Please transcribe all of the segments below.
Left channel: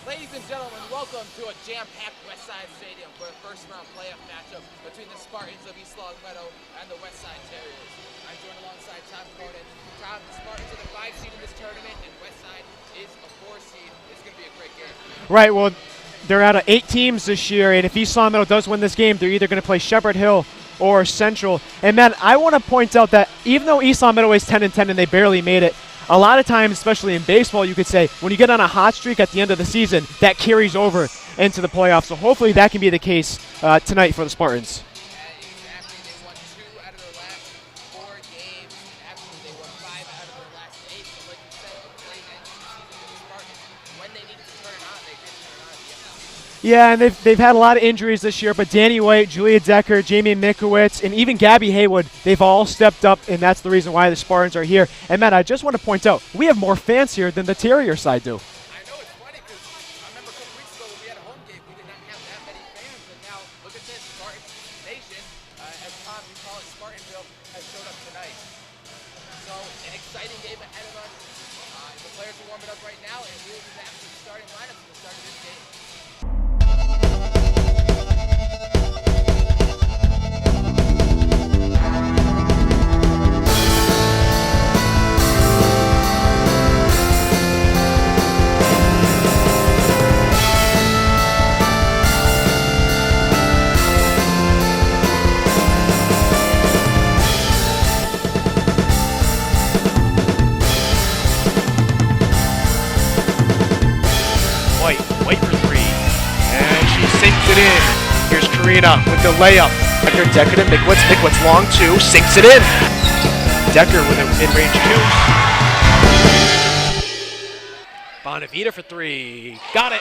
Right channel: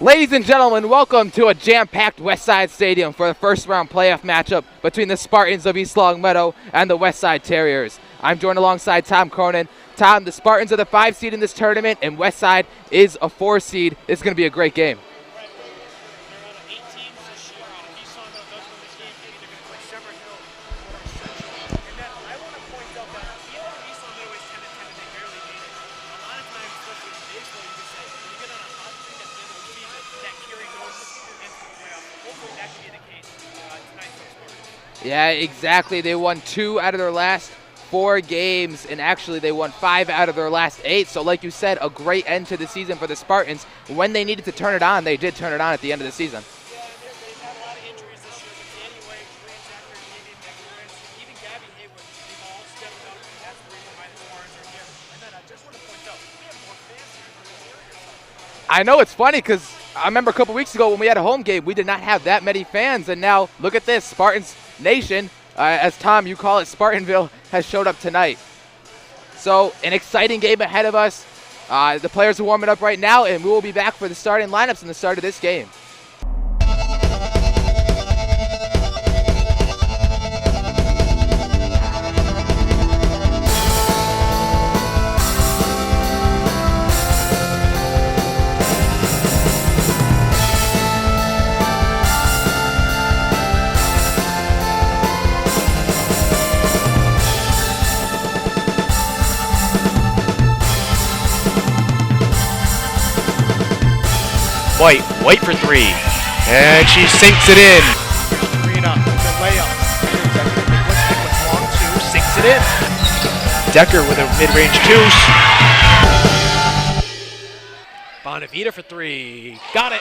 Ladies and gentlemen, welcome to a jam-packed Westside Stadium for the first-round playoff matchup between the Spartans of East Longmeadow and the Westside Terriers. I'm joined alongside Tom Cronin. Tom, the Spartans are the 5 seed in this tournament, and Westside is a 4 seed. It's going to be a great game. Right, well, they're out of 8 teams this year, and if East Longmeadow does win this game, they're either going to play Shepherd Hill or Central. And, man, I want to point out that even though East Longmeadow is 10-10 and they barely made it, a lot of times, especially in baseball, you could say, when you get on a hot streak at the end of the season, that carries over into the playoffs. So hopefully that can be the case tonight for the Spartans. Yeah, exactly. They won 2 out of their last 4 games, and actually they won 5 out of their last 8. So like you said, a great end to the season for the Spartans. When they needed to turn it on, they did turn it on at the end of the season. Yeah, and they've had a lot of injuries this year, but Danny White, Julia Decker, Jamie Mikowitz, and even Gabby Haywood, they've all stepped up, and that's the reason why the Spartans are here. And, Matt, I just want to point out, we have more fans here than the Terrier side do. I know, it's funny because I remember a couple weeks ago when we had a home game, we did not have that many fans, and now look at this, Spartans Nation, as Tom, you call it, Spartanville, has showed up tonight. So an exciting game ahead of us. The players are warming up right now, and we will be back for the starting lineups in the start of this game. White for 3, and she sinks it in. Here's Karina with the layup. Decker to Mikowitz long 2, sinks it in. Decker with a mid-range deuce. Bonavita for 3, got it.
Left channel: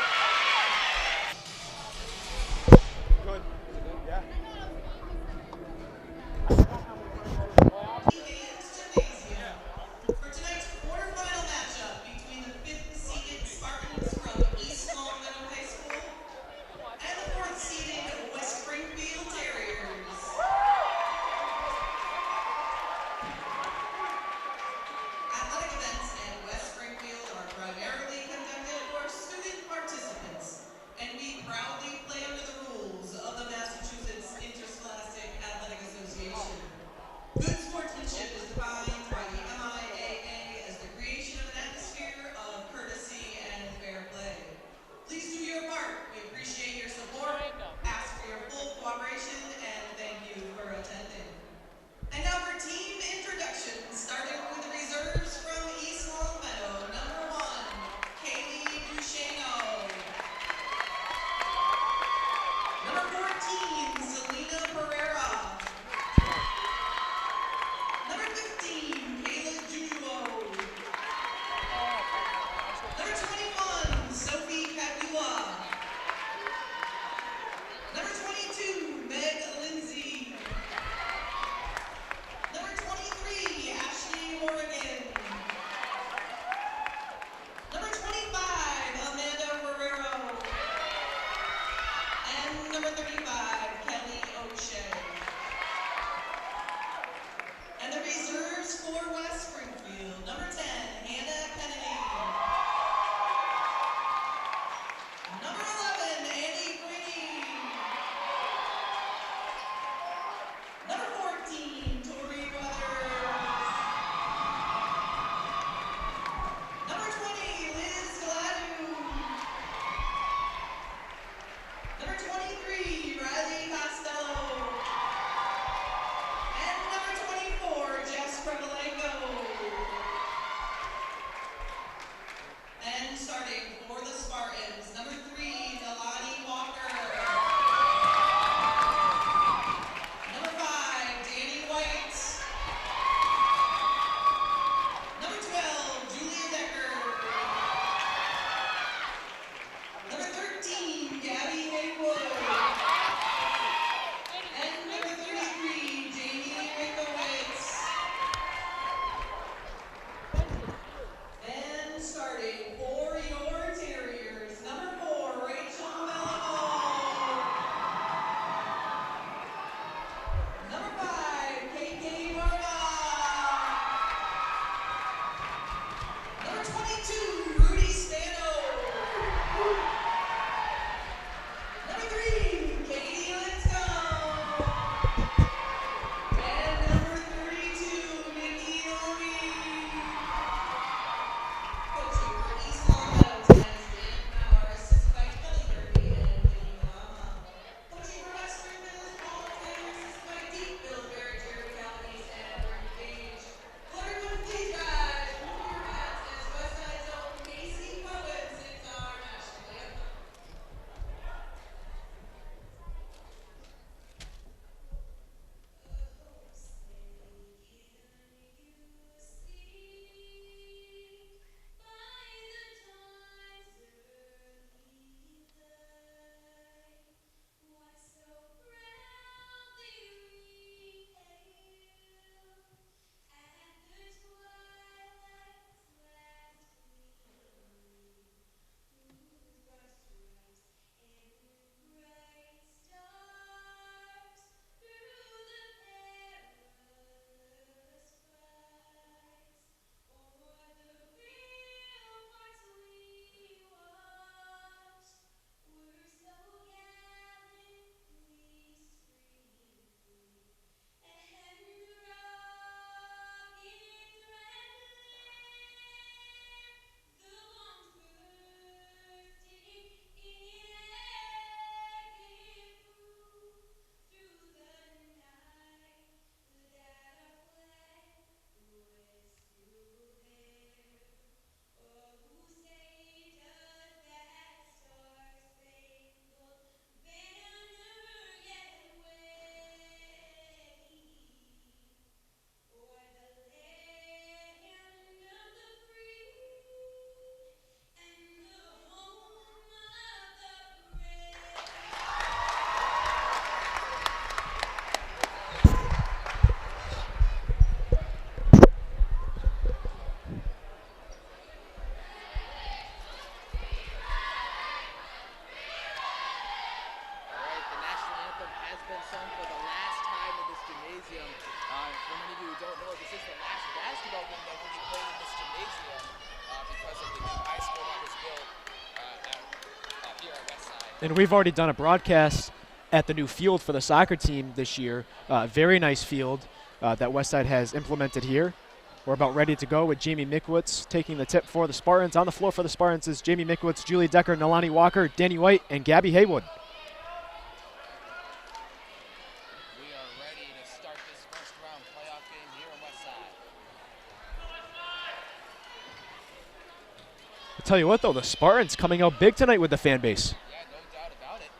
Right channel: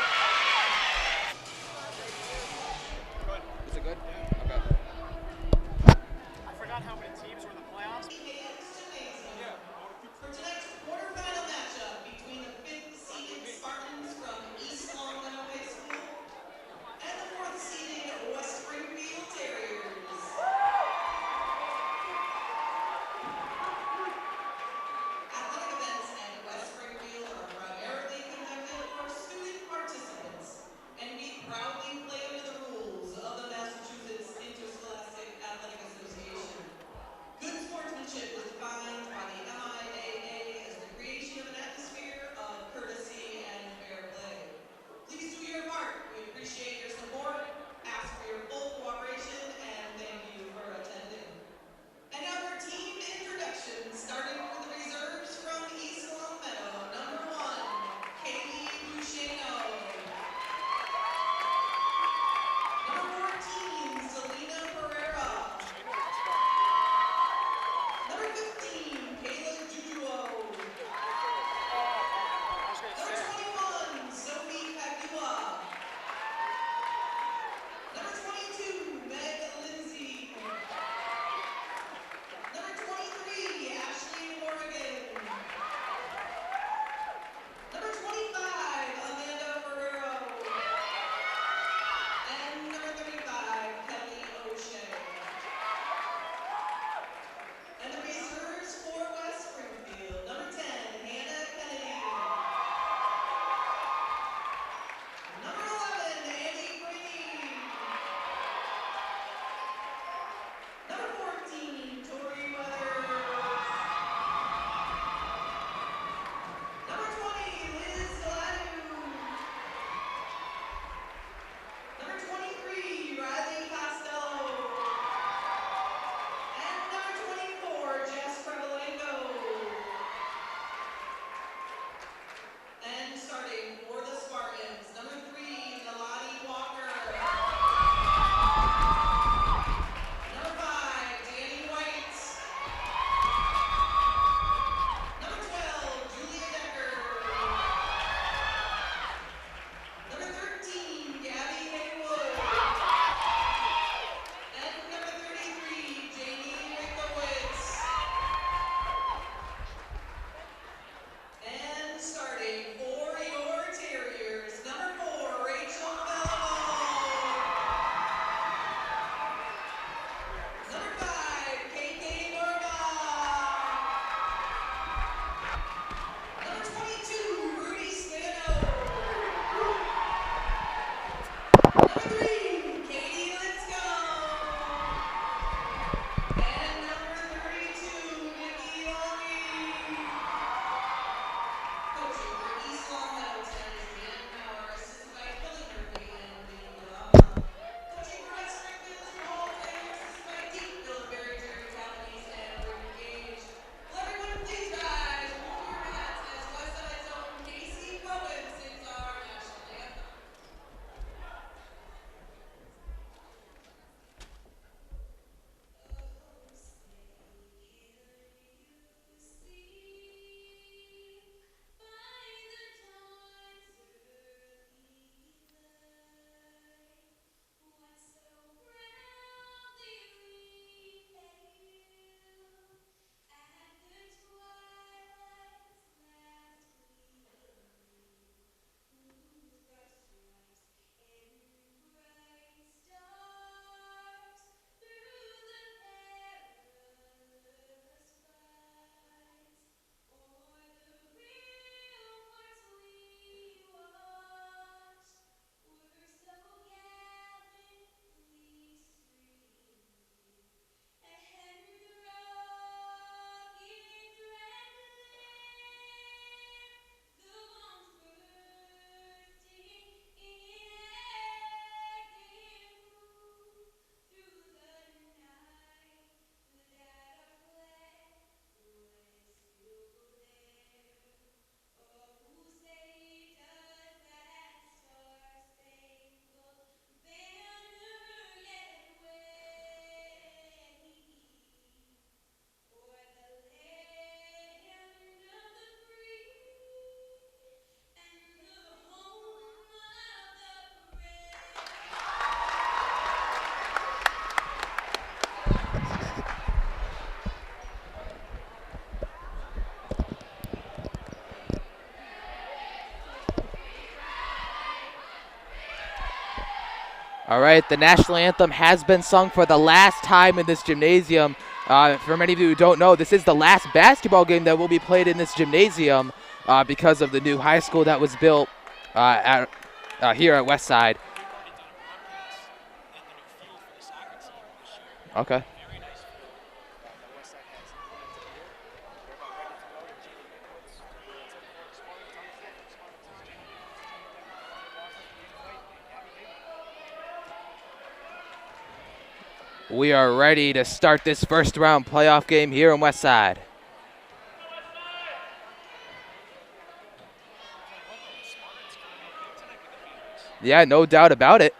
All right, the national anthem has been sung for the last time in this gymnasium. For many of you who don't know, this is the last basketball game that will be played in this gymnasium because of the new high school that was built here at Westside. And we've already done a broadcast at the new field for the soccer team this year. Okay. Very nice field that Westside has implemented here. We're about ready to go with Jamie Mikwitz taking the tip for the Spartans. On the floor for the Spartans is Jamie Mikwitz, Julia Decker, Nalani Walker, Danny White, and Gabby Haywood. We are ready to start this first round playoff game here in Westside. I'll tell you what, though, the Spartans coming out big tonight with the fan base. Yeah, no doubt about it.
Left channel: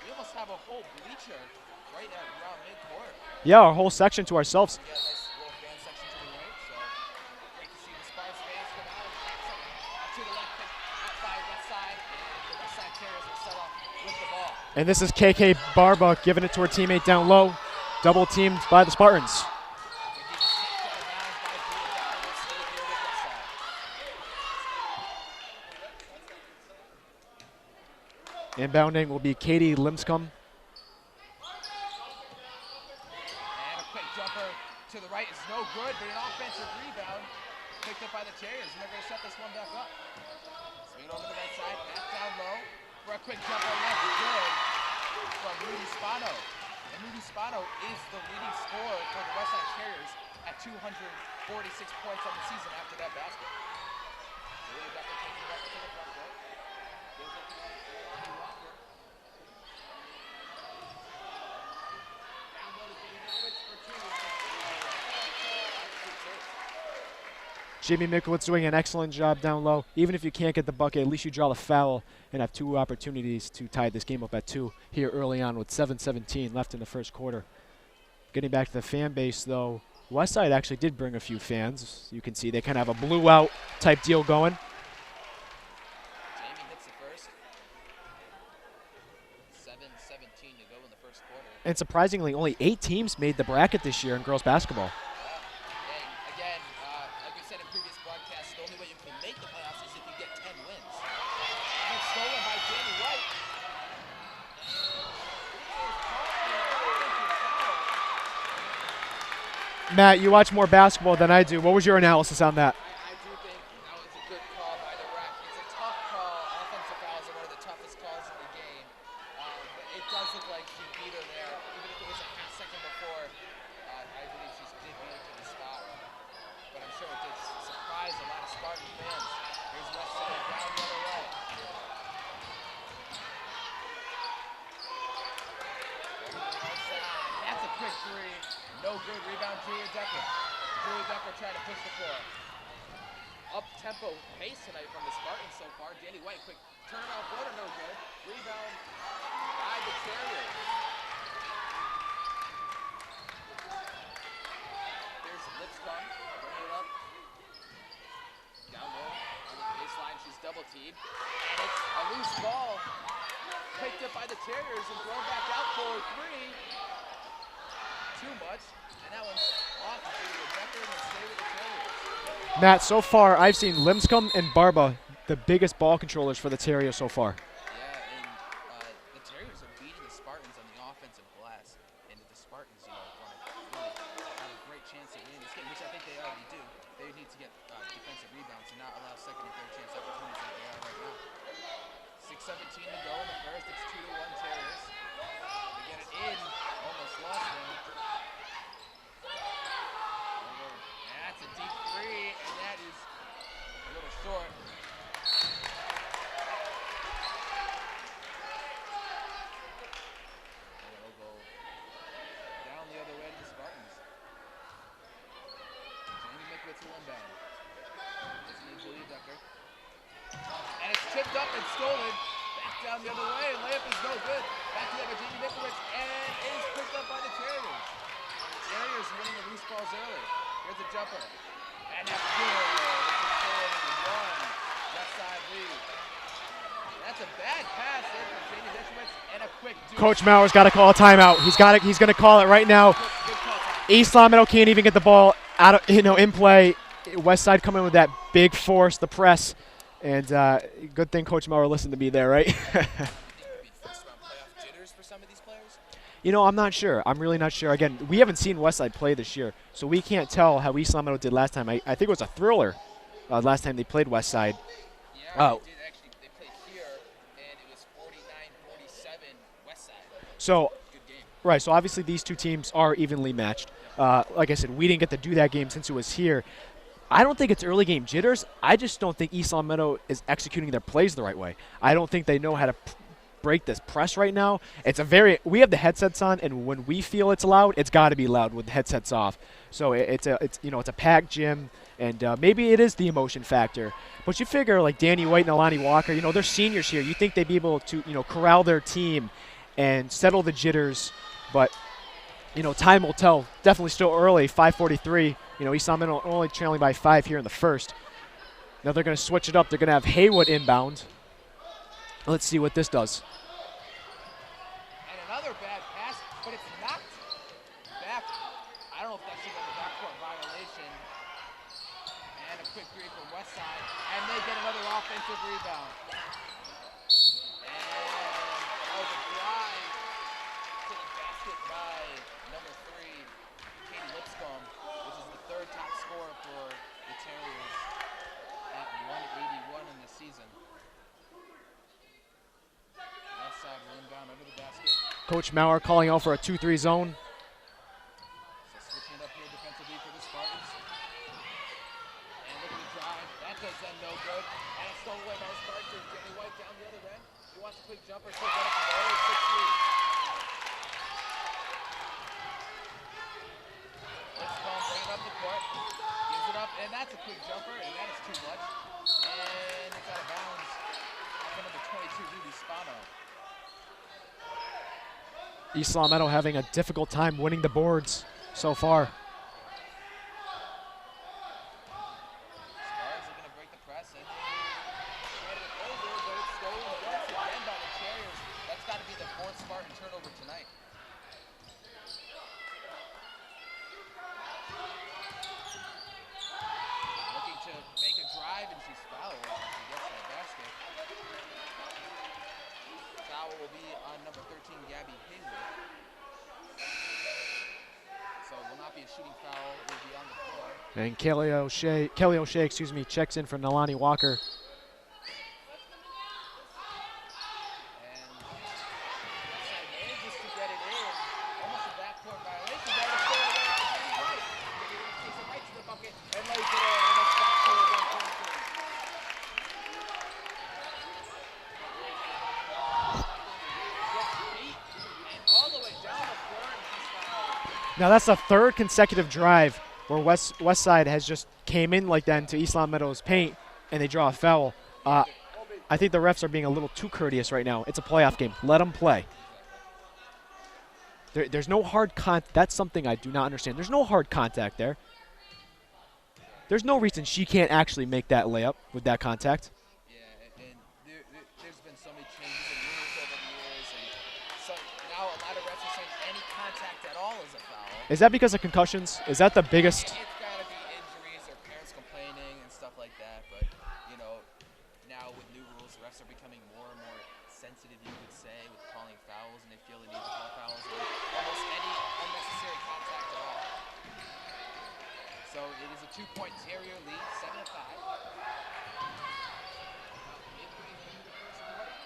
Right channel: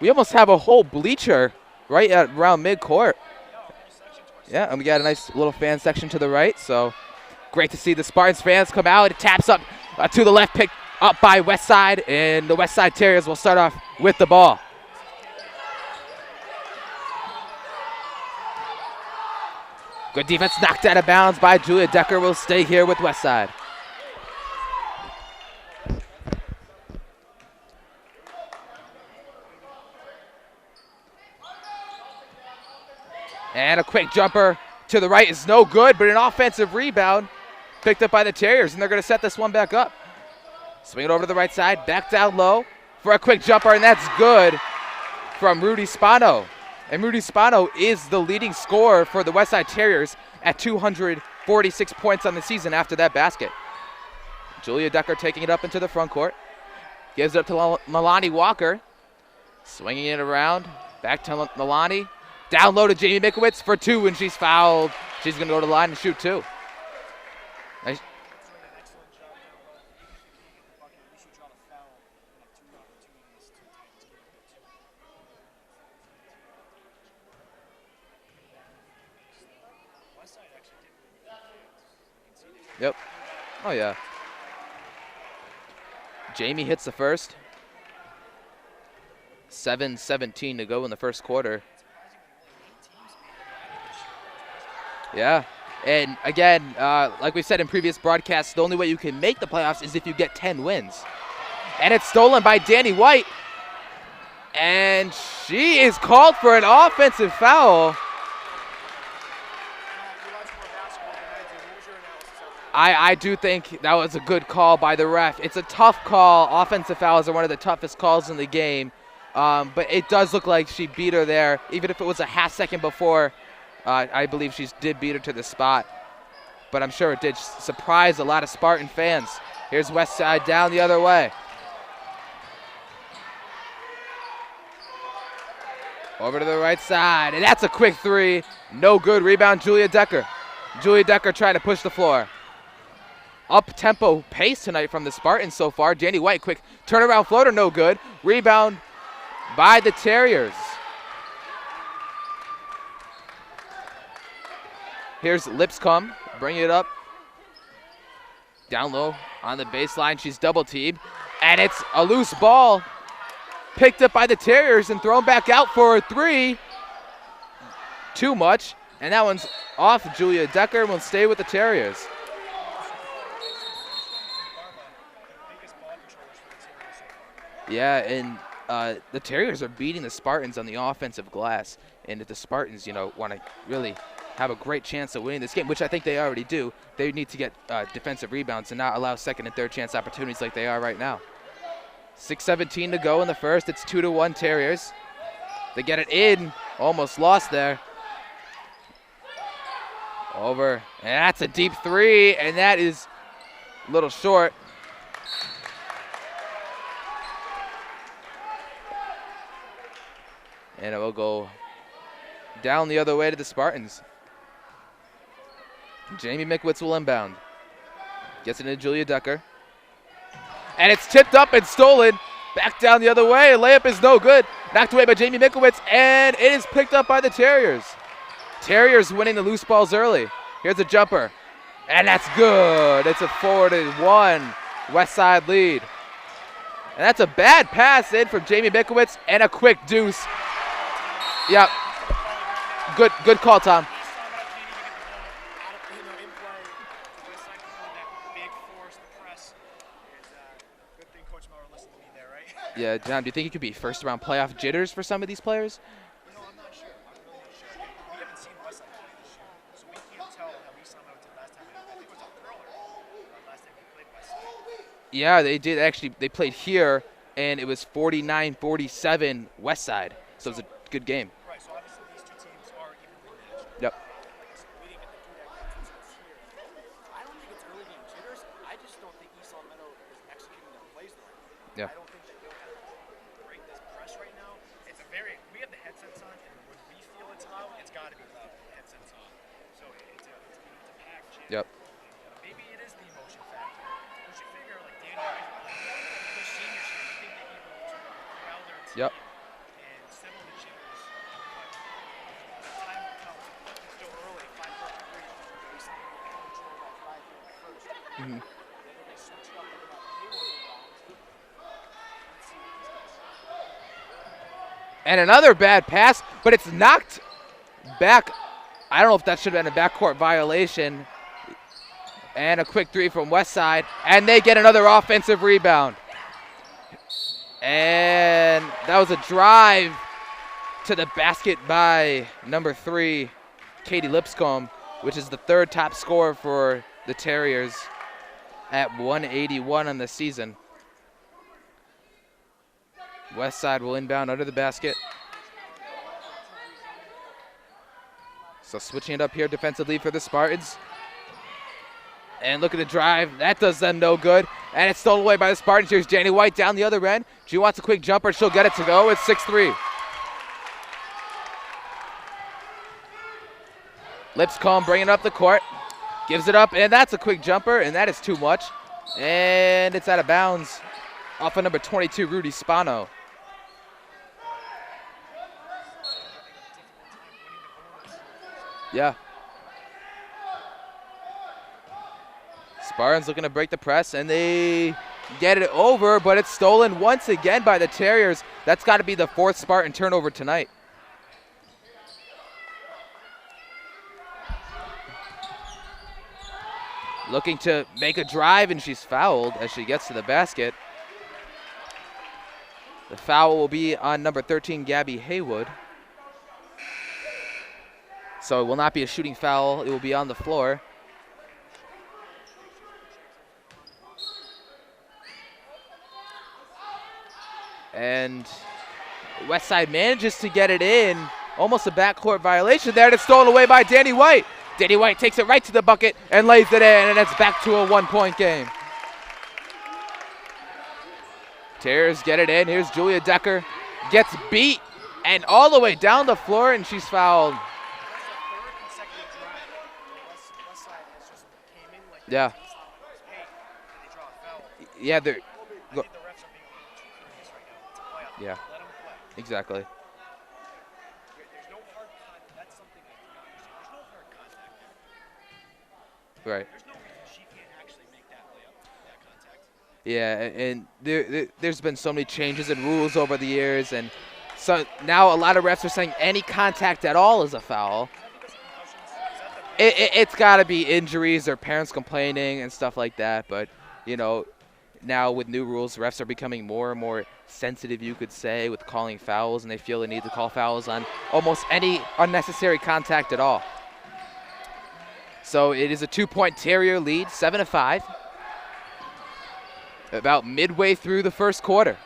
We almost have a whole bleacher right at around midcourt. Yeah, our whole section to ourselves. Yeah, and we got a nice little fan section to the right, so great to see the Spartans fans come out. It taps up to the left, picked up by Westside, and the Westside Terriers will start off with the ball. And this is KK Barba giving it to her teammate down low, double teamed by the Spartans. Good defense, knocked out of bounds by Julia Decker. Will stay here with Westside. Inbounding will be Katie Limscomb. And a quick jumper to the right is no good, but an offensive rebound picked up by the Terriers, and they're going to set this one back up. Swing it over to the right side, back down low for a quick jumper, and that's good from Rudy Spano. And Rudy Spano is the leading scorer for the Westside Terriers at 246 points on the season after that basket. Julia Decker taking it up into the front court. Gives it up to Nalani Walker. Swinging it around, back to Nalani. Down low to Jamie Mikwitz for two, and she's fouled. She's going to go to the line and shoot two. Jamie Mikwitz doing an excellent job down low. Even if you can't get the bucket, at least you draw the foul and have two opportunities to tie this game up at 2 here early on with 7:17 left in the first quarter. Getting back to the fan base, though, Westside actually did bring a few fans. You can see they kind of have a blew out type deal going. Jamie hits the first. 7:17 to go in the first quarter. And surprisingly, only 8 teams made the bracket this year in girls basketball. Yeah. And again, like we said in previous broadcasts, the only way you can make the playoffs is if you get 10 wins. And it's stolen by Danny White. And she is called for an offensive foul. Matt, you watch more basketball than I do. What was your analysis on that? I do think that was a good call by the ref. It's a tough call. Offensive fouls are one of the toughest calls in the game. But it does look like she beat her there. Even if it was a half second before, I believe she did beat her to the spot. But I'm sure it did surprise a lot of Spartan fans. Here's Westside down the other way. Over to the right side, and that's a quick three. No good. Rebound, Julia Decker. Julia Decker trying to push the floor. Up-tempo pace tonight from the Spartans so far. Danny White, quick turnaround floater, no good. Rebound by the Terriers. Here's Lipscomb, bringing it up. Down low on the baseline, she's double-teamed. And it's a loose ball. Picked up by the Terriers and thrown back out for a three. Too much, and that one's off. Julia Decker will stay with the Terriers. Matt, so far I've seen Limscomb and Barba the biggest ball controllers for the Terriers so far. Yeah, and the Terriers are beating the Spartans on the offensive glass. And if the Spartans, want to really have a great chance of winning this game, which I think they already do, they need to get defensive rebounds and not allow second and third chance opportunities like they are right now. 6:17 to go in the first. It's 2-1 Terriers. They get it in. Almost lost there. Over. And that's a deep three, and that is a little short. And it will go down the other way to the Spartans. Jamie Mikwitz will inbound. Gets it into Julia Decker. And it's tipped up and stolen. Back down the other way. A layup is no good. Knocked away by Jamie Mikwitz, and it is picked up by the Terriers. Terriers winning the loose balls early. Here's a jumper. And that's good. It's a 4-1 Westside lead. And that's a bad pass in from Jamie Mikwitz and a quick deuce. Coach Mauer's got to call a timeout. He's going to call it right now. Good call, Tom. East Lomito can't even get the ball out of, in play. Westside coming with that big force, the press. And good thing Coach Maurer listened to me there, right? Yeah, John, do you think it could be first-round playoff jitters for some of these players? You know, I'm not sure. I'm really not sure. Again, we haven't seen Westside play this year, so we can't tell how East Long Meadow did last time. I think it was a thriller last time they played Westside. Yeah, they did actually. They played here, and it was 49-47 Westside. So it was a good game. Right, so obviously these two teams are evenly matched. Yep. Like I said, we didn't get to do that game since it was here. I don't think it's early game jitters. I just don't think East Long Meadow is executing their plays the right way. Yep. I don't think they know how to break this press right now. We have the headsets on, and when we feel it's loud, it's got to be loud with the headsets off. So it's a packed gym, Yep. and maybe it is the emotion factor. But you figure like Danny White and Alani Walker, they're seniors here. You think they'd be able to corral their team and settle the jitters, but time will tell. Definitely still early, 5:43. East Long Meadow only trailing by 5 here in the first. Mm-hmm. Now they're going to switch it up. They're going to have Haywood inbound. Let's see what this does. And another bad pass, but it's knocked back. I don't know if that should have been a backcourt violation. And a quick three from Westside, and they get another offensive rebound. And that was a drive to the basket by number 3, Katie Lipscomb, which is the third top scorer for the Terriers at 181 on the season. Westside will inbound under the basket. Coach Maurer calling out for a 2-3 zone. So switching it up here defensively for the Spartans. And look at the drive. That does them no good. And it's stolen away by the Spartans. Here's Danny White down the other end. She wants a quick jumper. She'll get it to go. It's 6-3. Lipscomb bringing up the court. Gives it up, and that's a quick jumper, and that is too much. And it's out of bounds off of number 22, Rudy Spano. East Long Meadow having a difficult time winning the boards so far. Yeah. Spartans looking to break the press, and they get it over, but it's stolen once again by the Terriers. That's got to be the 4th Spartan turnover tonight. Looking to make a drive, and she's fouled as she gets to the basket. The foul will be on number 13, Gabby Haywood. So it will not be a shooting foul. It will be on the floor. And Kelly O'Shea, checks in for Nalani Walker. And Westside manages to get it in. Almost a backcourt violation there, and it's stolen away by Danny White. Danny White takes it right to the bucket and lays it in, and it's back to a 1-point game. Terriers get it in. Here's Julia Decker. Gets beat and all the way down the floor, and she's fouled. Now that's the 3rd consecutive drive where Westside has just came in like that into East Long Meadow's paint, and they draw a foul. Yeah, I think the refs are being a little too courteous right now. It's a playoff game. Let them play. Exactly. There's no hard contact. That's something I do not understand. There's no hard contact there. Right. There's no reason she can't actually make that layup with that contact. Yeah, and there's been so many changes in rules over the years, and so now a lot of refs are saying any contact at all is a foul. Is that because of concussions? Is that the biggest? It's got to be injuries or parents complaining and stuff like that. But, now with new rules, refs are becoming more and more sensitive, you could say, with calling fouls, and they feel the need to call fouls on almost any unnecessary contact at all. So it is a 2-point Terrier lead, 7-5. About midway through the first quarter.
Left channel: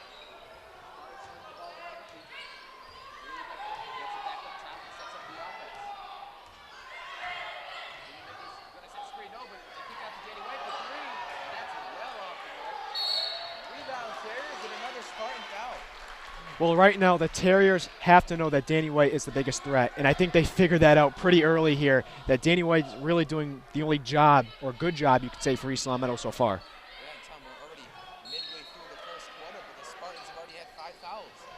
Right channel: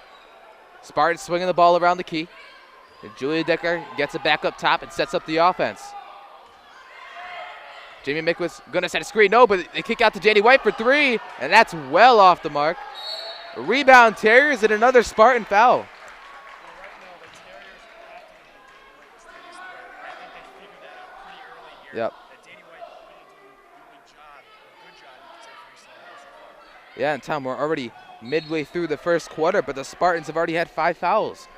Spartans swinging the ball around the key. And Julia Decker gets it back up top and sets up the offense. Jamie Mickwitz gonna set a screen, no, but they kick out to Danny White for 3, and that's well off the mark. Rebound Terriers and another Spartan foul. Well, right now the Terriers have to know that Danny White is the biggest threat, and I think they figured that out pretty early here, that Danny White's really doing the only job, or good job you could say, for East Long Meadow so far. Yeah, and Tom, we're already midway through the first quarter, but the Spartans have already had 5 fouls.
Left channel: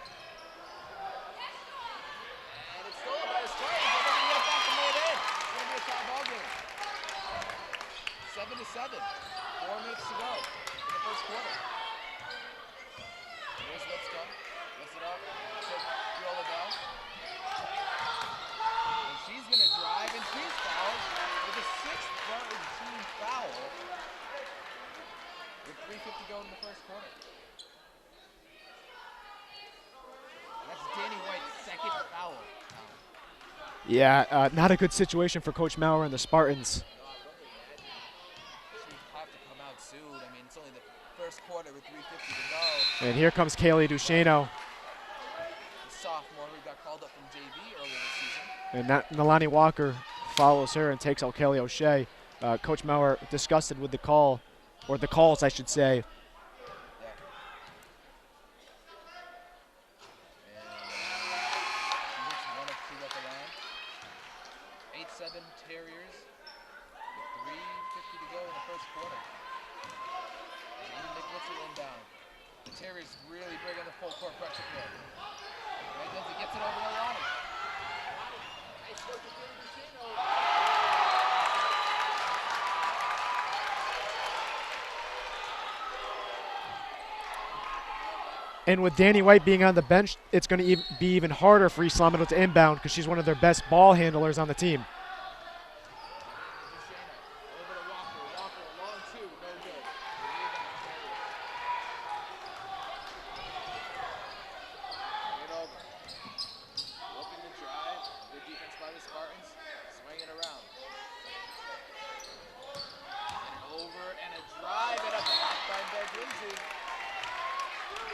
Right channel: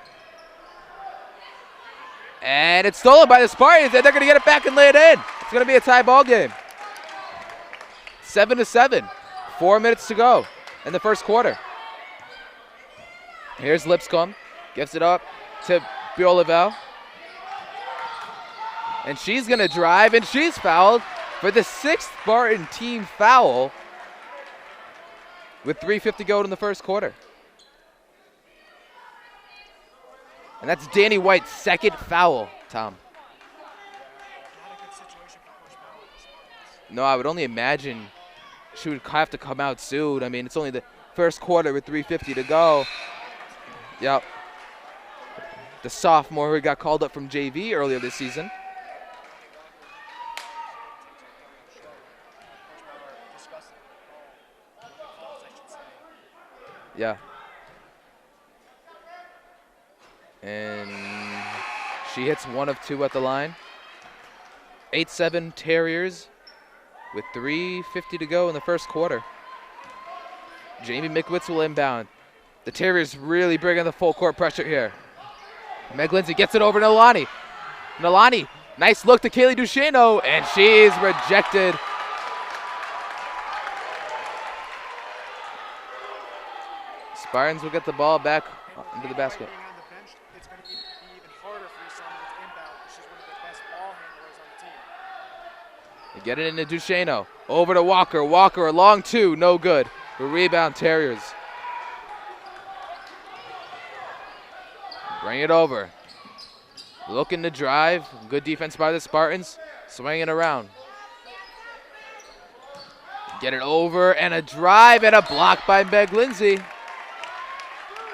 And it's stolen by the Spartans, and they're going to get it back and lay it in. It's going to be a tie ball game. 7-7. 4 minutes to go in the first quarter. Here's Lipscomb. Gives it up to Biolavel. And she's going to drive, and she's fouled for the 6th Spartan team foul. with 3:50 to go in the first quarter. And that's Danny White's second foul, Tom. Yeah, not a good situation for Coach Maurer and the Spartans. No, I would only imagine she would have to come out soon. I mean, it's only the first quarter with 3:50 to go. And here comes Kaylee Duchesneau. The sophomore who got called up from JV earlier this season. And Nalani Walker follows her and takes out Kelly O'Shea. Coach Maurer disgusted with the call, or the calls, I should say. Yeah. And she hits 1 of 2 at the line. 8-7 Terriers with 3:50 to go in the first quarter. Jamie Mikwitz will inbound. The Terriers really bringing the full court pressure here. Meg Lindsay gets it over to Nalani. Nalani, nice look to Kaylee Duchesneau, and she's rejected. Spartans will get the ball back. And with Danny White being on the bench, it's going to be even harder for East Middle to inbound because she's one of their best ball handlers on the team. They get it into Duchesneau. Over to Walker. Walker, a long 2, no good. The rebound, Terriers. Bring it over. Looking to drive. Good defense by the Spartans. Swinging it around. Get it over, and a drive, and a block by Meg Lindsay.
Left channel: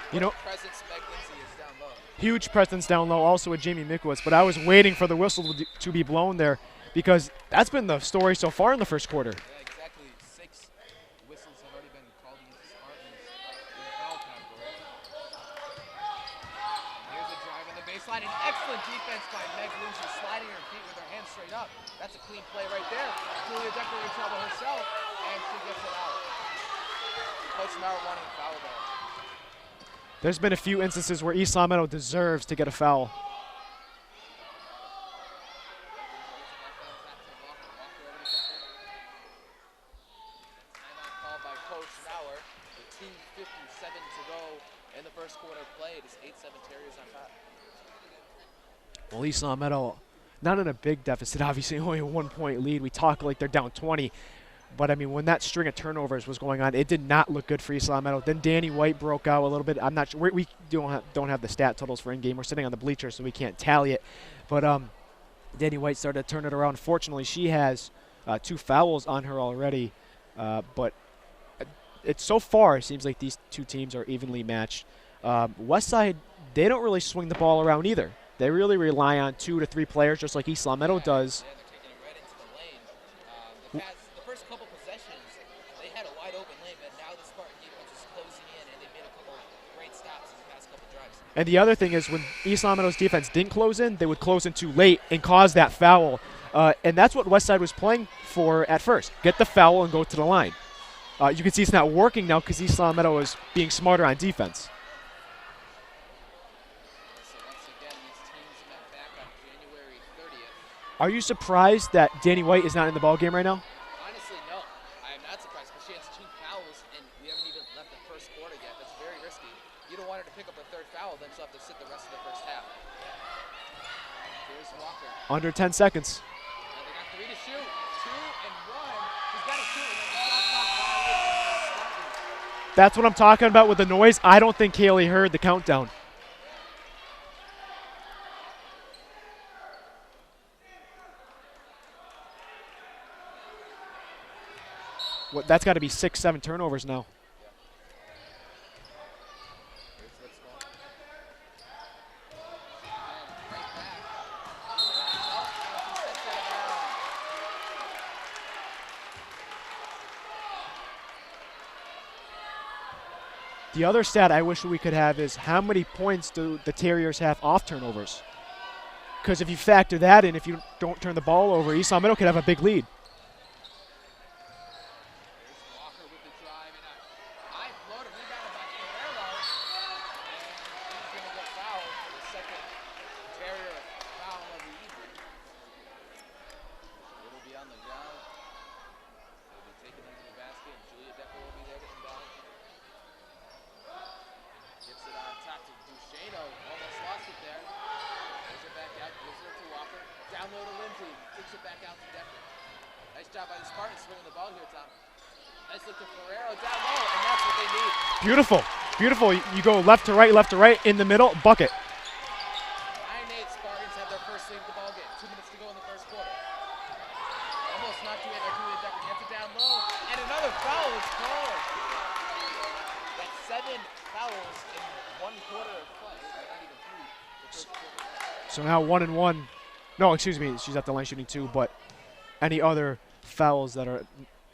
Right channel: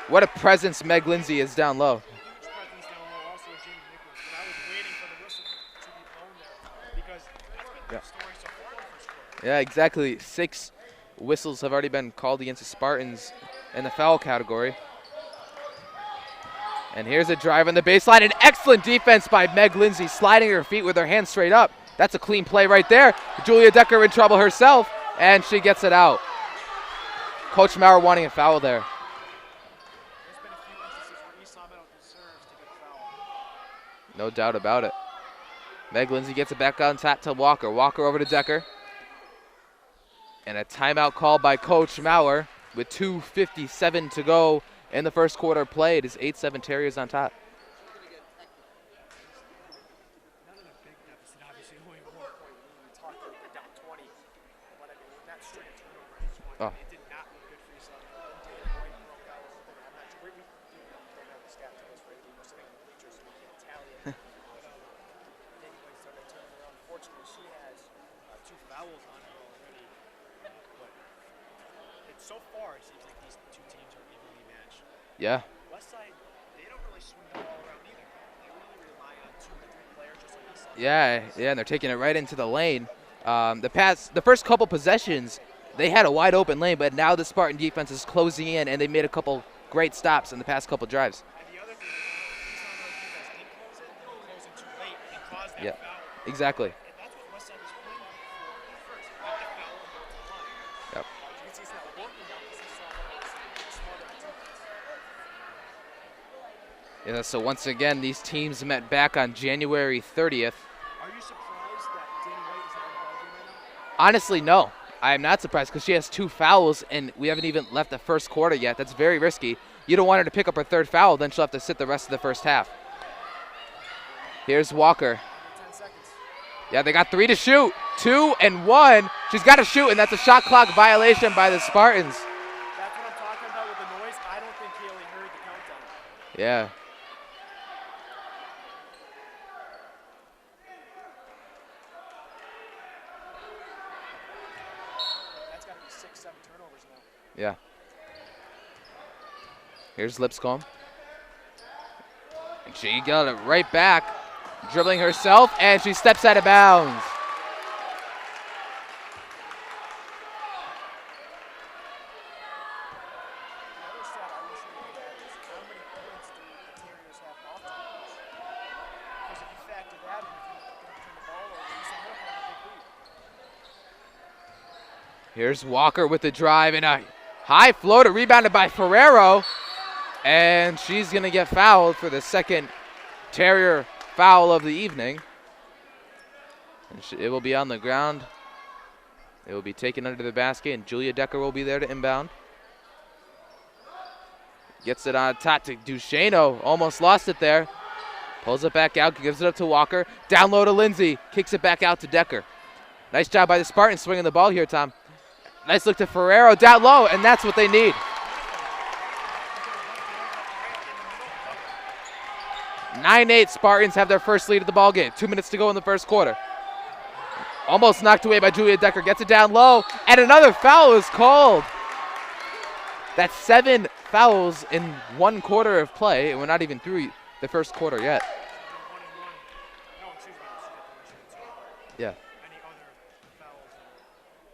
What a presence Meg Lindsay is down low. Huge presence down low, also with Jamie Mikwitz, but I was waiting for the whistle to be blown there because that's been the story so far in the first quarter. Yeah, exactly. 6 whistles have already been called against the Spartans in the foul category. And here's a drive on the baseline. An excellent defense by Meg Lindsay, sliding her feet with her hands straight up. That's a clean play right there. Julia Decker in trouble herself, and she gets it out. Coach Maurer wanting a foul there. There's been a few instances where East Meadow deserves to get a foul. No doubt about it. Meg Lindsay gets it back on top to Walker. Walker over to Decker. And a timeout call by Coach Maurer with 2:57 to go in the first quarter played. Is 8-7 Terriers on top. Well, East Meadow, not in a big deficit, obviously only a 1-point lead. We talk like they're down 20. But, I mean, when that string of turnovers was going on, it did not look good for East Meadow. Then Danny White broke out a little bit. I'm not sure. We don't have the stat totals for in-game. We're sitting on the bleachers, so we can't tally it. But Danny White started to turn it around. Fortunately, she has 2 fouls on her already. But it's so far, it seems like these two teams are evenly matched. Yeah. Westside, they don't really swing the ball around either. They really rely on 2 to 3 players, just like East Meadow does. Yeah, and they're taking it right into the lane. The first couple possessions, they had a wide open lane, but now the Spartan defense is closing in, and they made a couple great stops in the past couple drives. And the other thing is when East Meadow's defense didn't close in, they would close in too late and cause that foul. Exactly. And that's what Westside was playing for at first. Get the foul and go to the line. Yep. You can see it's not working now because East Meadow is being smarter on defense. Yeah, so once again, these teams met back on January 30th. Are you surprised that Danny White is not in the ballgame right now? Honestly, no. I am not surprised because she has 2 fouls, and we haven't even left the first quarter yet. That's very risky. You don't want her to pick up her 3rd foul, then she'll have to sit the rest of the first half. Here's Walker. Under 10 seconds. Yeah, they got 3 to shoot. 2 and 1. She's got to shoot, and that's a shot clock violation by the Spartans. That's what I'm talking about with the noise. I don't think Kaylee heard the countdown. Yeah. That's got to be 6-7 turnovers now. Yeah. Here's Lipscomb. And she got it right back, dribbling herself, and she steps out of bounds. The other stat I wish we could have is how many points do the Terriers have off turnovers? Because if you factor that in, if you don't turn the ball over, East Meadow could have a big lead. Here's Walker with the drive and a high floater rebounded by Ferrero. And she's going to get fouled for the second Terrier foul of the evening. And it will be on the ground. It will be taken under the basket, and Julia Decker will be there to inbound. Gets it on top to Duchesneau. Almost lost it there. Pulls it back out, gives it up to Walker. Down low to Lindsay. Kicks it back out to Decker. Nice job by the Spartans swinging the ball here, Tom. Nice look to Ferrero down low, and that's what they need. Beautiful. Beautiful. You go left to right, in the middle, bucket. 9-8 Spartans have their first lead of the ball game. 2 minutes to go in the first quarter. Almost knocked away by Julia Decker. Gets it down low, and another foul is called. That's 7 fouls in 1 quarter of play, and we're not even through the first quarter yet. So now 1-1. No, excuse me. She's at the line shooting 2, but yeah, any other fouls that are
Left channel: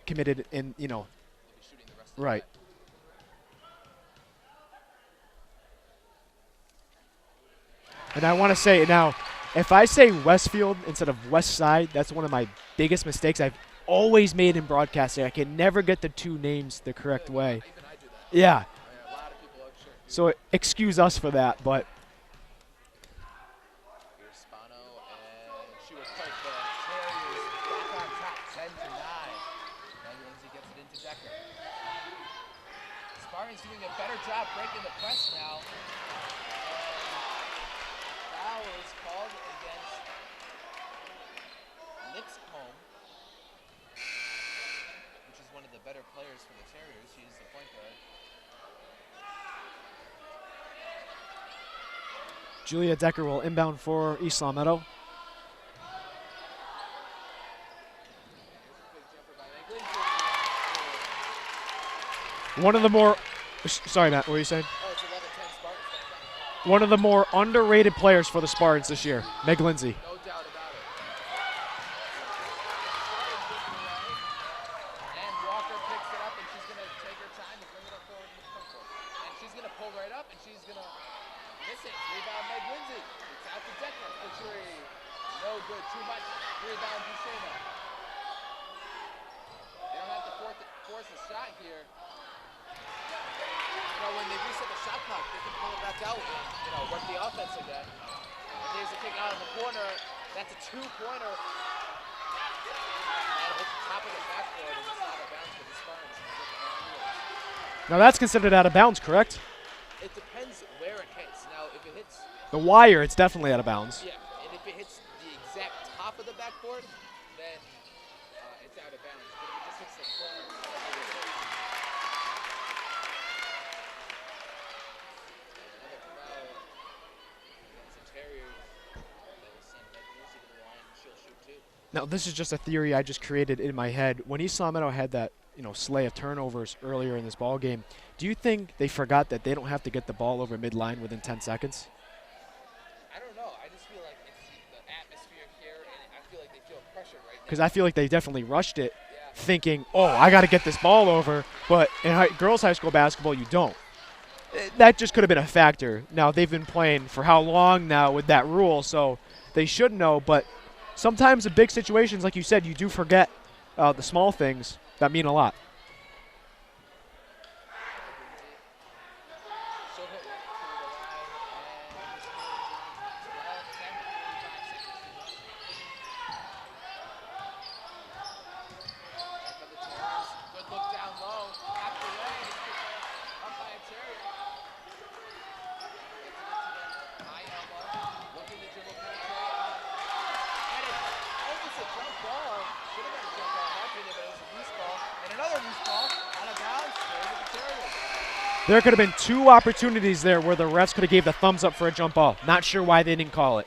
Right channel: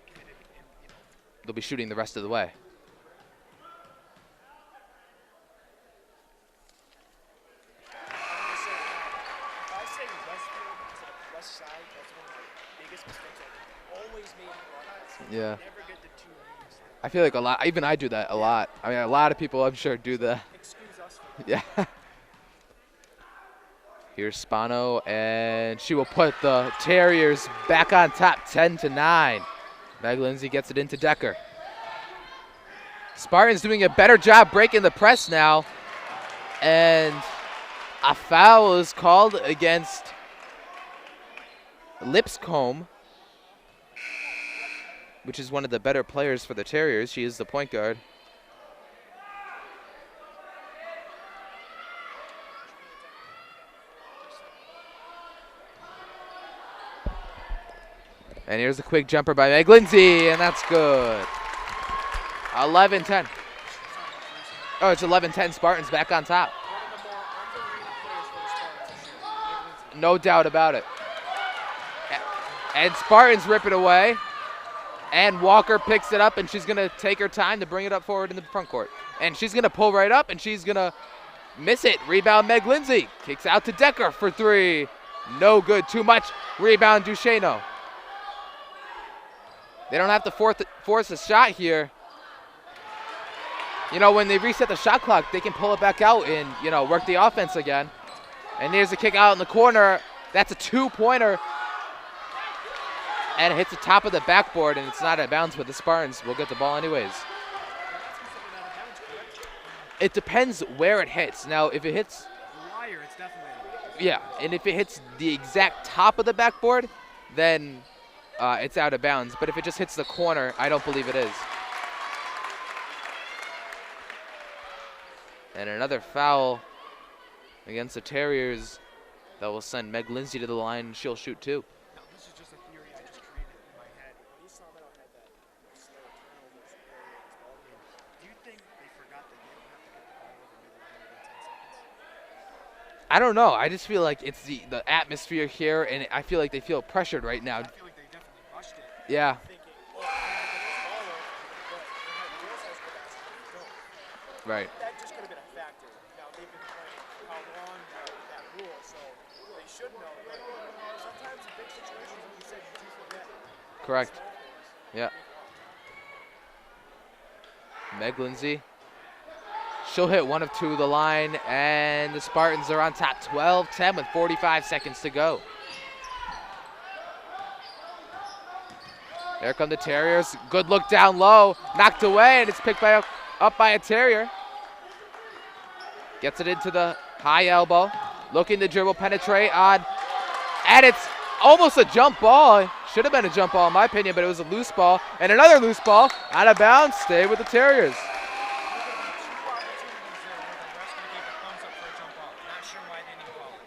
committed in, they'll be shooting the rest of the right. way. And I want to say now, if I say Westfield instead of West Side, that's one of my biggest mistakes I've always made in broadcasting. I can never get the 2 names the correct way. I feel like even I do that a lot. I mean, a lot of people I'm sure do that. So excuse us for that, but. Here's Spano, and she will put the Terriers back on top, 10-9. Meg Lindsay gets it into Decker. Spartans doing a better job breaking the press now, and a foul is called against Lipscomb, which is one of the better players for the Terriers. She is the point guard. Julia Decker will inbound for East Long Meadow. And here's a quick jumper by Meg Lindsay, and that's good. 11-10. Sorry, Matt, what were you saying? Oh, it's 11-10 Spartans back on top. One of the more underrated players for the Spartans this year, Meg Lindsay. No doubt about it. And Spartans rip it away. And Walker picks it up, and she's going to take her time to bring it up forward in the front court. And she's going to pull right up, and she's going to miss it. Rebound Meg Lindsay. Kicks out to Decker for 3. No good. Too much. Rebound Duchesneau. They don't have to force a shot here. When they reset the shot clock, they can pull it back out and, work the offense again. And there's a kick out in the corner. That's a 2-pointer. And it hits the top of the backboard, and it's not out of bounds, but the Spartans will get the ball anyways. Now that's considered out of bounds, correct? It depends where it hits. Now, if it hits the wire, it's definitely out of bounds. Yeah, and if it hits the exact top of the backboard, then it's out of bounds. But if it just hits the corner, I don't believe it is. And another foul against the Terriers that will send Meg Lindsay to the line, and she'll shoot 2. Now, this is just a theory I just created in my head. When East Long Meadow had that, slew of turnovers earlier in this ball game, do you think they forgot that they don't have to get the ball over midline within 10 seconds? I don't know. I just feel like it's the atmosphere here, and I feel like they feel pressured right now. Because I feel like they definitely rushed it, yeah, thinking, oh, I got to get this ball over. But in girls' high school basketball, you don't. Right. That just could have been a factor. Now, they've been playing for how long now with that rule, so they should know. But sometimes in big situations, like you said, you do forget the small things that mean a lot. Meg Lindsay. She'll hit 1 of 2 the line, and the Spartans are on top 12-10 with 45 seconds to go. There come the Terriers. Good look down low. Knocked away, and it's picked up by a Terrier. Gets it into the high elbow. Looking to dribble, penetrate on. And it's almost a jump ball. Should have been a jump ball in my opinion, but it was a loose ball. And another loose ball. Out of bounds. Stay with the Terriers. There could have been 2 opportunities there where the refs could have gave the thumbs up for a jump ball. Not sure why they didn't call it.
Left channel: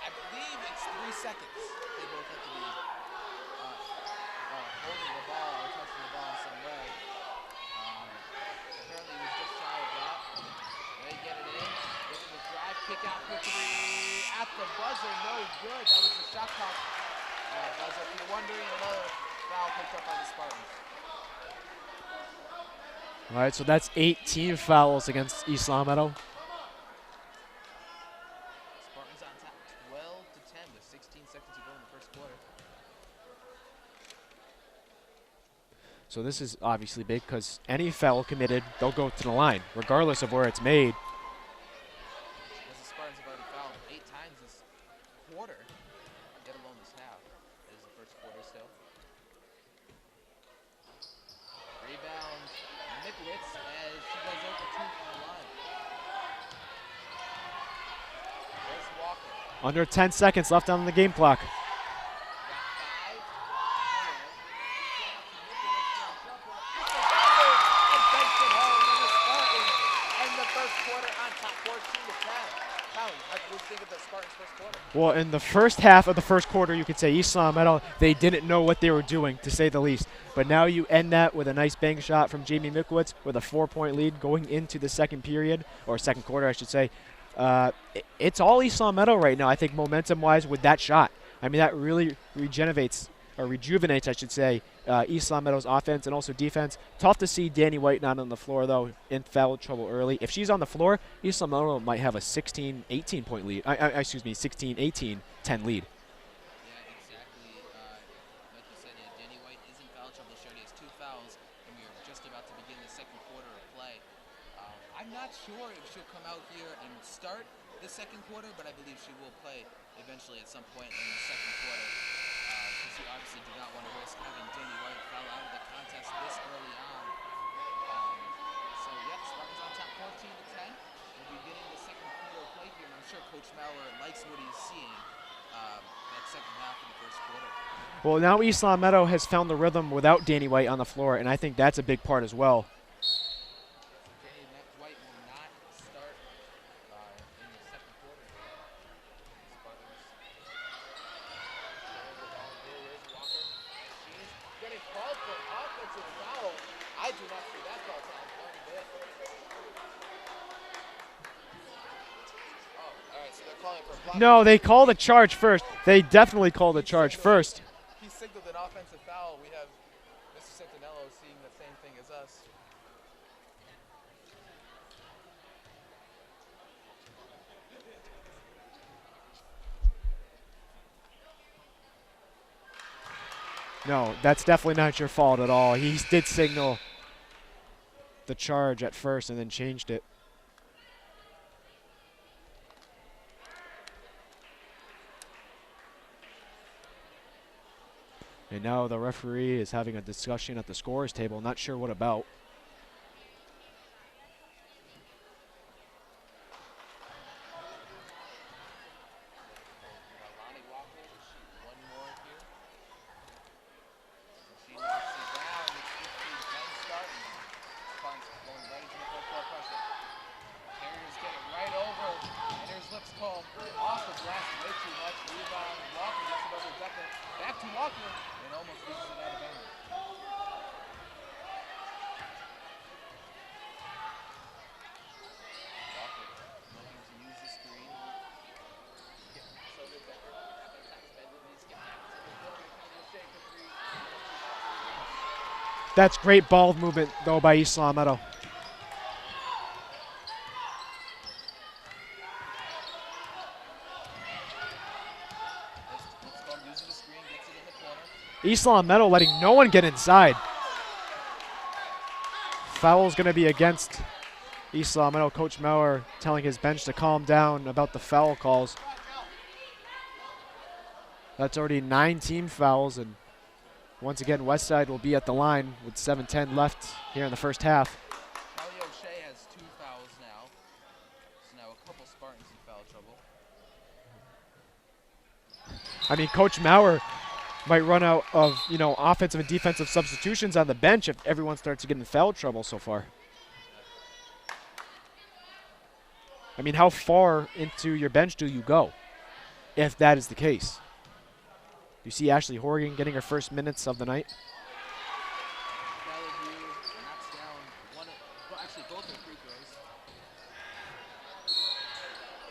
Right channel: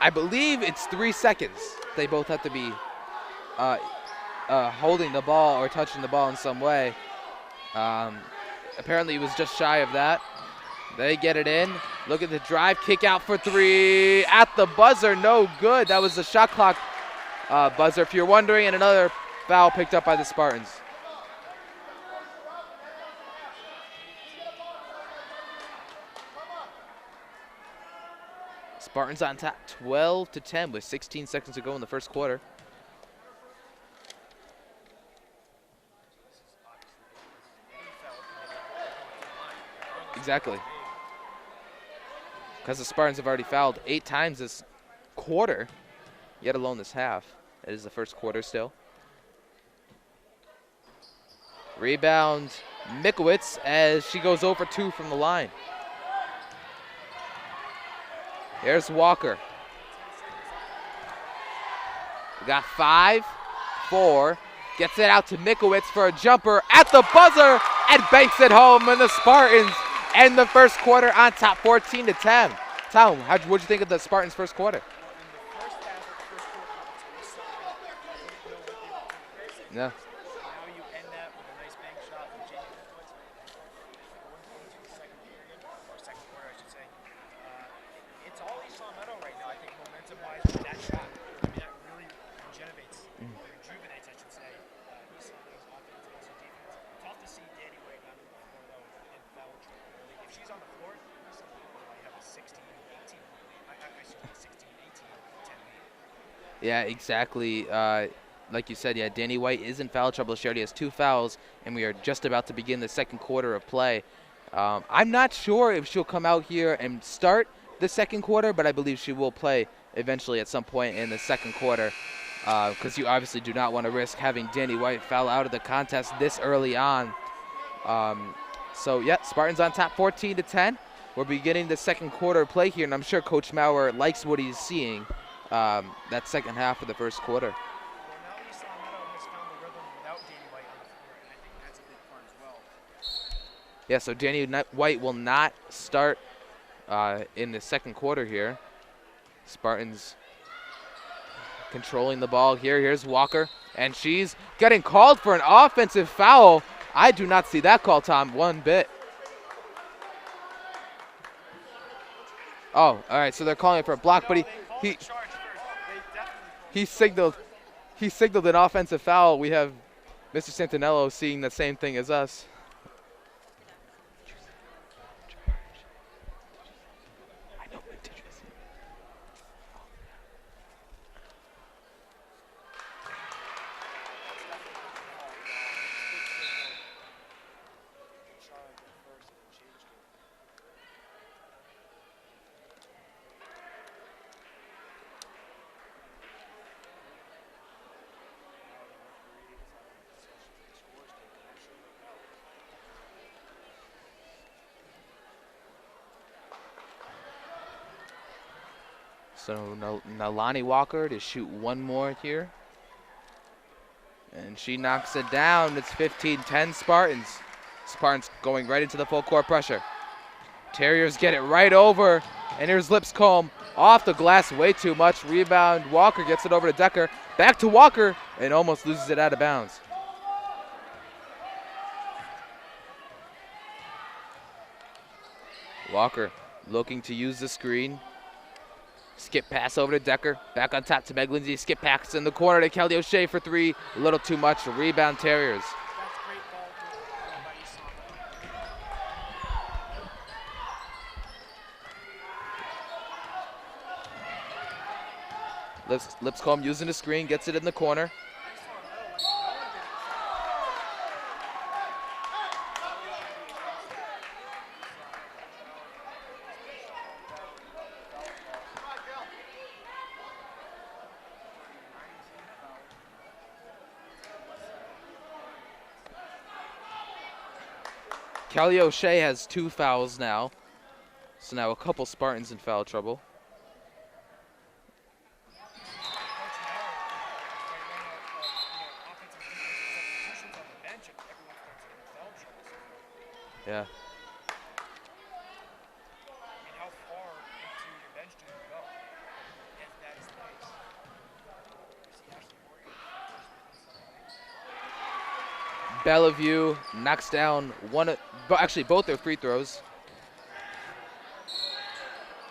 I believe it's 3 seconds. They both have to be holding the ball or touching the ball in some way. Apparently it was just shy of that. They get it in. Look at the drive. Kick out for 3. At the buzzer. No good. That was the shot clock buzzer, if you're wondering. And another foul picked up by the Spartans. All right, so that's 18 fouls against East Long Meadow. Spartans on top 12-10 with 16 seconds to go in the first quarter. So this is obviously big because any foul committed, they'll go to the line, regardless of where it's made. Because the Spartans have already fouled 8 times this quarter, yet alone this half. It is the first quarter still. Rebound, Mikowitz, as she goes over 2 from the line. There's Walker. Under 10 seconds left on the game clock. We got 5, 4, Gets it out to Mikowitz for a jumper at the buzzer and banks it home. And the Spartans end the first quarter on top 14-10. Tom, what'd you think of the Spartans' first quarter? Well, in the first half of the first quarter, you could say East Long Meadow, they didn't know what they were doing, to say the least. But now you end that with a nice bank shot from Jamie Mikowitz with a 4-point lead going into the second period, or second quarter, I should say. It's all East Long Meadow right now, I think, momentum-wise with that shot. I mean, that really rejuvenates, I should say, East Long Meadow's offense and also defense. Tough to see Danny White not on the floor, though, in foul trouble early. If she's on the floor, East Long Meadow might have a 16-18 point lead. 16-18-10 lead. Yeah, exactly. Like you said, Danny White is in foul trouble. She already has 2 fouls, and we are just about to begin the second quarter of play. I'm not sure if she'll come out here and start the second quarter, but I believe she will play eventually at some point in the second quarter, because you obviously do not want to risk having Danny White foul out of the contest this early on. Spartans on top 14-10. We're beginning the second quarter play here, and I'm sure Coach Maurer likes what he's seeing that second half of the first quarter. Well, now East Long Meadow has found the rhythm without Danny White on the floor, and I think that's a big part as well. Yeah, so Danny White will not start in the second quarter here. Spartans controlling the ball here. Here's Walker, and she's getting called for an offensive foul. I do not see that call, Tom, one bit. Oh, all right, so they're calling for a block. No, they called a charge first. They definitely called a charge first. He signaled an offensive foul. We have Mr. Santinello seeing the same thing as us. No, that's definitely not your fault at all. He did signal the charge at first and then changed it. And now the referee is having a discussion at the scorer's table, not sure what about. So Nalani Walker to shoot one more here. And she knocks it down. It's 15-10 Spartans. Spartans going right into the full court pressure. Terriers get it right over. And here's Lipscomb off the glass way too much. Rebound. Walker gets it over to Decker. Back to Walker and almost loses it out of bounds. Walker looking to use the screen. Skip pass over to Decker. Back on top to Meg Lindsay. Skip pass in the corner to Kelly O'Shea for 3. A little too much. Rebound Terriers. That's great ball movement, though, by East Long Meadow. Lipscomb using the screen. Gets it in the corner. East Long Meadow letting no one get inside. Foul's going to be against East Long Meadow. Coach Maurer telling his bench to calm down about the foul calls. That's already 9 team fouls, and once again, Westside will be at the line with 7:10 left here in the first half. Kelly O'Shea has 2 fouls now, so now a couple Spartans in foul trouble. I mean, Coach Maurer might run out of, offensive and defensive substitutions on the bench if everyone starts to get in foul trouble so far. Yeah. I mean, how far into your bench do you go if that is the case? You see Ashley Horgan getting her first minutes of the night. Bellevue knocks down both their free throws.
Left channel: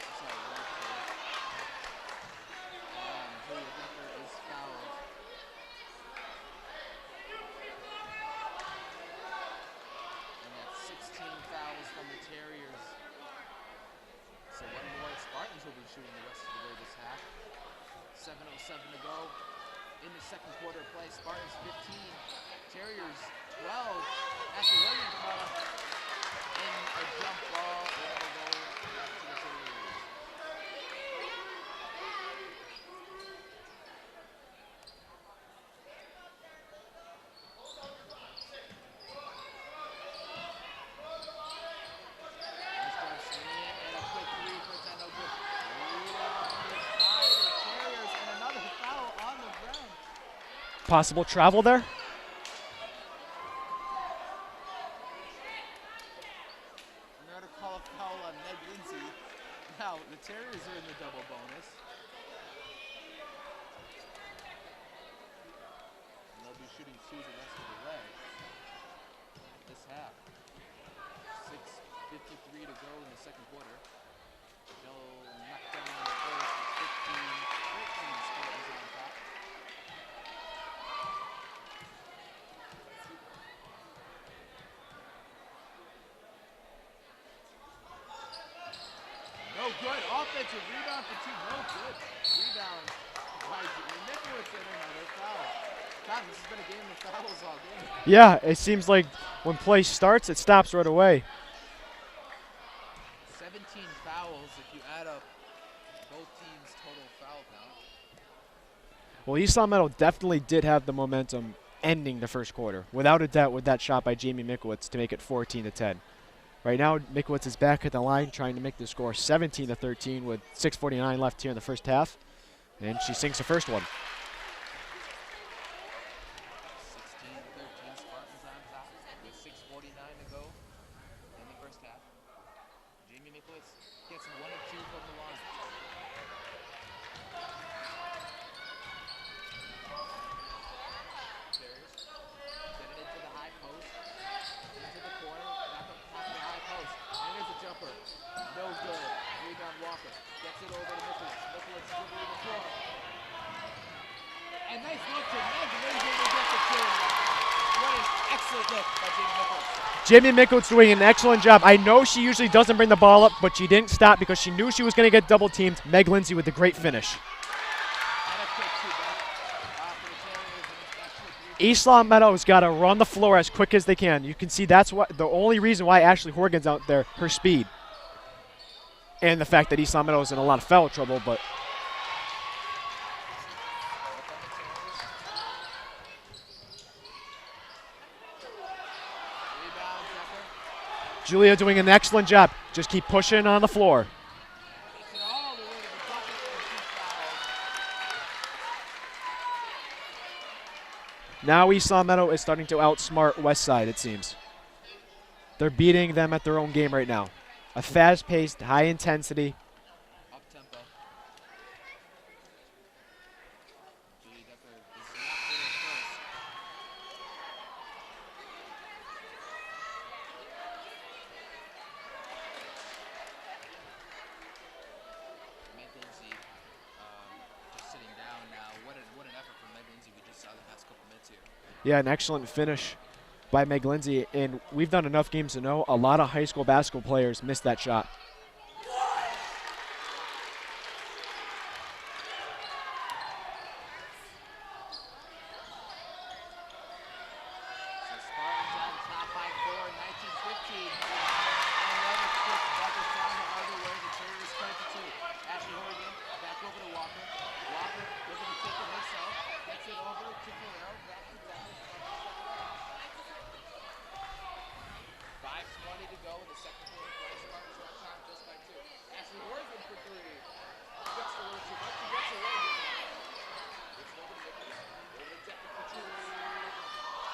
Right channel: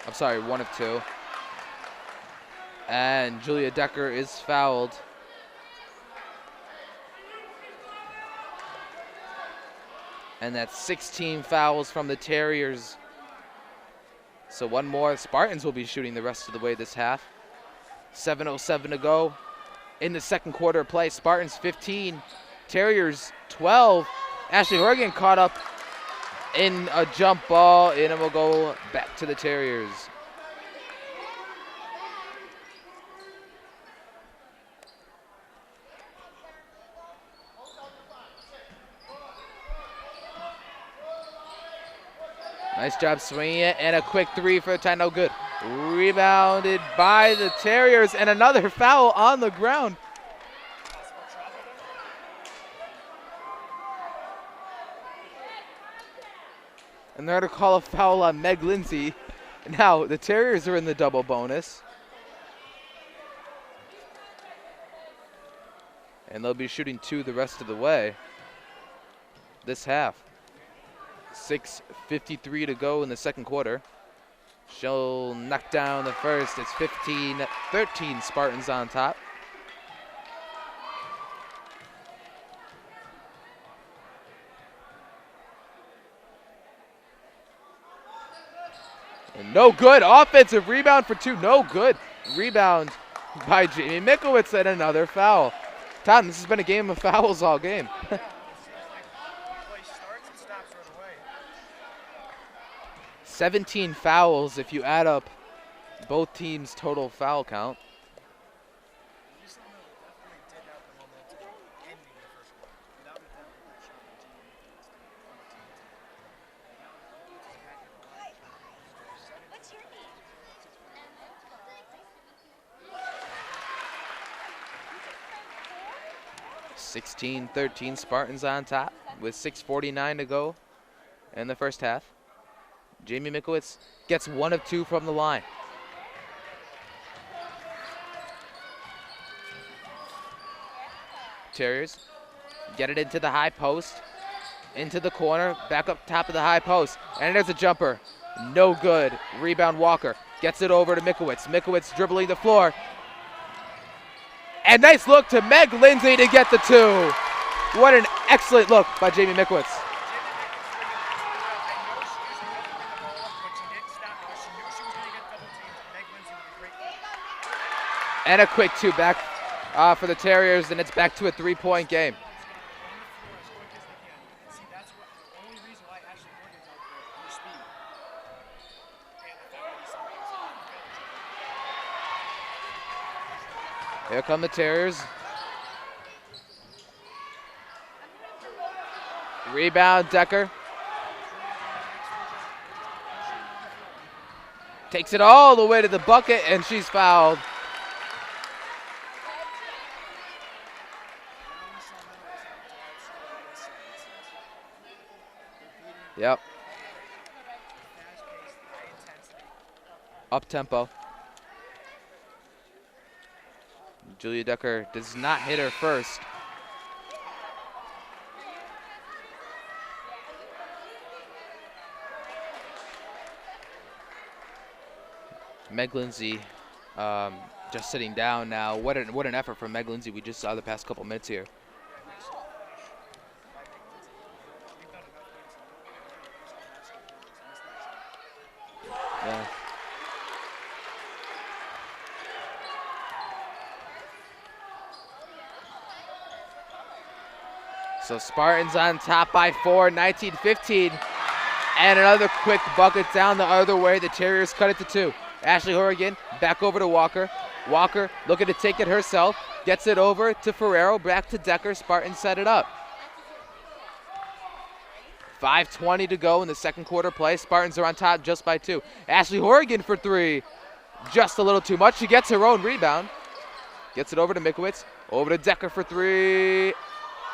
I'm sorry, 1 of 2. And Julia Decker is fouled. And that's 16 fouls from the Terriers. So 1 more. Spartans will be shooting the rest of the way this half. 7:07 to go in the second quarter of play. Spartans 15, Terriers 12. Ashley Horgan caught up in a jump ball, and it will go back to the Terriers. Nice job swinging it, and a quick 3 for the tie, no good. Rebounded by the Terriers, and another foul on the ground. Possible travel there? And they're going to call a foul on Meg Lindsay. Now, the Terriers are in the double bonus. And they'll be shooting 2 the rest of the way this half. 6:53 to go in the second quarter. She'll knock down the first. It's 15-13 Spartans on top. And no good. Offensive rebound for 2. No good. Rebound by Jamie Mikowitz and another foul. Todd, this has been a game of fouls all game. Yeah, it seems like when play starts, it stops right away. 17 fouls if you add up both teams' total foul count. Well, East Long Meadow definitely did have the momentum ending the first quarter, without a doubt, with that shot by Jamie Mikowitz to make it 14-10. Right now, Mikowitz is back at the line trying to make the score 17-13 with 6:49 left here in the first half, and she sinks the first one. 16-13 Spartans on top with 6:49 to go in the first half. Jamie Mikowitz gets 1 of 2 from the line. Terriers get it into the high post, into the corner, back up top of the high post, and there's a jumper. No good. Rebound Walker gets it over to Mikowitz. Mikowitz dribbling the floor. And nice look to Meg Lindsay to get the 2. What an excellent look by Jamie Mikowitz. Jamie Mikowitz doing an excellent job. I know she usually doesn't bring the ball up, but she didn't stop because she knew she was going to get double teamed. Meg Lindsay with a great finish. And a quick 2 back for the Terriers, and it's back to a 3-point game. East Long Meadow's got to run the floor as quick as they can. You can see that's what the only reason why Ashley Horgan's out there, her speed. And the fact that East Long Meadow is in a lot of foul trouble, but here come the Terriers. Rebound, Decker. Julia doing an excellent job. Just keep pushing on the floor. Takes it all the way to the bucket, and she's fouled. Now East Long Meadow is starting to outsmart Westside, it seems. They're beating them at their own game right now. A fast-paced, high-intensity. Up-tempo. Julia Decker does not hit her first. Meg Lindsay just sitting down now. What an effort from Meg Lindsay we just saw the past couple minutes here. Yeah, an excellent finish by Meg Lindsay. And we've done enough games to know a lot of high school basketball players missed that shot. Yeah. So Spartans on top by 4, 19-15. And another quick bucket down the other way. The Terriers cut it to 2. Ashley Horgan back over to Walker. Walker looking to take it herself. Gets it over to Ferrero. Back to Decker. Spartans set it up. 5:20 to go in the second quarter play. Spartans are on top just by 2. Ashley Horgan for 3. Just a little too much. She gets her own rebound. Gets it over to Mikowitz. Over to Decker for 3.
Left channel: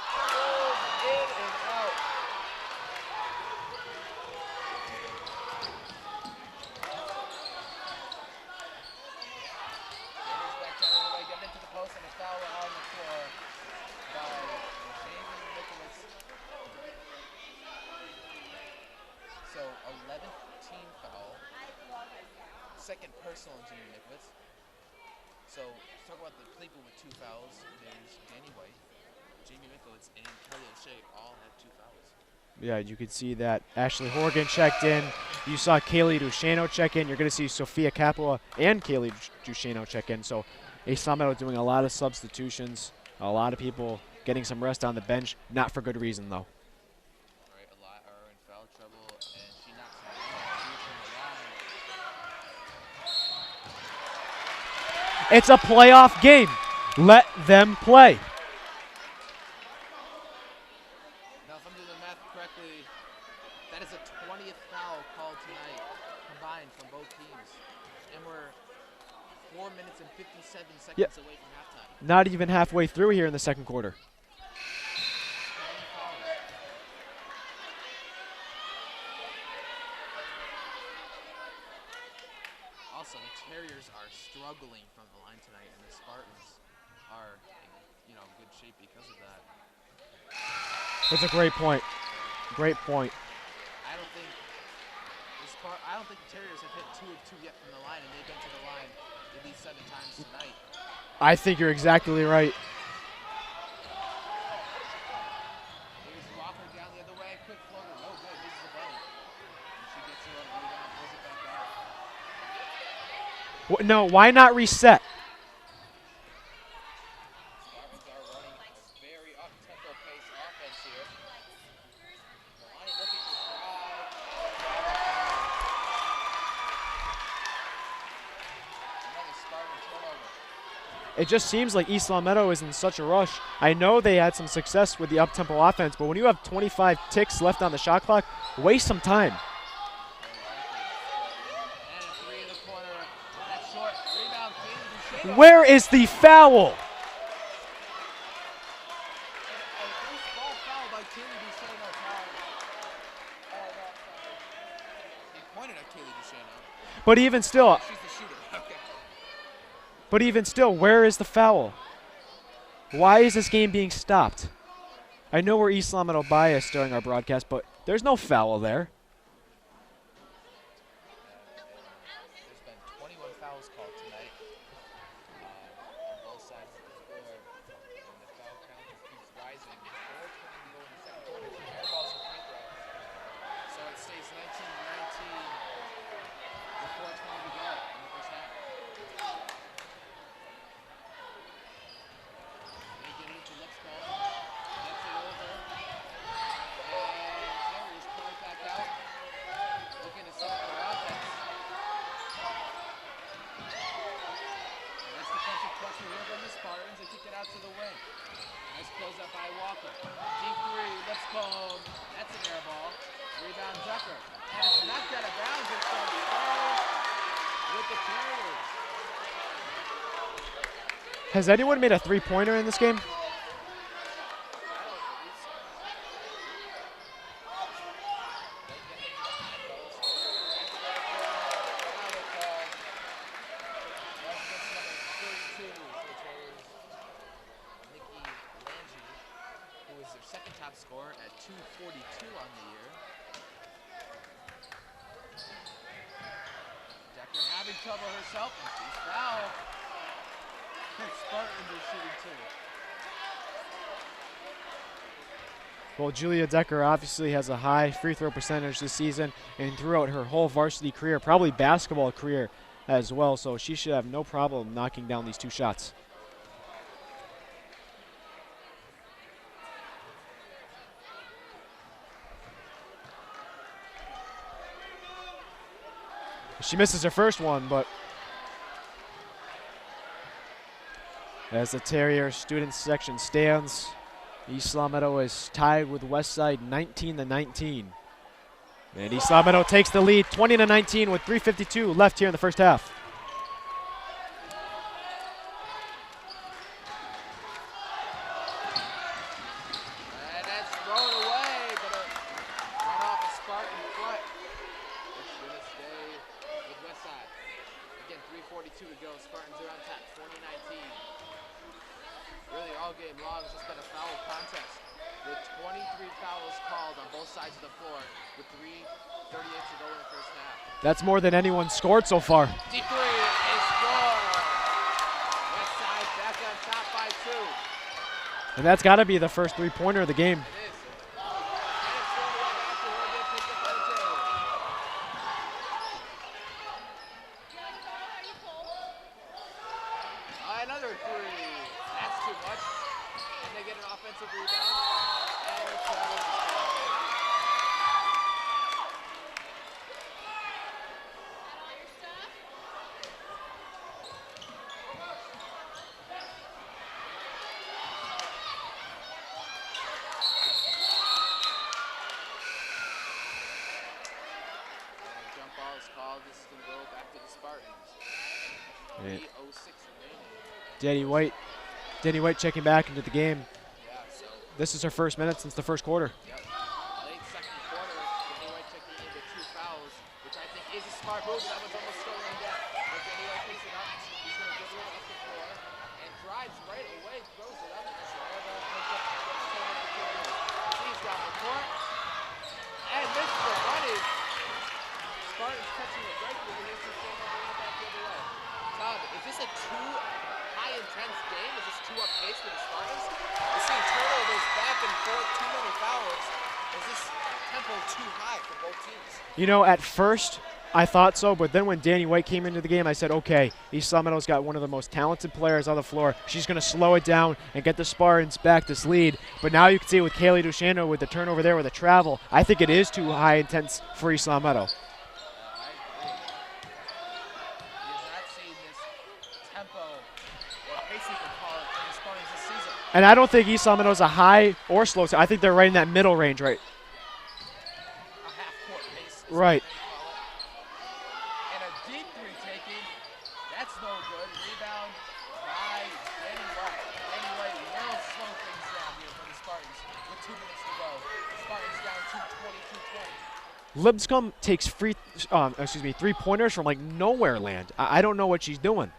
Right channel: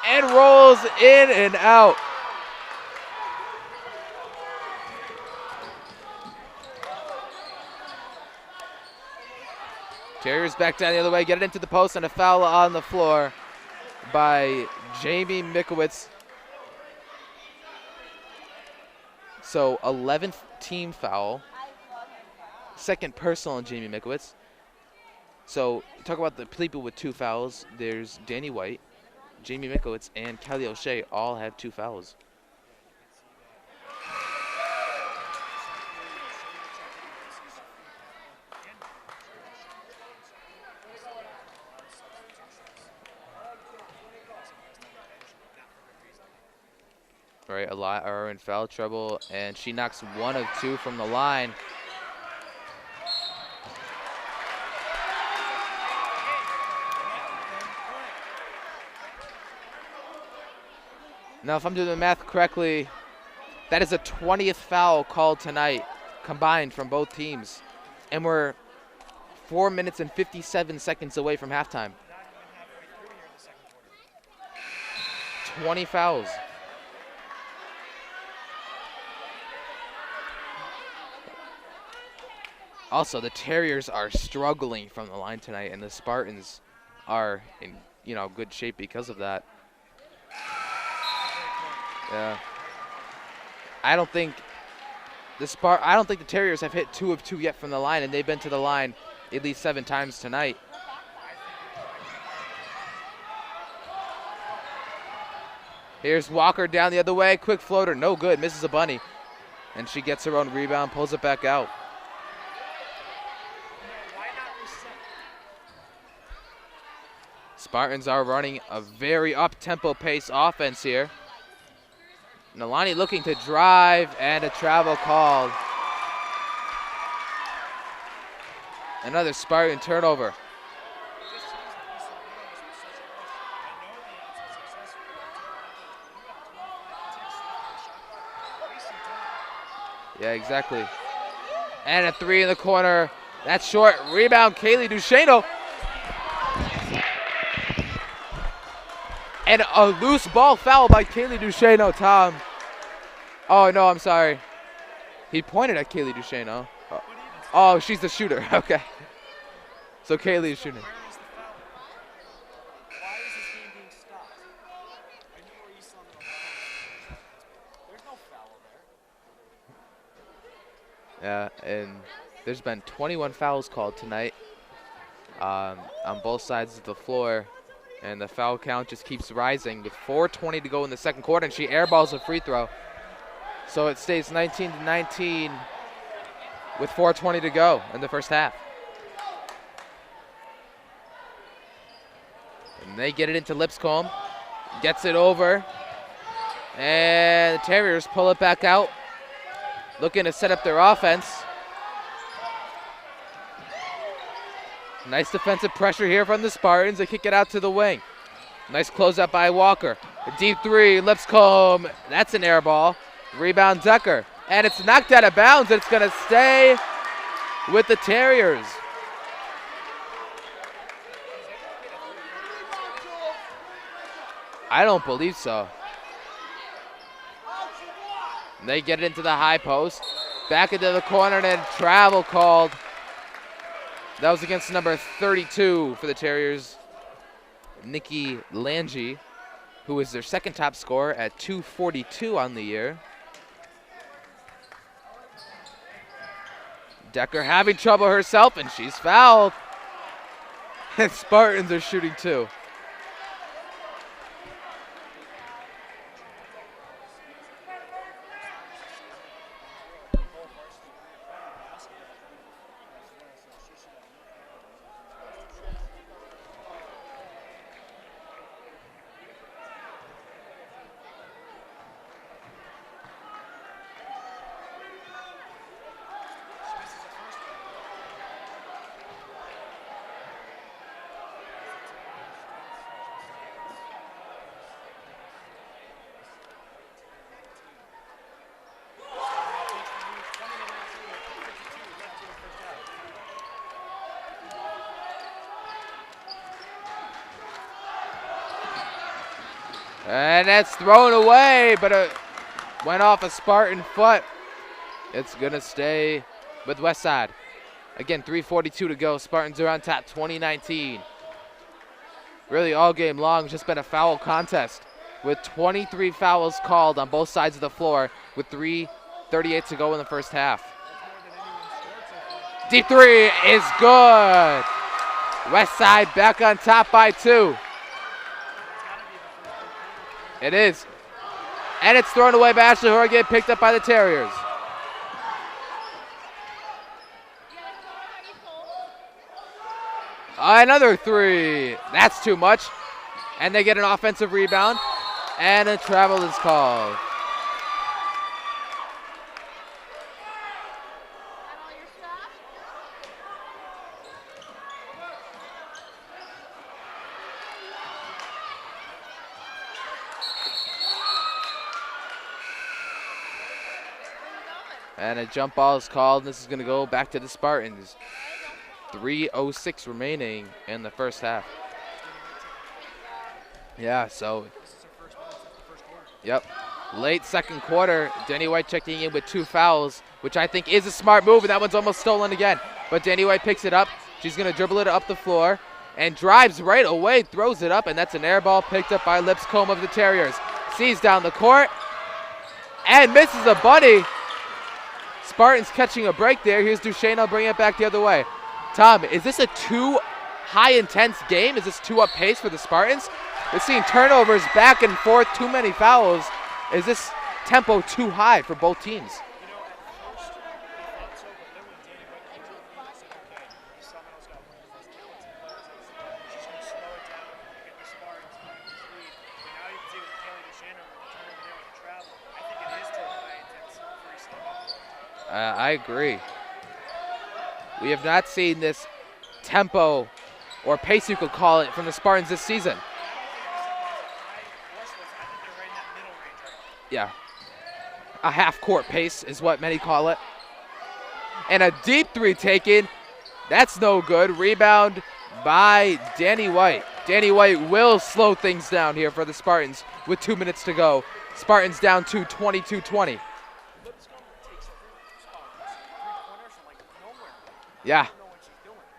And rolls in and out. Terriers back down the other way, get it into the post, and a foul on the floor by Jamie Mikowitz. So 11th team foul. Second personal on Jamie Mikowitz. So talk about the people with 2 fouls. There's Danny White, Jamie Mikowitz, and Kelly O'Shea all have 2 fouls. Yeah, you could see that Ashley Horgan checked in. You saw Kaylee Ducheno check in. You're going to see Sophia Capua and Kaylee Ducheno check in. So East Long Meadow doing a lot of substitutions, a lot of people getting some rest on the bench, not for good reason, though. Right, a lot are in foul trouble, and she knocks 1 of 2 from the line. It's a playoff game. Let them play. Now, if I'm doing the math correctly, that is a 20th foul called tonight, combined from both teams. And we're 4 minutes and 57 seconds away from halftime. Not even halfway through here in the second quarter. 20 fouls. Also, the Terriers are struggling from the line tonight, and the Spartans are in good shape because of that. That's a great point. Yeah. Great point. I don't think the Terriers have hit 2 of 2 yet from the line, and they've been to the line at least 7 times tonight. I think you're exactly right. Here's Walker down the other way. Quick floater, no good. Misses a bunny. And she gets her own rebound, pulls it back out. No, why not reset? Spartans are running a very up-tempo pace offense here. Nalani looking to drive, and a travel called. Another Spartan turnover. It just seems like East Long Meadow is in such a rush. I know they had some success with the up-tempo offense, but when you have 25 ticks left on the shot clock, waste some time. Yeah, exactly. And a 3 in the corner. That's short. Rebound, Kaylee Duchesneau. Where is the foul? And a loose ball foul by Kaylee Duchesneau, Tom. Oh, no, I'm sorry. He pointed at Kaylee Duchesneau. But even still. Oh, she's the shooter. Okay. So but even still, where is the foul? Why is this game being stopped? I know we're East Long Meadow biased during our broadcast, but there's no foul there. Yeah, and there's been 21 fouls called tonight on both sides of the floor, and the foul count just keeps rising with 4:20 to go in the second quarter, and she airballs a free throw. So it stays 19-19 with 4:20 to go in the first half. And they get it into Lipscomb, gets it over, and the Terriers pull it back out, looking to set up their offense. Nice defensive pressure here from the Spartans. They kick it out to the wing. Nice closeout by Walker. A deep 3, Lipscomb. That's an air ball. Rebound Decker. And it's knocked out of bounds. It's going to stay with the Terriers. Has anyone made a three-pointer in this game? I don't believe so. And they get it into the high post. Back into the corner, and then travel called. That was against number 32 for the Terriers, Nikki Lange, who is their second top scorer at 242 on the year. Decker having trouble herself, and she's fouled. And Spartans are shooting 2. Well, Julia Decker obviously has a high free throw percentage this season and throughout her whole varsity career, probably basketball career as well, so she should have no problem knocking down these 2 shots. She misses her first one, but as the Terrier student section stands, East Long Meadow is tied with Westside 19-19. And East Long Meadow takes the lead 20-19 with 3:52 left here in the first half. And that's thrown away, but it went off a Spartan foot. It's going to stay with Westside. Again, 3:42 to go. Spartans are on top 20-19. Really all game long, it's just been a foul contest with 23 fouls called on both sides of the floor with 3:38 to go in the first half. That's more than anyone scored so far. Deep 3 is good. Westside back on top by 2. And that's got to be the first three-pointer of the game. It is. And it's thrown away by Ashley Horgan, picked up by the Terriers. Another 3. That's too much. And they get an offensive rebound. And a travel is called. And a jump ball is called. This is going to go back to the Spartans. 3:06 remaining in the first half. Denny White checking back into the game. Yeah, so this is her first minute since the first quarter. Yep. Late second quarter, Denny White checking in with 2 fouls. which I think is a smart move, and that one's almost stolen again. But Danny White picks it up. She's going to dribble it up the floor and drives right away, throws it up, and that's an air ball picked up by Lipscomb of the Terriers. Sees down the court and misses a bunny. Spartans catching a break there. Here's Duchesne. I'll bring it back the other way. Tom, is this a too high intense game? Is this too up pace for the Spartans? We're seeing turnovers back and forth, too many fouls. Is this tempo too high for both teams? You know, at first I thought so, but then when Danny White came into the game, I said, okay, East Meadow's got one of the most talented players on the floor. She's going to slow it down and get the Spartans back this lead. But now you can see with Kaylee Duchesne with the turnover there with the travel, I think it is too high intense for East Meadow. I agree. We have not seen this tempo or pace, you could call it, from the Spartans this season. And I don't think East Meadow's a high or slow. I think they're right in that middle range, right? Yeah. A half-court pace is right. What many call it. And a deep three taken. That's no good. Rebound by Danny White. Danny White will slow things down here for the Spartans with 2 minutes to go. Spartans down to 22-20. Lipscomb takes three-pointers from like nowhere land. Yeah. I don't know what she's doing.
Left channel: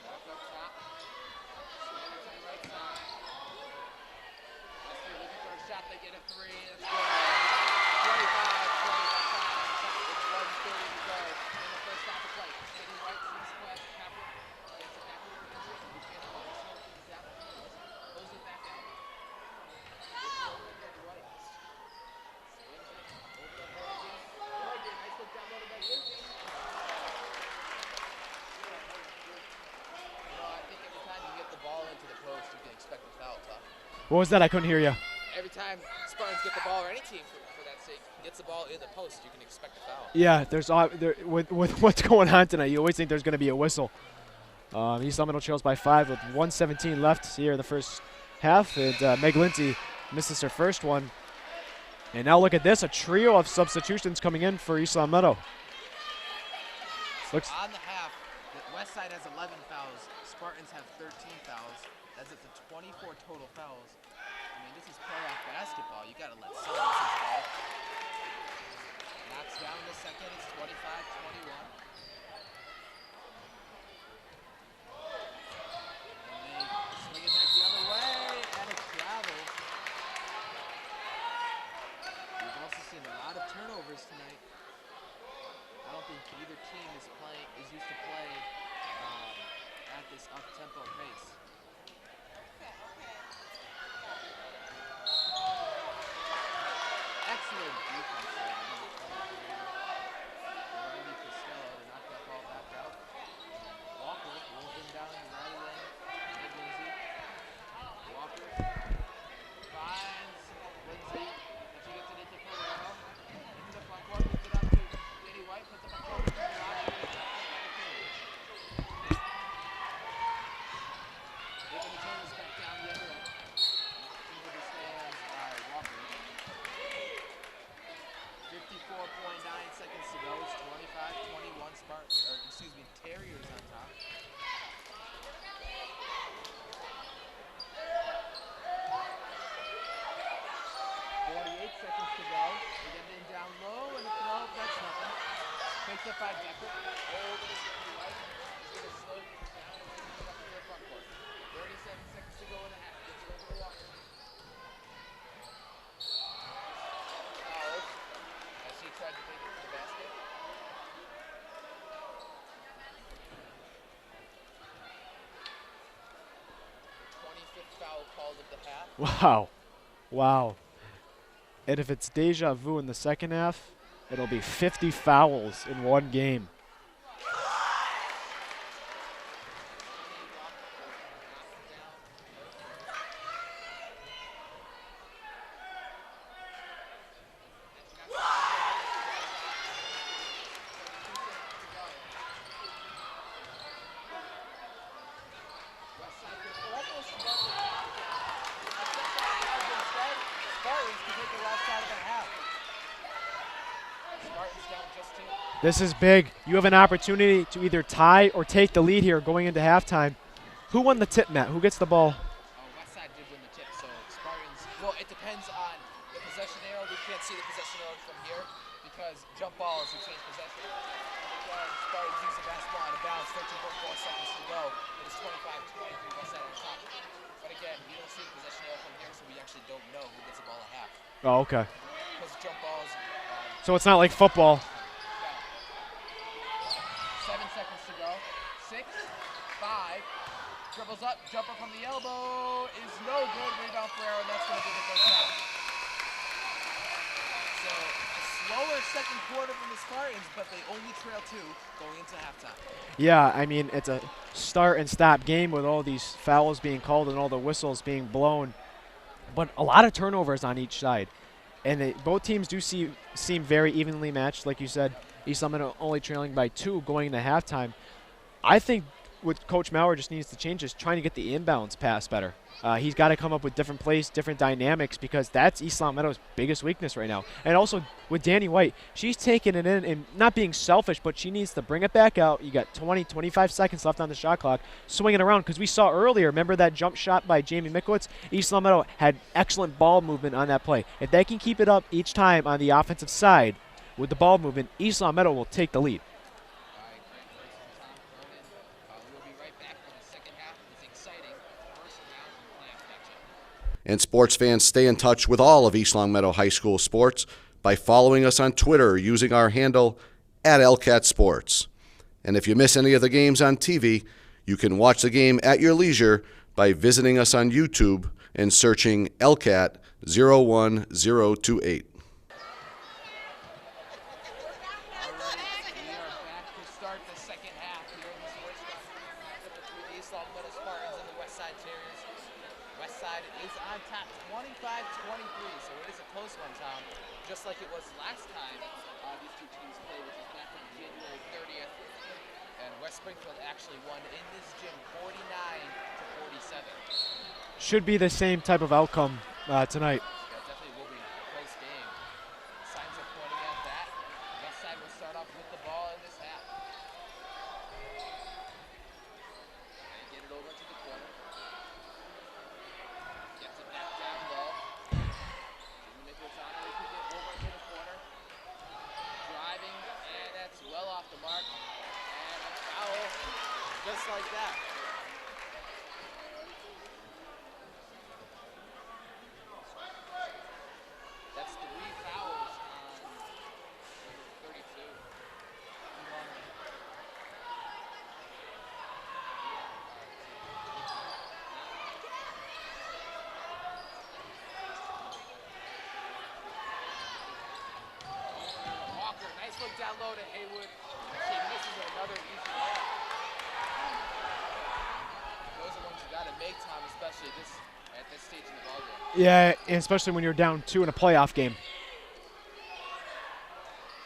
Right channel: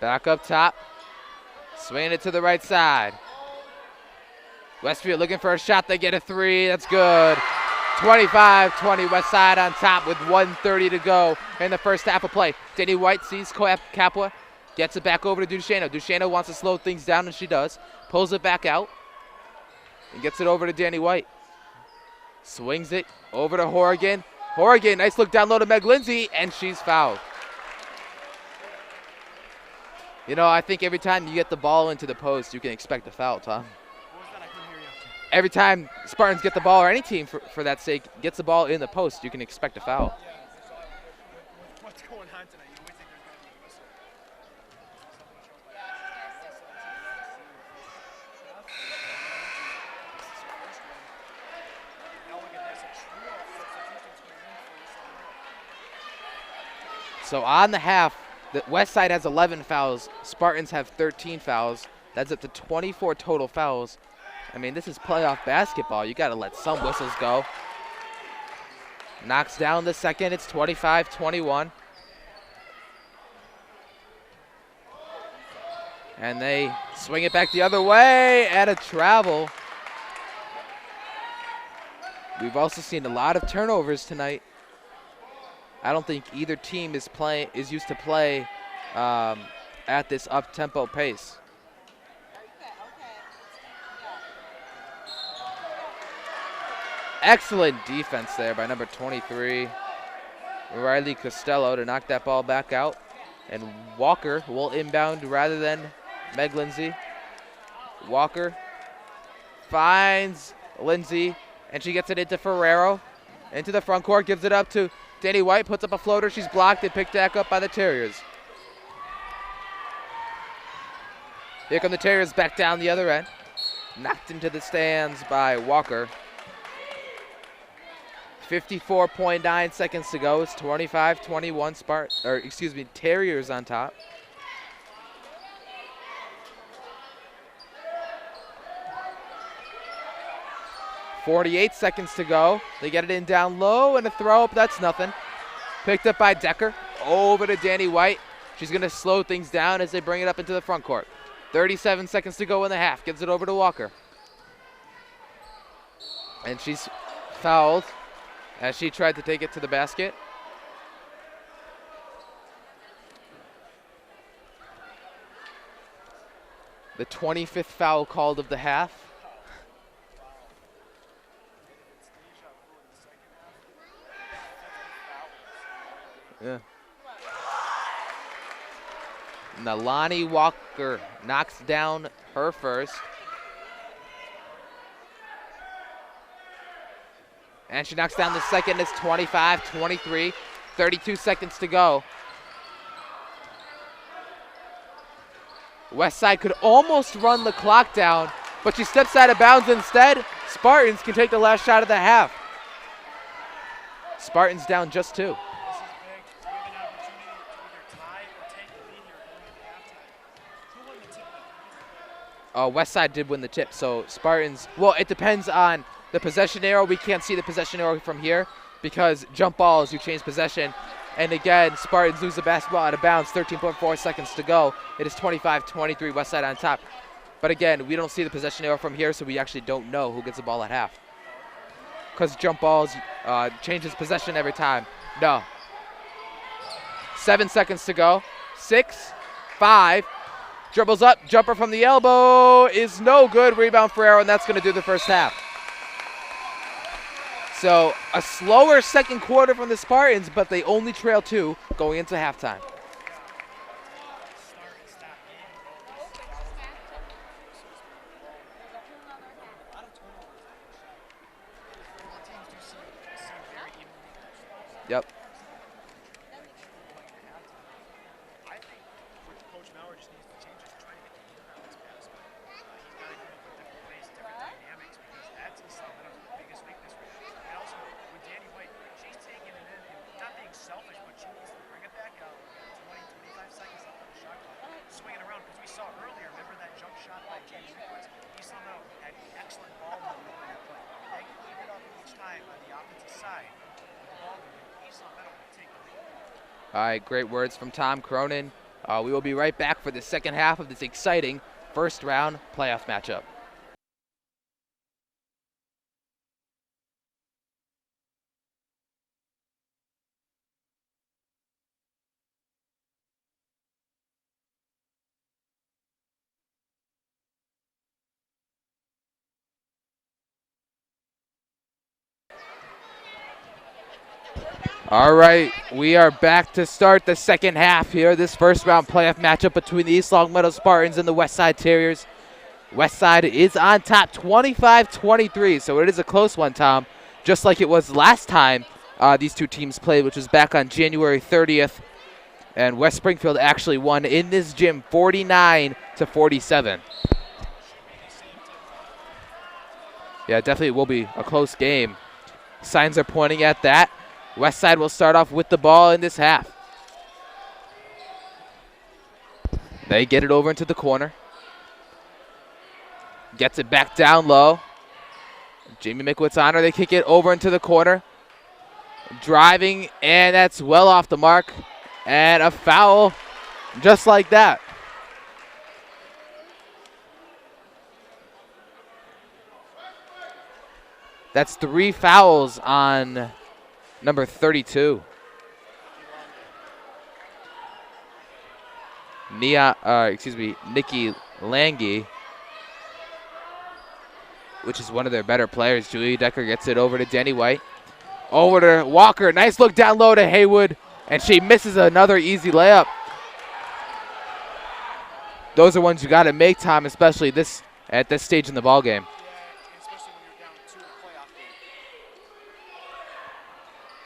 Back up top. Swinging it to the right side. Westfield looking for a shot. They get a three. That's good. 25-20 West Side on top with 1:30 to go in the first half of play. Danny White sees Capua. Gets it back over to Duchesne. Duchesne wants to slow things down, and she does. Pulls it back out. And gets it over to Danny White. Swings it over to Horrigan. Horrigan, nice look down low to Meg Lindsay, and she's fouled. You know, I think every time you get the ball into the post, you can expect a foul, Tom. What was that? I couldn't hear you. Every time Spartans get the ball, or any team for that sake, gets the ball in the post, you can expect a foul. Yeah, with what's going on tonight, you always think there's going to be a whistle. East Meadow trails by 5 with 1:17 left here in the first half, and Meg Lindsay misses her first one. And now look at this, a trio of substitutions coming in for East Meadow. So on the half, the West Side has 11 fouls. Spartans have 13 fouls. That's up to 24 total fouls. I mean, this is playoff basketball. You got to let some whistles go. Knocks down the second. It's 25-21. And they swing it back the other way at a travel. We've also seen a lot of turnovers tonight. I don't think either team is used to play at this up-tempo pace. Excellent defense there by number 23, Riley Costello, to knock that ball back out. And Walker will inbound rather than Meg Lindsay. Walker finds Lindsay, and she gets it into Ferrero. Into the front court, gives it up to Danny White, puts up a floater. She's blocked and picked back up by the Terriers. Here come the Terriers back down the other end. Knocked into the stands by Walker. 54.9 seconds to go. It's 25-21 Terriers on top. .48 seconds to go. They get it in down low, and a throw up. That's nothing. Picked up by Decker. Over to Danny White. She's going to slow things down as they bring it up into the front court. 37 seconds to go in the half. Gives it over to Walker. And she's fouled as she tried to take it to the basket. The 25th foul called of the half. Wow. Wow. And if it's deja vu in the second half, it'll be 50 fouls in one game. Yeah. Nalani Walker knocks down her first. And she knocks down the second. It's 25-23. 32 seconds to go. West Side could almost run the clock down, but she steps out of bounds instead. Spartans can take the last shot of the half. Spartans down just 2. This is big. You have an opportunity to either tie or take the lead here going into halftime. Who won the tip, Matt? Who gets the ball? Westside did win the tip, so Spartans, well, it depends on the possession arrow. We can't see the possession arrow from here because jump balls, you change possession. And again, Spartans lose the basketball out of bounds, 13.4 seconds to go. It is 25-23, Westside on top. But again, we don't see the possession arrow from here, so we actually don't know who gets the ball at half. Oh, okay. Because jump balls change it's not like possession football. every time. No. 7 seconds to go. 6, 5, dribbles up, jumper from the elbow is no good. Rebound for Arrow, and that's going to do the first half. So a slower second quarter from the Spartans, but they only trail 2 going into halftime. Yeah, I mean, it's a start and stop game with all these fouls being called and all the whistles being blown. But a lot of turnovers on each side. And both teams do seem very evenly matched, like you said. Yep. East Lemon only trailing by 2 going into halftime. I think what Coach Maurer just needs to change is trying to get the inbounds pass better. He's got to come up with different plays, different dynamics, because that's East Long Meadow's biggest weakness right now. And also with Danny White, she's taking it in and not being selfish, but she needs to bring it back out. You got 20, 25 seconds left on the shot clock, swing it around, because we saw earlier, remember that jump shot by Jamie Mikowitz? East Long Meadow had excellent ball movement on that play. If they can keep it up each time on the offensive side with the ball movement, East Long Meadow will take the lead. All right, great words from Tom Cronin. We will be right back for the second half of this exciting first round playoff matchup. And sports fans, stay in touch with all of East Longmeadow High School sports by following us on Twitter using our handle @LCATSports. And if you miss any of the games on TV, you can watch the game at your leisure by visiting us on YouTube and searching LCAT 01028. All right, we are back to start the second half here. This first round playoff matchup between the East Longmeadow Spartans and the Westside Terriers. Westside is on top 25-23, so it is a close one, Tom. Just like it was last time these two teams played, which was back on January 30th. And West Springfield actually won in this gym 49-47. Should be the same type of outcome tonight. Yeah, definitely will be a close game. Signs are pointing at that. Westside will start off with the ball in this half. They get it over into the corner. Gets it back down low. Jamie Mikowitz on her. They kick it over into the corner. Driving, and that's well off the mark. And a foul just like that. That's 3 fouls on number 32. Nikki Lange, which is one of their better players. Julia Decker gets it over to Danny White. Over to Walker. Nice look down low to Haywood, and she misses another easy layup. Those are ones you got to make, Tom, especially at this stage in the ball game. Yeah, and especially when you're down 2 in a playoff game.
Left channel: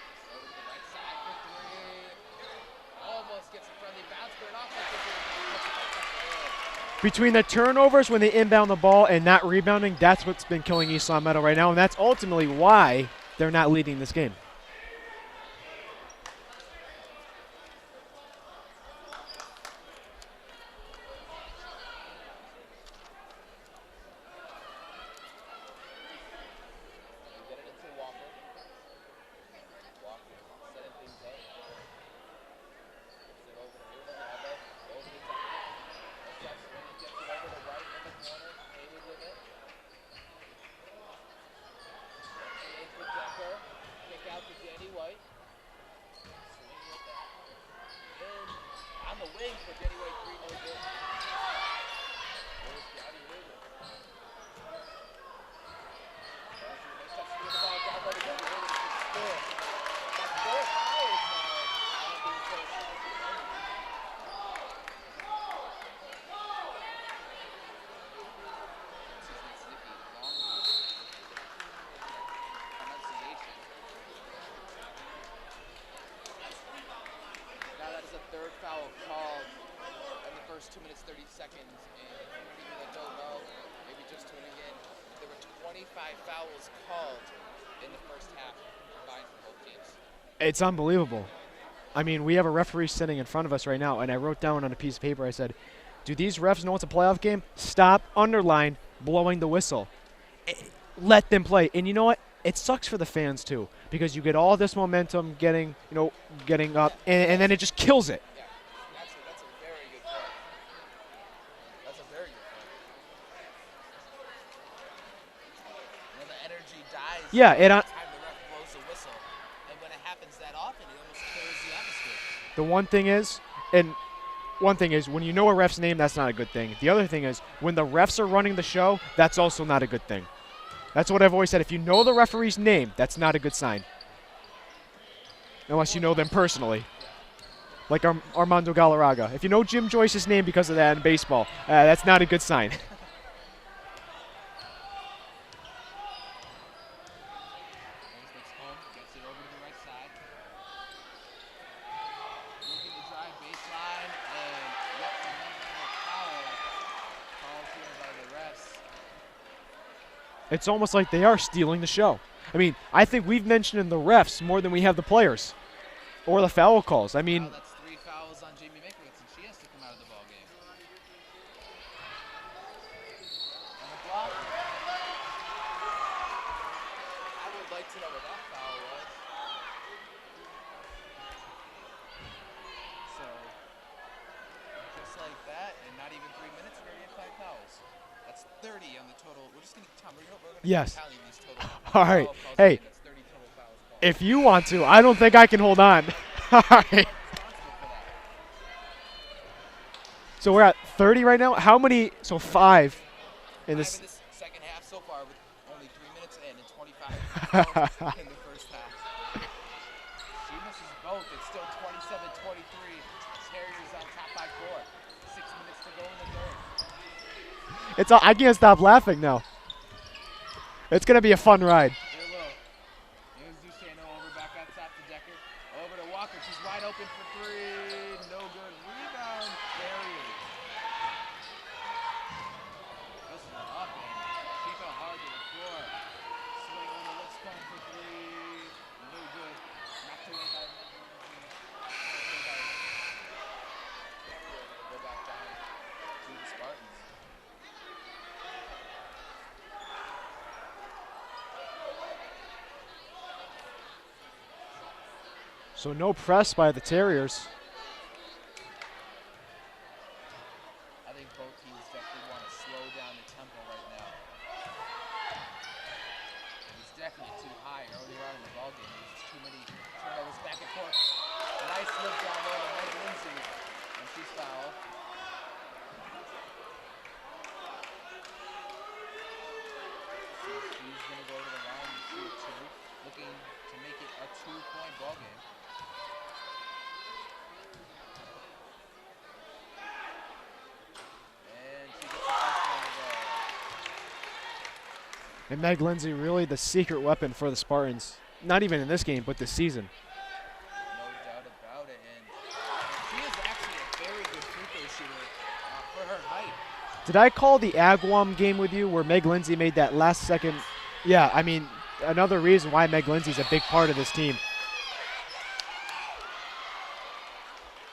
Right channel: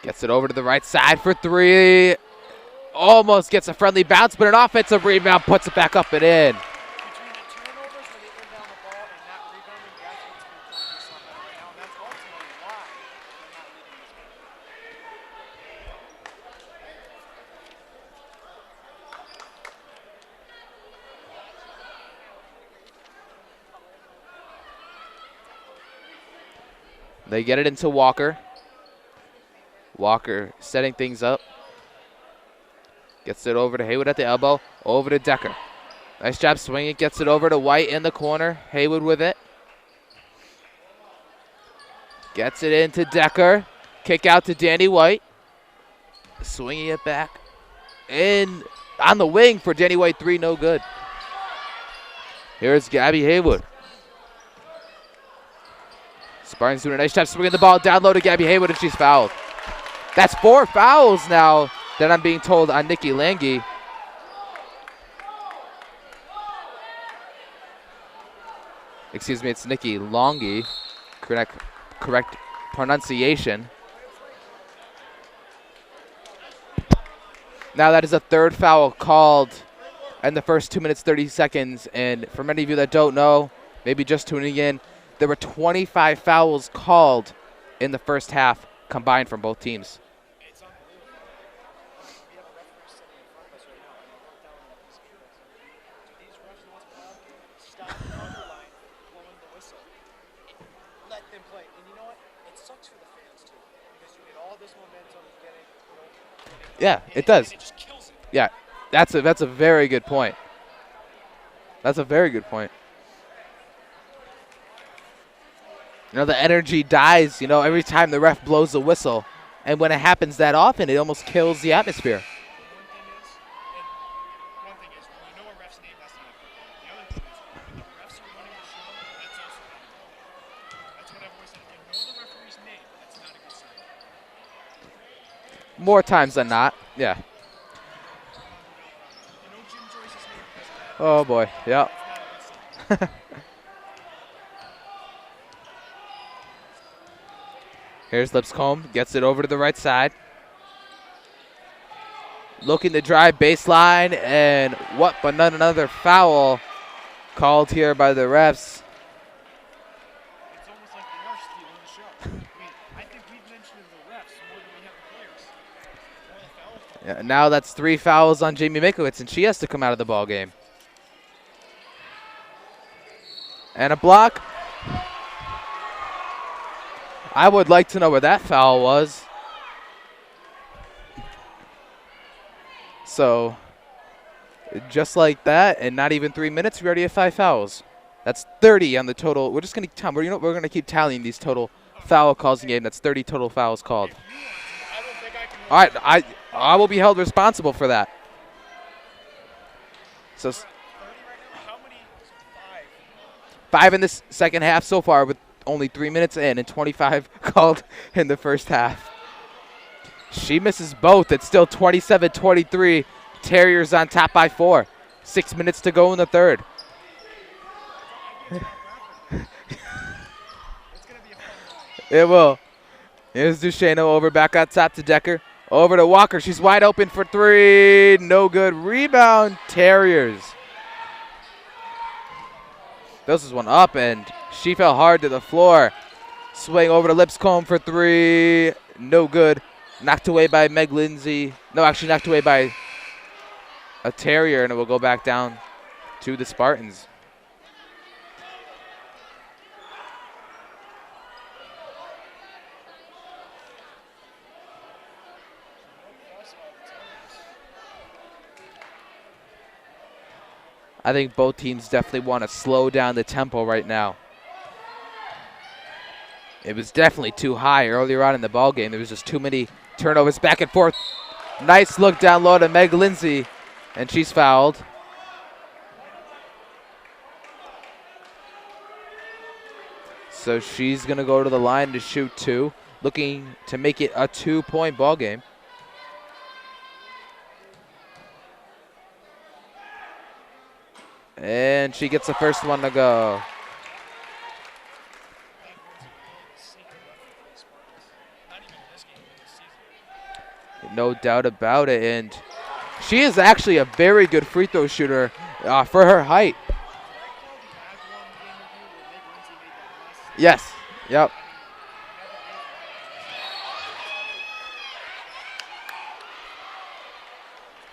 Gets it over to the right side for 3. Almost gets a friendly bounce, but an offensive rebound puts it back up and in. Between the turnovers when they inbound the ball and not rebounding, that's what's been killing East Long Meadow right now, and that's ultimately why they're not leading this game. They get it into Walker. Walker setting things up. Gets it over to Haywood at the elbow. Over to Decker. Nice job swinging. Gets it over to White in the corner. Haywood with it. Gets it into Decker. Kick out to Danny White. Swinging it back. In on the wing for Danny White. 3, no good. Here's Gabby Haywood. Spartans doing a nice job swinging the ball down low to Gabby Haywood, and she's fouled. That's 4 fouls now that I'm being told on Nikki Lange. Excuse me, it's Nikki Longi. Correct pronunciation. Now that is a 3rd foul called in the first 2 minutes, 30 seconds. And for many of you that don't know, maybe just tuning in, there were 25 fouls called in the first half combined from both teams. It's unbelievable. I mean, we have a referee sitting in front of us right now, and I wrote down on a piece of paper, I said, do these refs know it's a playoff game? Stop, underline, blowing the whistle. Let them play. And you know what? It sucks for the fans, too, because you get all this momentum getting up, Yeah, and then it just kills it. Yeah, that's a very good point. That's a very good point. The energy dies, Yeah, every time the ref blows the whistle. And when it happens that often, it almost kills the atmosphere. The one thing is, when you know a ref's name, that's not a good thing. The other thing is, when the refs are running the show, that's also not a good thing. That's what I've always said. If you know the referee's name, that's not a good sign. Unless More you know times them than not. personally. Yeah. Like Armando Galarraga. If you know Jim Joyce's name because of that in baseball, boy. Yeah. that's not a good sign. Here's Lipscomb, gets it over to the right side. Looking to drive baseline, and what but not another foul called here by the refs. It's almost like they are stealing the show. I mean, I think we've mentioned the refs more than we have the players or the foul calls. Yeah, I mean, now that's 3 fouls on Jamie Mikowitz, and she has to come out of the ball game. And a block. I would like to know where that foul was. So, just like that, and not even 3 minutes, we already have 5 fouls. That's 30 on the total. We're just going to we're going to keep tallying these total foul calls in the game. That's 30 total fouls called. If you want to, I don't think I can hold on. I will be held responsible for that. So we're at 30 right now. How many? So 5. 5 in this second half so far, with only 3 minutes in, and 25 called in the first half. She misses both. It's still 27-23. Terriers on top by 4. 6 minutes to go in the third. I can't stop laughing now. It's going to be a fun ride. It will. Here's Duchesneau over back on top to Decker. Over to Walker. She's wide open for 3. No good. Rebound, Terriers. This is one up, and she fell hard to the floor. Swing over to Lipscomb for 3. No good. Knocked away by Meg Lindsay. No, actually knocked away by a Terrier, and it will go back down to the Spartans. So no press by the Terriers. I think both teams definitely want to slow down the tempo right now. It was definitely too high earlier on in the ball game. There was just too many turnovers back and forth. Nice look down low to Meg Lindsay, and she's fouled. So she's going to go to the line to shoot 2, looking to make it a 2-point ball game. And she gets the first one to go. And Meg Lindsay really the secret weapon for the Spartans. Not even in this game, but this season. No doubt about it. And she is actually a very good free throw shooter for her height. Did I call the Agawam game with you where Meg Lindsay made that last second? Yes. Yeah, Yep. I mean, another reason why Meg Lindsay's a big part of this team.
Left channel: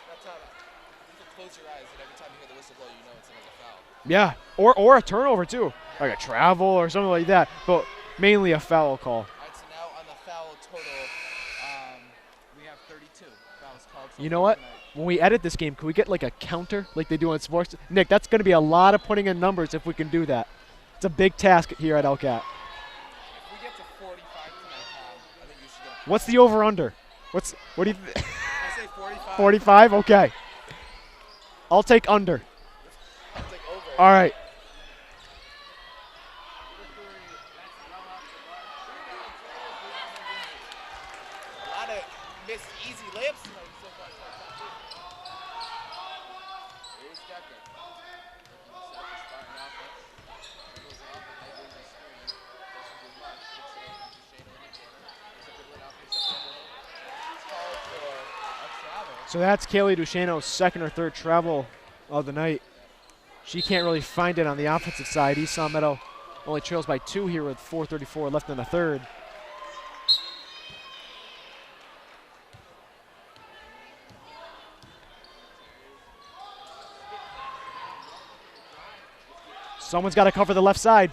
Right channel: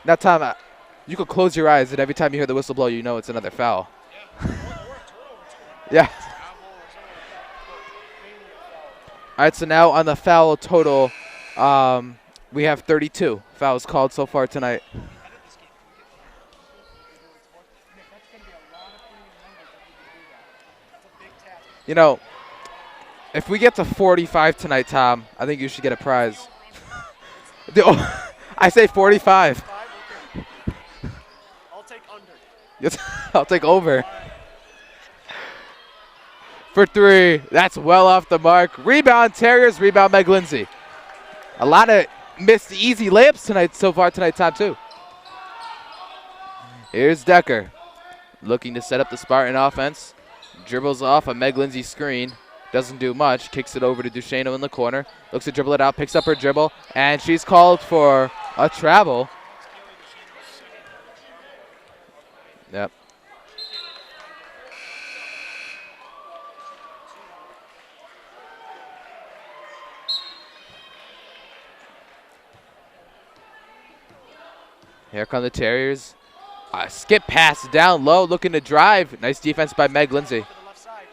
Now, Tom, you could close your eyes, and every time you hear the whistle blow, you know it's another foul. Yeah, or a turnover, too. Yeah. Like a travel or something like that, but mainly a foul call. All right, so now on the foul total, we have 32 fouls called so far tonight. When we edit this game, can we get like a counter like they do in sports? Nick, that's going to be a lot of putting in numbers if we can do that. It's a big task here at LCAT. If we get to 45 tonight, Tom, I think you should get a prize. What's the over-under? I say 45. 45? Okay. I'll take under. I'll take over. All right. For 3. That's well off the mark. Rebound, Terriers. Rebound, Meg Lindsay. A lot of missed easy layups tonight so far tonight, Tom, too. Here's Decker looking to set up the Spartan offense. Dribbles off a Meg Lindsay screen. Doesn't do much. Kicks it over to Duchesneau in the corner. Looks to dribble it out. Picks up her dribble. And she's called for a travel. So that's Kaylee Duchesneau's second or third travel of the night. Yep. She can't really find it on the offensive side. East Long Meadow only trails by 2 here with 4:34 left in the third. Here come the Terriers. Skip pass down low, looking to drive. Nice defense by Meg Someone's got to Lindsay. cover the left side.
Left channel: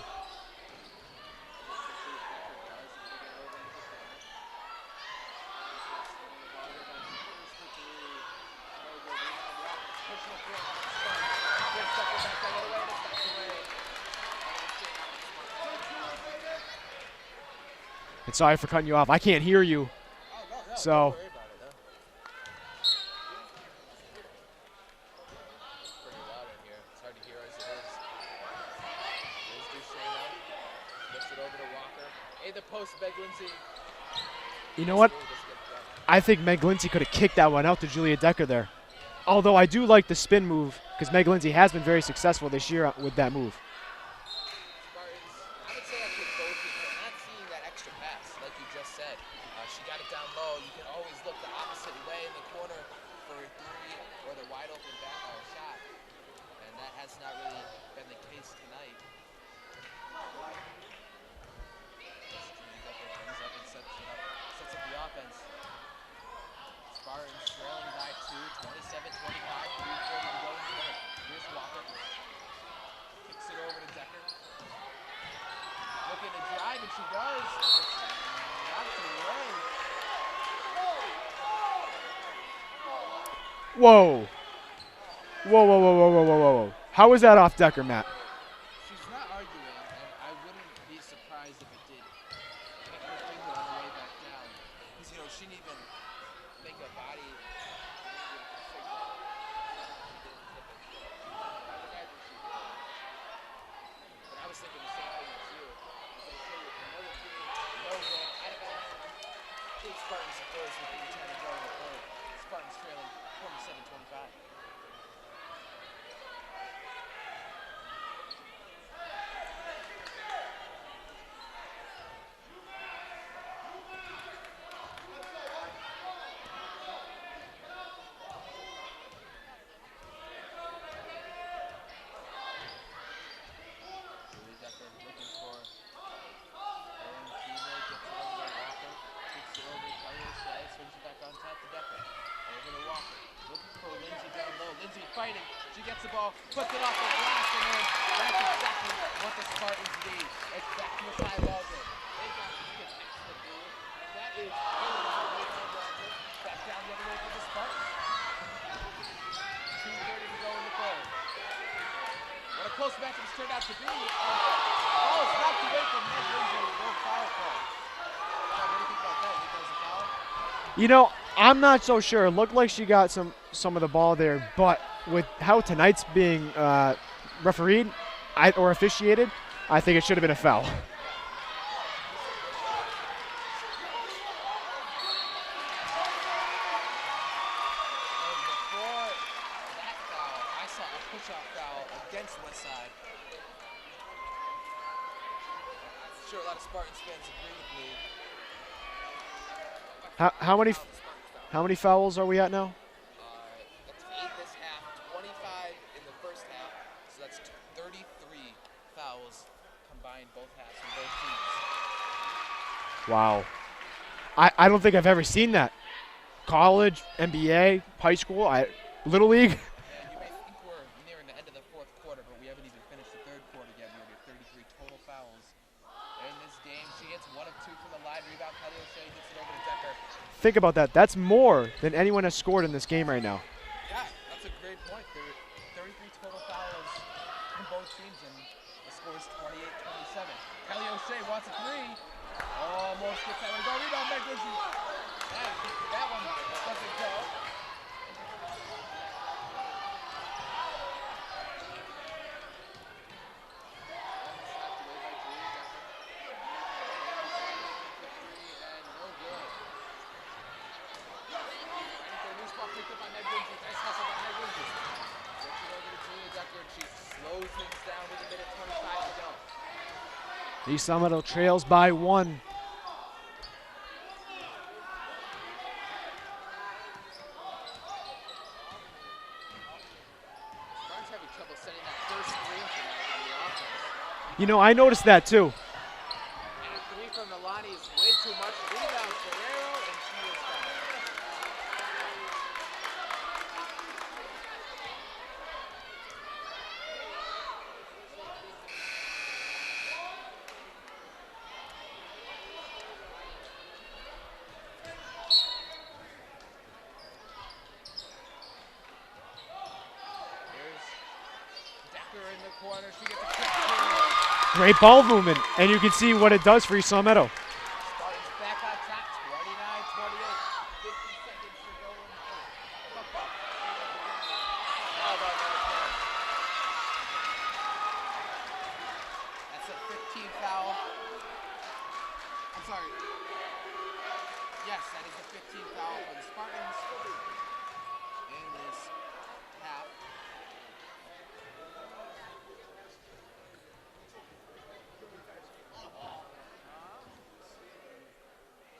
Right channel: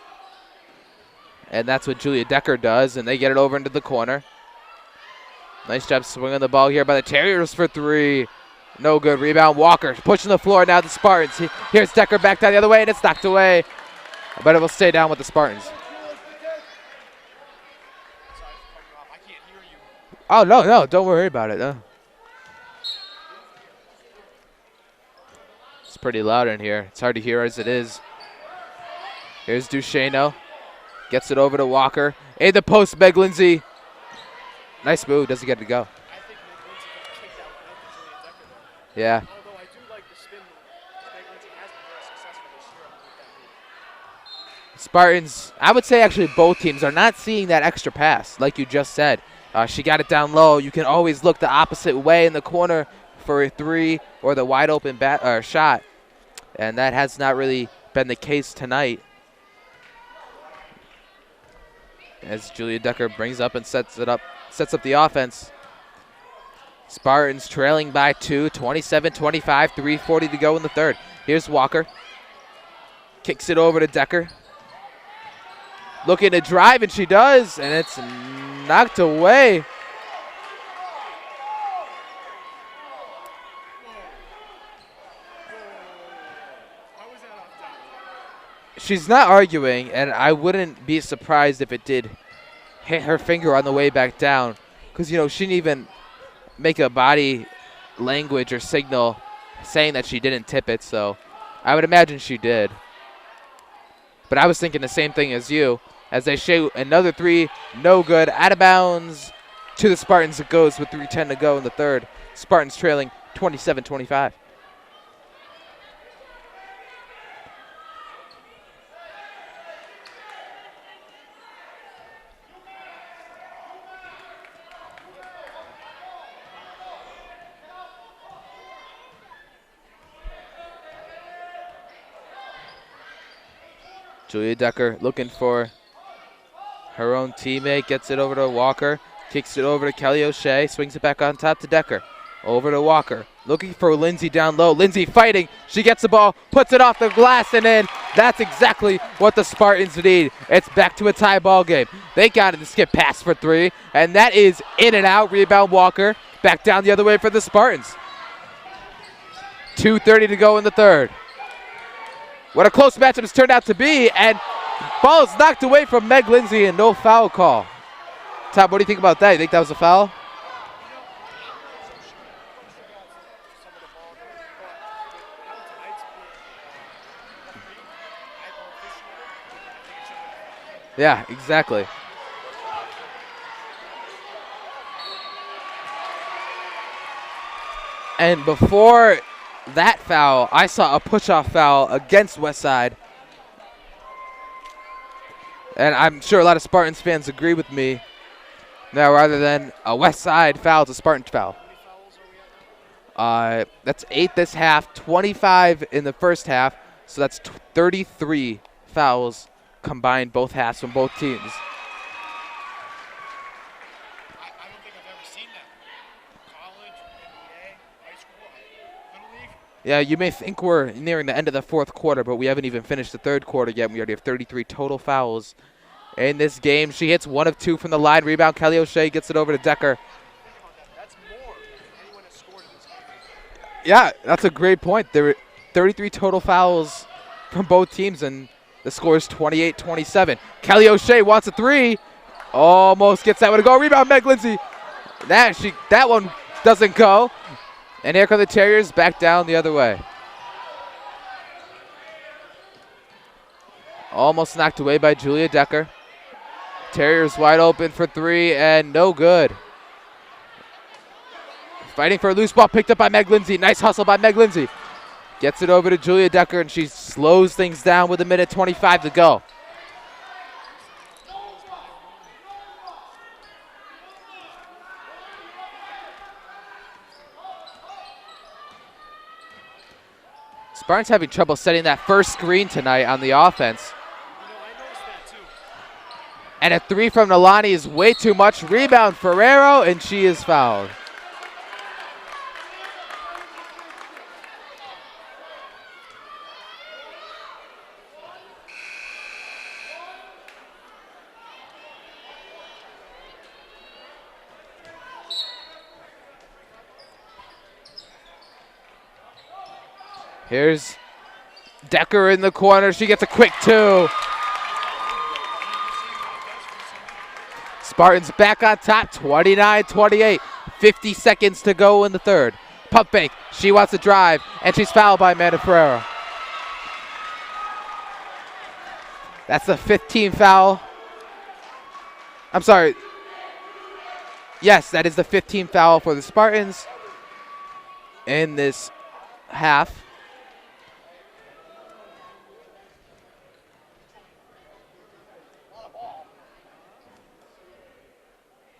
And that's what Julia Decker does, and they get it over into the corner. Nice job swinging the ball here by the Terriers for 3. No good. Rebound, Walker pushing the floor now, the Spartans. Here's Decker back down the other way, and it's knocked away. But it will stay down with the Spartans. And sorry for cutting you off. I can't hear you. Oh, no, So- don't worry about it. No. It's pretty loud in here. It's hard to hear as it is. Here's Duchesneau. Gets it over to Walker. In the post, Meg Lindsay. You know Nice what? move. Doesn't get to go. I think Meg Lindsay could have kicked that one out to Julia Decker there. Yeah. Although I do like the spin move because Meg Lindsay has been very successful this year with that move. Spartans, I would say actually both teams are not seeing that extra pass, like you just said. She got it down low. You can always look the opposite way in the corner for a 3 or the wide open shot. And that has not really been the case tonight. As Julia Decker brings up and sets up the offense. Spartans trailing by 2, 27-25, 3:40 to go in the third. Here's Walker. Kicks it over to Decker. Looking to drive, and she does, and it's knocked away. Whoa. Whoa, whoa, whoa, whoa, whoa, whoa, whoa. How was that off Decker, Matt? She's not arguing, and I wouldn't be surprised if it did hit her finger on the way back down, because, you know, she didn't even make a body language or signal saying that she didn't tip it, so I would imagine she did. But I was thinking the same thing as you. As they shoot another 3, no good, out of bounds to the Spartans. It goes with 3:10 to go in the third. Spartans trailing 27-25. Julia Decker looking for her own teammate, gets it over to Walker, kicks it over to Kelly O'Shea, swings it back on top to Decker. Over to Walker, looking for Lindsay down low. Lindsay fighting, she gets the ball, puts it off the glass and in. That's exactly what the Spartans need. It's back to a tie ball game. They got it to skip pass for 3, and that is in and out. Rebound Walker, back down the other way for the Spartans. 2:30 to go in the third. What a close matchup has turned out to be, and ball is knocked away from Meg Lindsay and no foul call. Tom, what do you think about that? You think that was a foul? You know, I'm not so sure. It looked like she got some of the ball there, but with how tonight's being refereed or officiated, I think it should have been a foul. Yeah, exactly. And before that foul, I saw a push-off foul against Westside. And I'm sure a lot of Spartans fans agree with me. Now, rather than a Westside foul, it's a Spartan foul. How many fouls are we at now? That's 8 this half, 25 in the first half. So that's 33 fouls combined both halves from both teams. Wow. I don't think I've ever seen that. College, NBA, high school, Little League. Yeah, you may think we're nearing the end of the fourth quarter, but we haven't even finished the third quarter yet. We already have 33 total fouls in this game. She hits 1 of 2 from the line. Rebound, Kelly O'Shea gets it over to Decker. Think about that. That's more than anyone has scored in this game right now. Yeah, that's a great point. There were 33 total fouls from both teams, and the score is 28-27. Kelly O'Shea wants a 3. Almost gets that one to go. Rebound, Meg Lindsay. That one doesn't go. And here come the Terriers back down the other way. Almost knocked away by Julia Decker. Terriers wide open for 3 and no good. Fighting for a loose ball picked up by Meg Lindsay. Nice hustle by Meg Lindsay. Gets it over to Julia Decker, and she slows things down with 1:25 to go. East Summit trails by 1. Spartans having trouble setting that first screen tonight on the offense. You know, I noticed that too. And a 3 from Nalani is way too much. Rebound Ferrero, and she is fouled. Here's Decker in the corner. She gets a quick 2. Great ball movement, and you can see what it does for East Long Meadow. Spartans back on top, 29-28. 50 seconds to go in the third. Pump fake. She wants to drive, and she's fouled by Amanda Ferrero. That's the 15th foul. I'm sorry. Yes, that is the 15th foul for the Spartans in this half.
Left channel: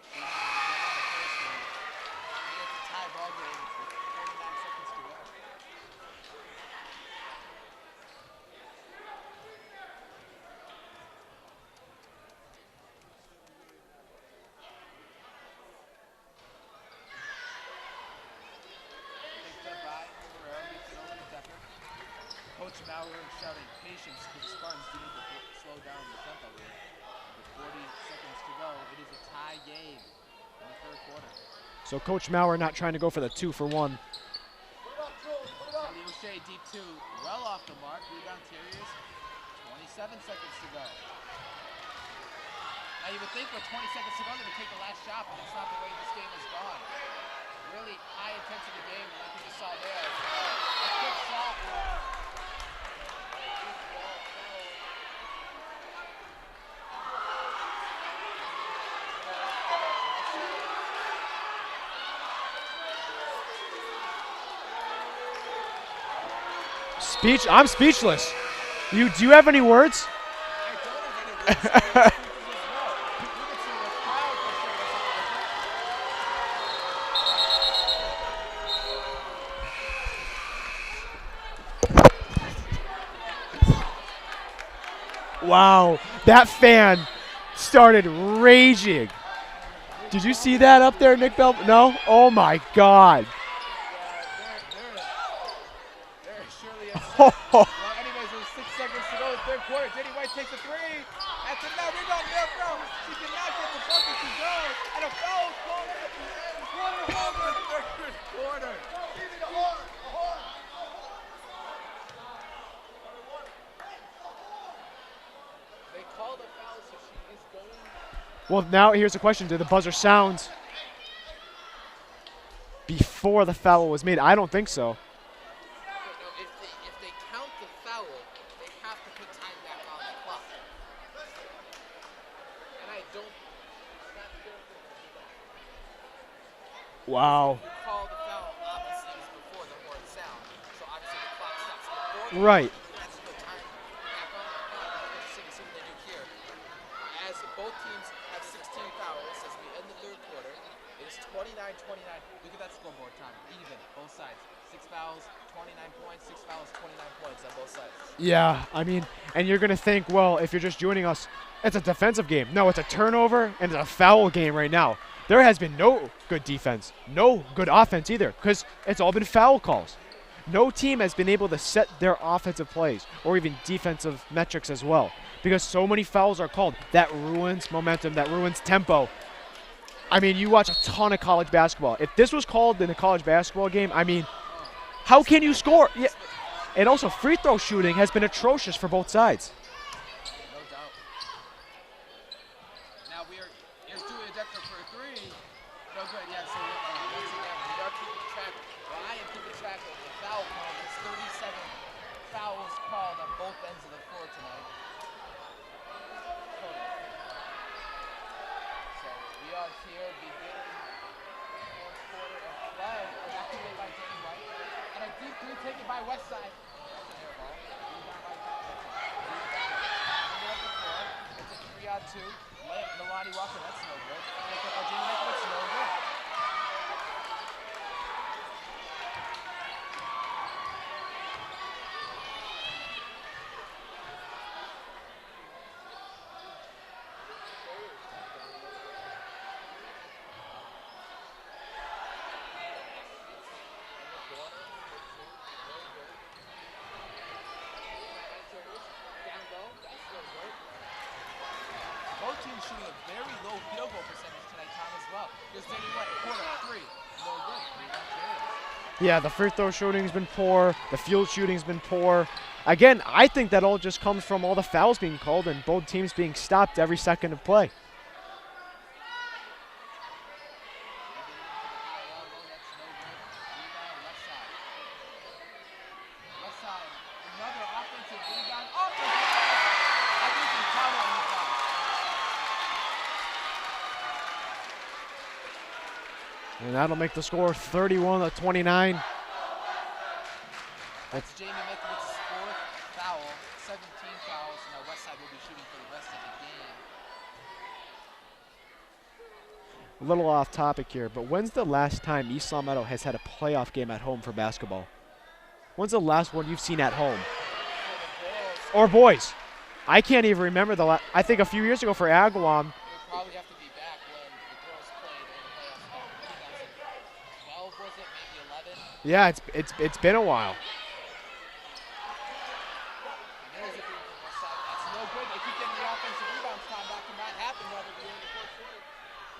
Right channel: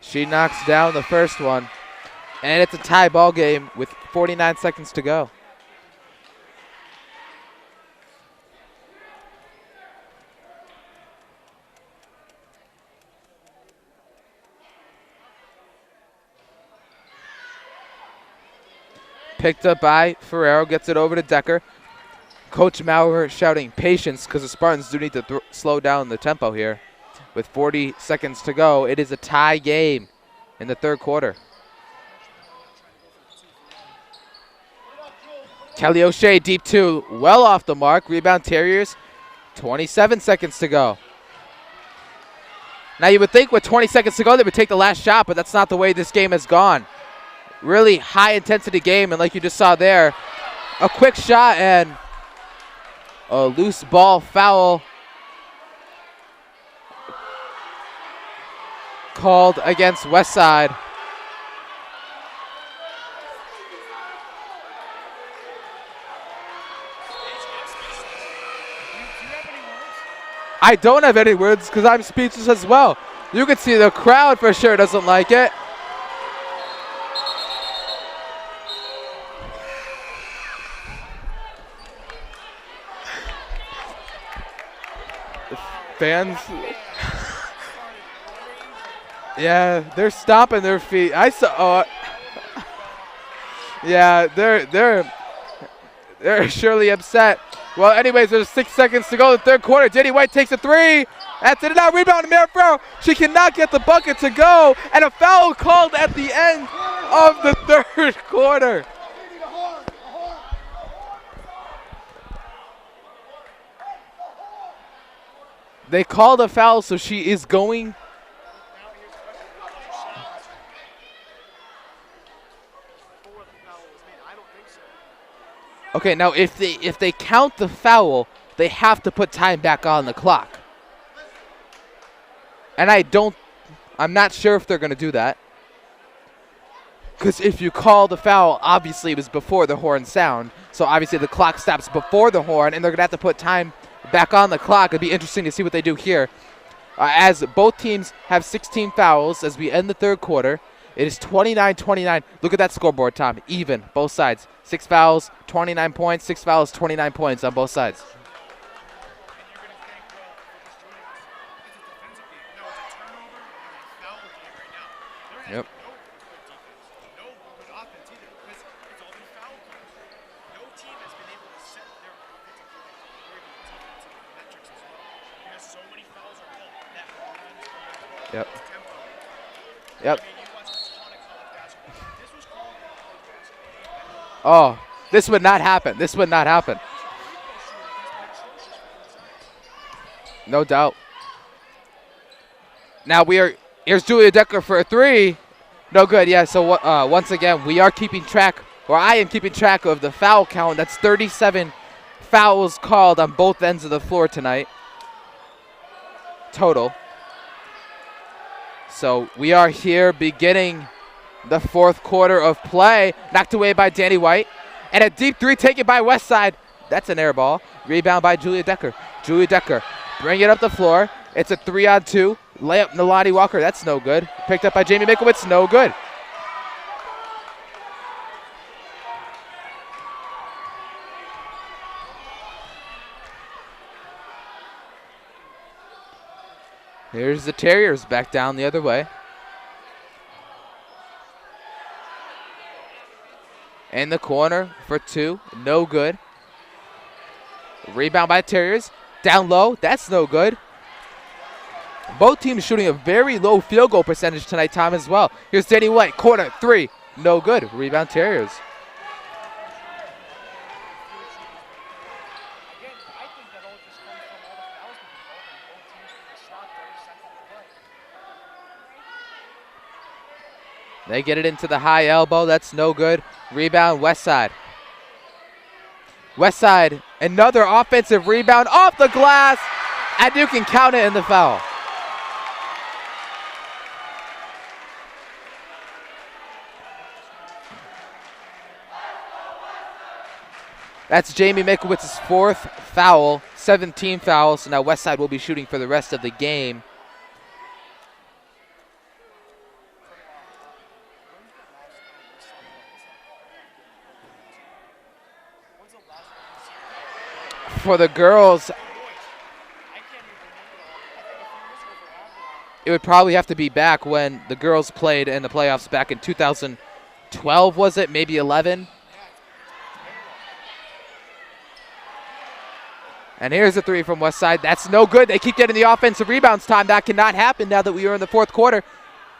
She knocks down the first one, and it's a tie ball game with 49 seconds to go. Picked up by Ferrero, gets it over to Decker. Coach Maurer shouting patience because the Spartans do need to slow down the tempo here. With 40 seconds to go, it is a tie game in the third quarter. So Coach Maurer not trying to go for the 2-for-1. Kelly O'Shea, deep 2, well off the mark. Rebound Terriers, 27 seconds to go. Now you would think with 20 seconds to go they would take the last shot, but that's not the way this game has gone. Really high intensity game, and like you just saw there, a quick shot and a loose ball foul called against Westside. I'm speechless. Do you have any words? I don't have any words because I'm speechless as well. You can see the crowd for sure doesn't like it. Wow, Fans? that fan started raging. Yeah, they're Did you stomping see that their up feet. there? I Nick? saw. No? Oh my God. Yeah, they're surely upset. Well, anyways, there's 6 seconds to go in the third quarter. Jenny White takes a 3. That's it. Now rebound to Mary Farrell. She cannot get the bucket to go, and a foul called at the end of the third quarter. They called a foul, so she is going. Well, now here's the question. Did the buzzer sound before the foul was made? I don't think so. Okay, now if they count the foul, they have to put time back on the clock. And I'm not sure if they're going to do that. Because Wow. if you call the foul, obviously it was before the horn sound. So obviously the clock stops before the horn, and they're going to have to put time back on the clock. It'd be interesting to see what they do here. As both teams have 16 fouls as we end the third quarter. It is 29-29. Look at that scoreboard, Tom. Even, both sides. 6 fouls, 29 points. 6 fouls, 29 points on both sides. Yeah, I mean, and you're going to think, well, if you're just joining us, it's a defensive game. No, it's a turnover and it's a foul game right now. There has been no good defense, no good offense either, because it's all been foul calls. No team has been able to set their offensive plays or even defensive metrics as well, because so many fouls are called. That ruins momentum, that ruins tempo. Yep. I mean, you watch a ton of college basketball. If this was called in a college basketball game, I mean, Oh, how this can would you not score? happen. This would not happen. And also, free throw shooting has been atrocious for both sides. No doubt. Now here's Julia Decker for a 3. No good. Yeah, so once again, we are keeping track, or I am keeping track of the foul count. That's 37 fouls called on both ends of the floor tonight. Total. So we are here beginning the fourth quarter of play. Knocked away by Danny White. And a deep 3 taken by Westside. That's an air ball. Rebound by Julia Decker. Julia Decker bring it up the floor. It's a 3-on-2. Layup Nalani Walker. That's no good. Picked up by Jamie Mikowitz. No good. Here's the Terriers back down the other way. In the corner for 2. No good. Rebound by Terriers. Down low. That's no good. Both teams shooting a very low field goal percentage tonight, Tom, as well. Here's Danny White. Corner 3. No good. Rebound Terriers. Yeah, the free throw shooting's been poor. The field shooting's been poor. Again, I think that all just comes from all the fouls being called and both teams being stopped every second of play. They get it into the high elbow. That's no good. Rebound, Westside. Westside, another offensive rebound off the glass, and you can count it in the foul. And that'll make the score 31-29. That's Jamie Mikowitz's 4th foul, 17 fouls. So now Westside will be shooting for the rest of the game. A little off topic here, but when's the last time East Long Meadow has had a playoff game at home for basketball? When's the last one you've seen at home? For the girls. Or boys. I can't even remember the last. I think a few years ago for Agawam. It would probably have to be back when the girls played in the playoffs back in 2012, was it? Maybe 11? Yeah, it's been a while. And here's a three from Westside. That's no good. They keep getting the offensive rebounds time. That cannot happen now that we are in the 4th quarter.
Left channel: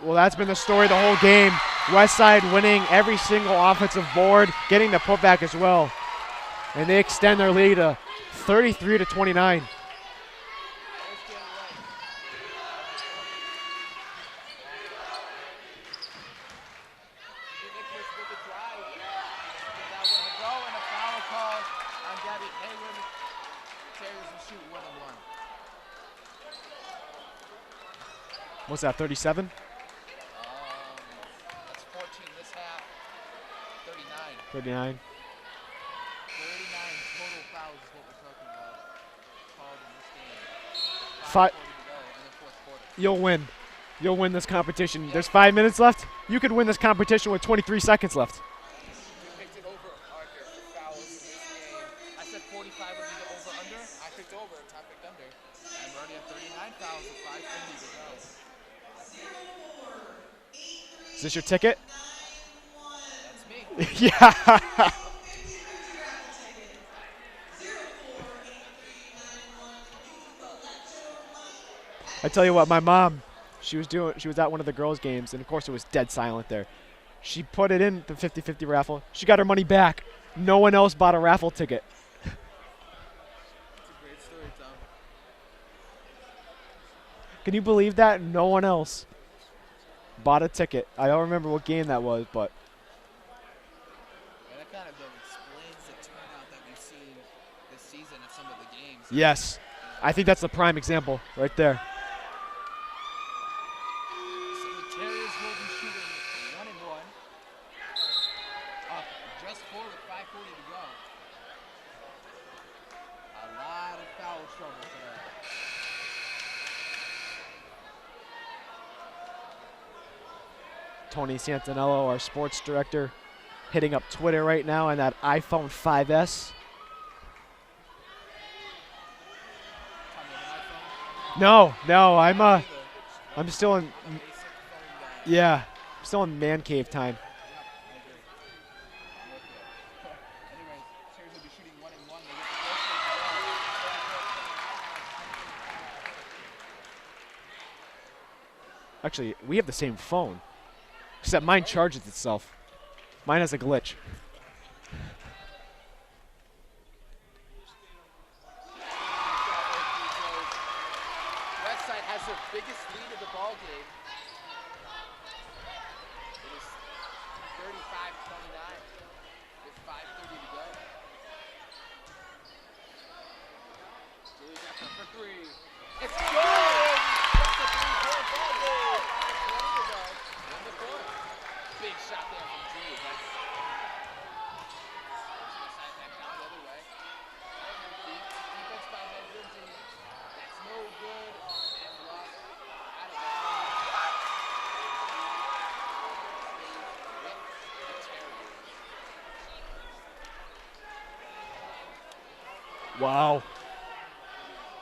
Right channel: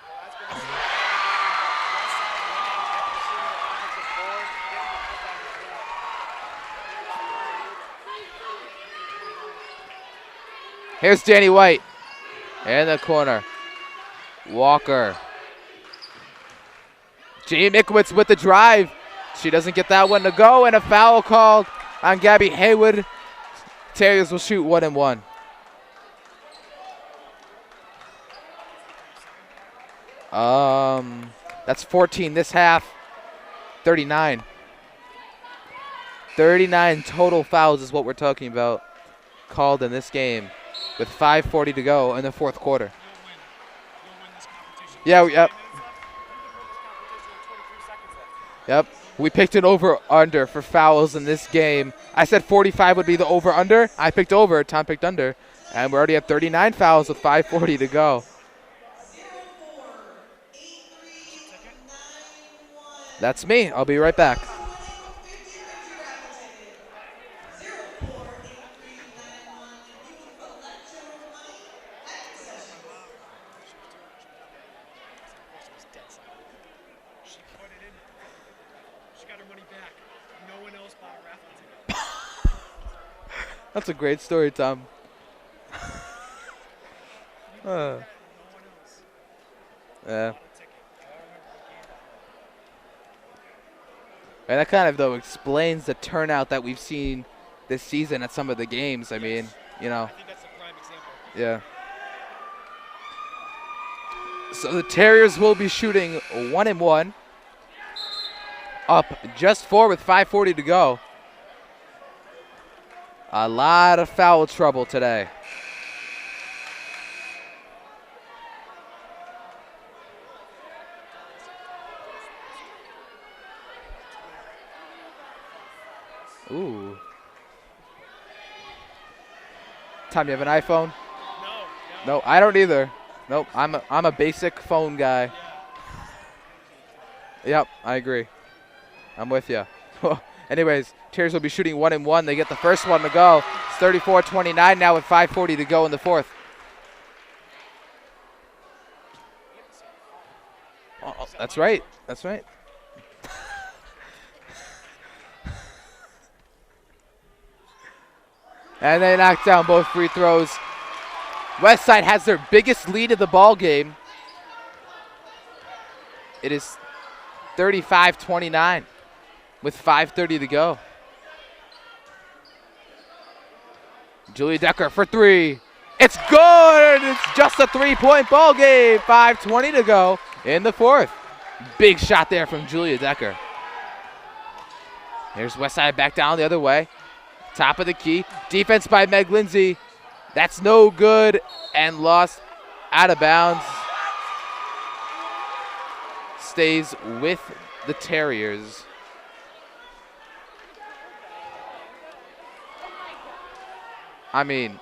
Well, that's been the story the whole game. Westside winning every single offensive board, getting the putback as well. And they extend their lead to 33-29. Here's Danny White in the corner. Walker. Jamie Mikowitz with the drive. She doesn't get that one to go, and a foul called on Gabby Haywood. Terriers will shoot 1 and 1. What's that, 37? That's 14 this half. 39. 39. 39 total fouls is what we're talking about called in this game with 5:40 to go in the 4th quarter. You'll win. You'll win this competition. Yeah, Just 5 minutes left. You could win this competition with 23 seconds left. Yep. We picked an over-under for fouls in this game. I said 45 would be the over-under. I picked over. Tom picked under. And we're already at 39 fouls with 5:40 to go. Is this your ticket? That's me. I'll be right back. I tell you what, my mom, she was at one of the girls' games, and of course it was dead silent there. She put it in the 50-50 raffle. She got her money back. No one else bought a raffle ticket. That's a great story, Tom. Can you believe that? No one else Yeah. bought a ticket. I don't remember what game that was, but. And that kind of, though, explains the turnout that we've seen this season at some of the games. I Yes. mean, you know. I think that's the prime example Yeah. right there. So the Terriers will be shooting 1 and 1. Up just 4 with 5:40 to go. A lot of foul trouble today. Tony Santinello, our sports director, hitting up Twitter right now on that iPhone 5S. Ooh. Tom, you have an iPhone? No, No, I don't either. Nope, I'm still I'm a basic phone guy. Yeah, I'm still in man cave time. Yep, I agree. I'm with you. Anyways, Terriers will be shooting 1 and 1. They get the first one to go. It's 34-29 now with 5:40 to go in the 4th. Actually, we have the same phone, Oh, except that's mine right. charges That's itself. Mine has a glitch. And they knock down both free throws. Westside has their biggest lead of the ball game. It is 35-29 with 5:30 to go. Julia Decker for 3. It's good. It's just a 3-point ball game. 5:20 to go in the 4th. Big shot there from Julia Decker. Here's Westside back down the other way. Top of the key. Defense by Meg Lindsay. That's no good and lost out of bounds. Stays with the Terriers. Wow. I mean,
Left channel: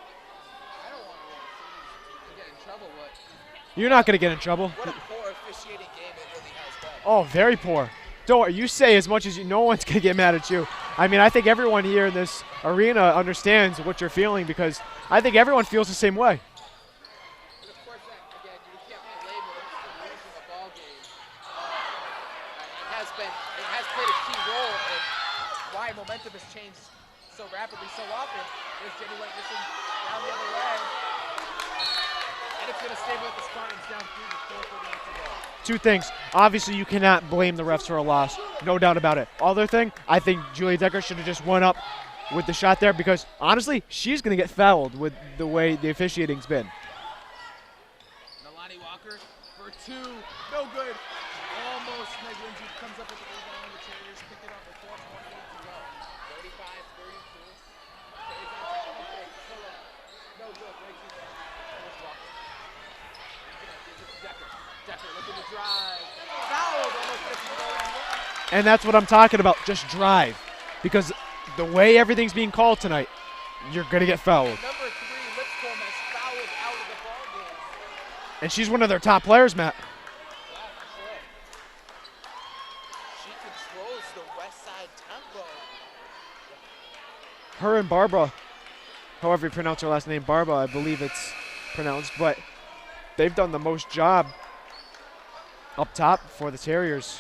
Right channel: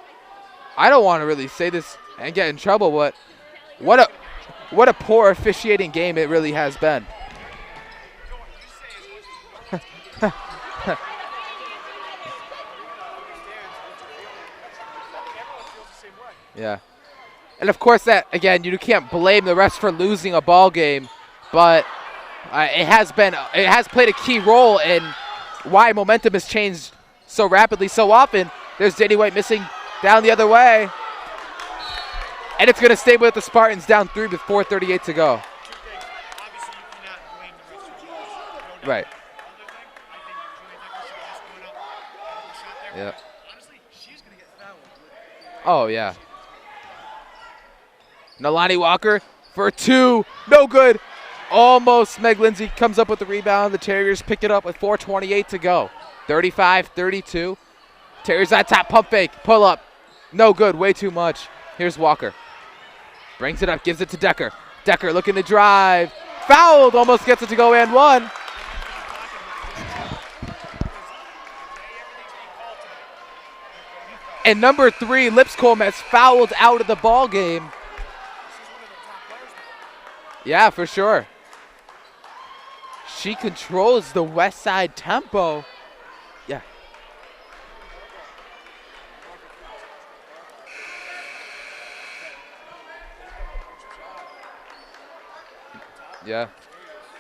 I don't want to really say this and get in trouble, but You're What not a- going to get in trouble. what a poor officiating game it really has been. Oh, very poor. Don't worry. You say as much as you. No one's going to get mad at you. I mean, I think everyone here in this arena understands what you're feeling because I think everyone feels the same way. Yeah. And of course that, again, you can't blame the refs for losing a ball game, but It has played a key role in why momentum has changed so rapidly so often. There's Danny White missing down the other way. And it's going to stay with the Spartans down 3 with 4:38 to go. Two things. Obviously, you cannot blame the refs for a loss. No doubt about it. Other thing, I think Julia Decker should have just went up with the shot there because, honestly, she's going to get fouled with the way the officiating's been. Nalani Walker for 2. No good. Almost. Meg Lindsay comes up with the rebound. The Terriers pick it up with 4:28 to go. 35-32. Terriers on top. Pump fake. Pull up. No good. Way too much. Here's Walker. Brings it up. Gives it to Decker. Decker looking to drive. Fouled. Almost gets it to go and one. And that's what I'm talking about. Just drive. Because the way everything's being called tonight, you're going to get fouled. And number 3, Lipscomb, has fouled out of the ball game. And she's one of their top players, Matt. Yeah, for sure. She controls the West Side tempo. Yeah. Her and Barbara, however you pronounce her last name, Barbara, I believe it's pronounced, but they've done the most job up top for the Terriers.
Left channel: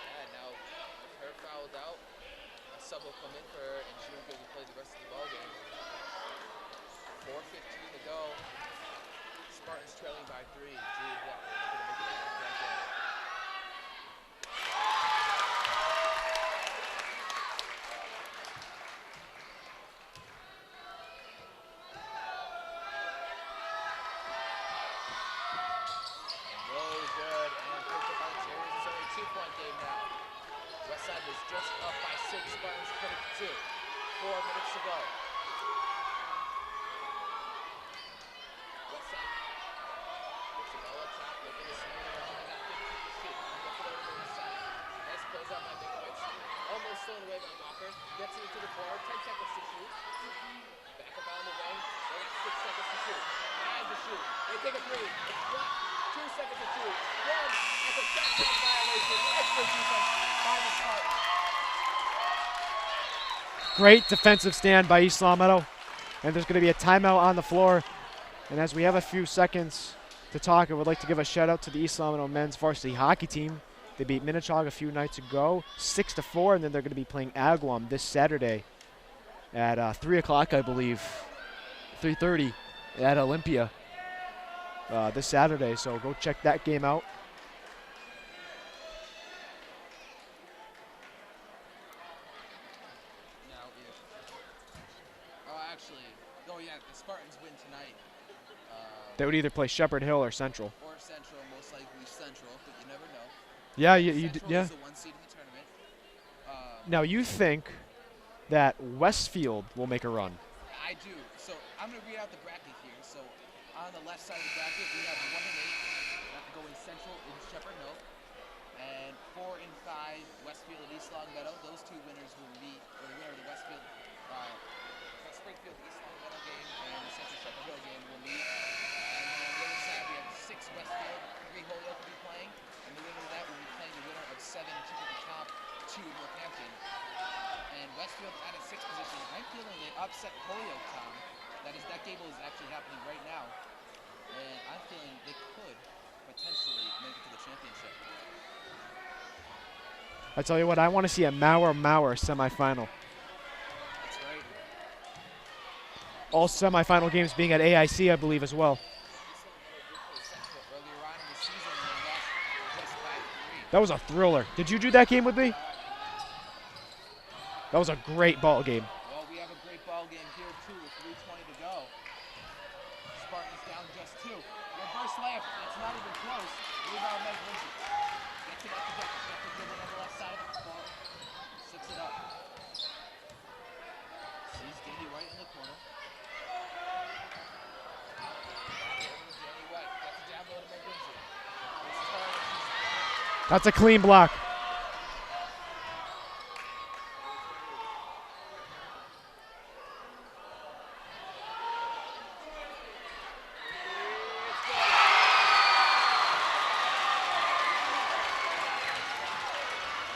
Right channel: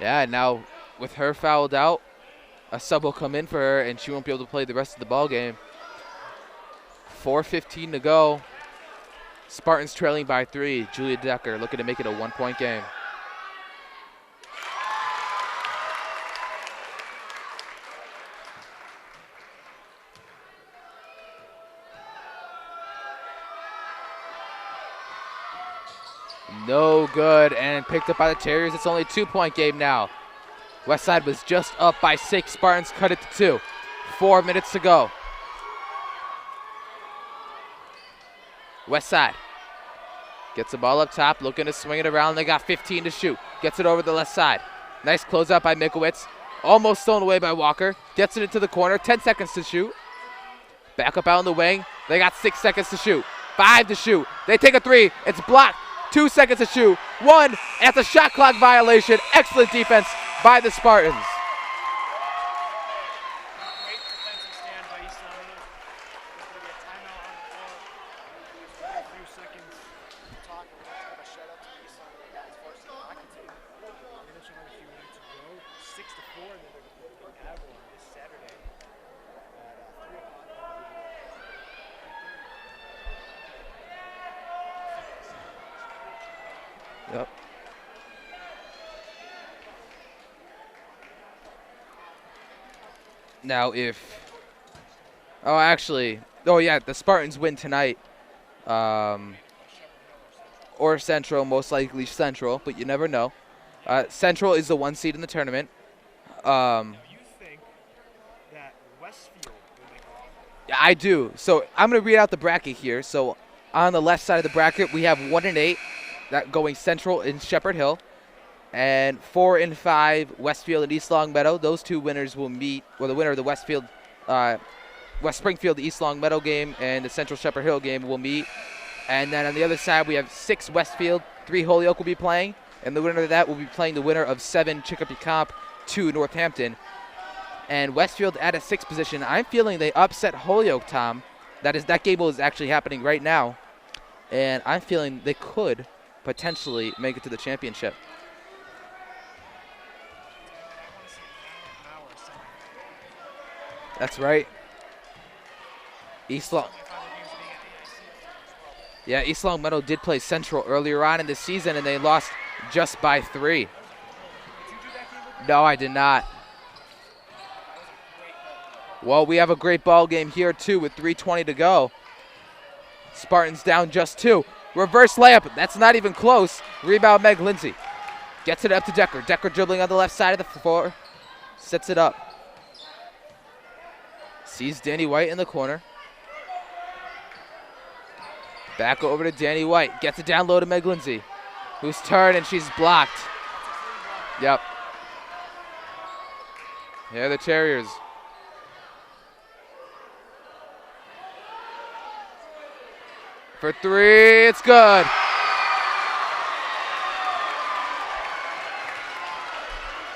Yeah, now with her fouled out, a sub will come in for her, and she won't be able to play the rest of the ball game. 4:15 to go. Spartans trailing by 3. Julia Decker looking to make it a 1-point game. No good, and picked up by the Terriers. It's only a 2-point game now. Westside was just up by 6. Spartans cut it to 2. 4 minutes to go. Westside gets the ball up top, looking to swing it around. They got 15 to shoot. Gets it over the left side. Nice closeout by Mikowitz. Almost stolen away by Walker. Gets it into the corner. 10 seconds to shoot. Back up out on the wing. They got 6 seconds to shoot. 5 to shoot. They take a 3. It's blocked. 2 seconds to shoot. 1. That's a shot clock violation. Excellent defense by the Spartans. Great defensive stand by East Long Meadow. And there's going to be a timeout on the floor. And as we have a few seconds to talk, I would like to give a shout out to the East Long Meadow men's varsity hockey team. They beat Minnetonka a few nights ago, 6-4, and then they're going to be playing Agawam this Saturday at 3 o'clock, I believe, 3:30 at Olympia this Saturday. So go check that game out. Yep. Now the Spartans win tonight. They would either play Shepherd Hill or Central. Or Central, most likely Central, but you never know. Yeah, Central is the 1 seed in the tournament. Now you think that Westfield will make a run? I do. So I'm going to read out the bracket here. So on the left side of the bracket, we have 1 and 8 that going Central and Shepherd Hill, and 4 and 5 Westfield and East Long Meadow. Those 2 winners will meet, or the winner of the West Springfield East Long Meadow game and the Central Shepherd Hill game will meet. And then on the other side, we have 6 Westfield, 3 Holyoke will be playing, and the winner of that will be playing the winner of 7 Chicopee Comp, 2 Northampton. And Westfield at a 6th position. I'm feeling they upset Holyoke, Tom. That game is actually happening right now, and I'm feeling they could potentially make it to the championship. I tell you what, I want to see a Mauer semifinal. That's right. All semifinal games being at AIC, I believe, as well. Yeah, East Long Meadow did play Central earlier on in the season, and they lost just by 3. That was a thriller. Did you do that game with me? No, I did not. That was a great ball game. Well, we have a great ball game here, too, with 3:20 to go. Spartans down just 2. Reverse layup. That's not even close. Rebound, Meg Lindsay. Gets it up to Decker. Decker dribbling on the left side of the floor. Sets it up. Sees Danny White in the corner. Back over to Danny White. Gets it down low to Meg Lindsay, who's turned, and she's blocked. That's a clean block. Yep. Here are the Terriers. For 3, it's good.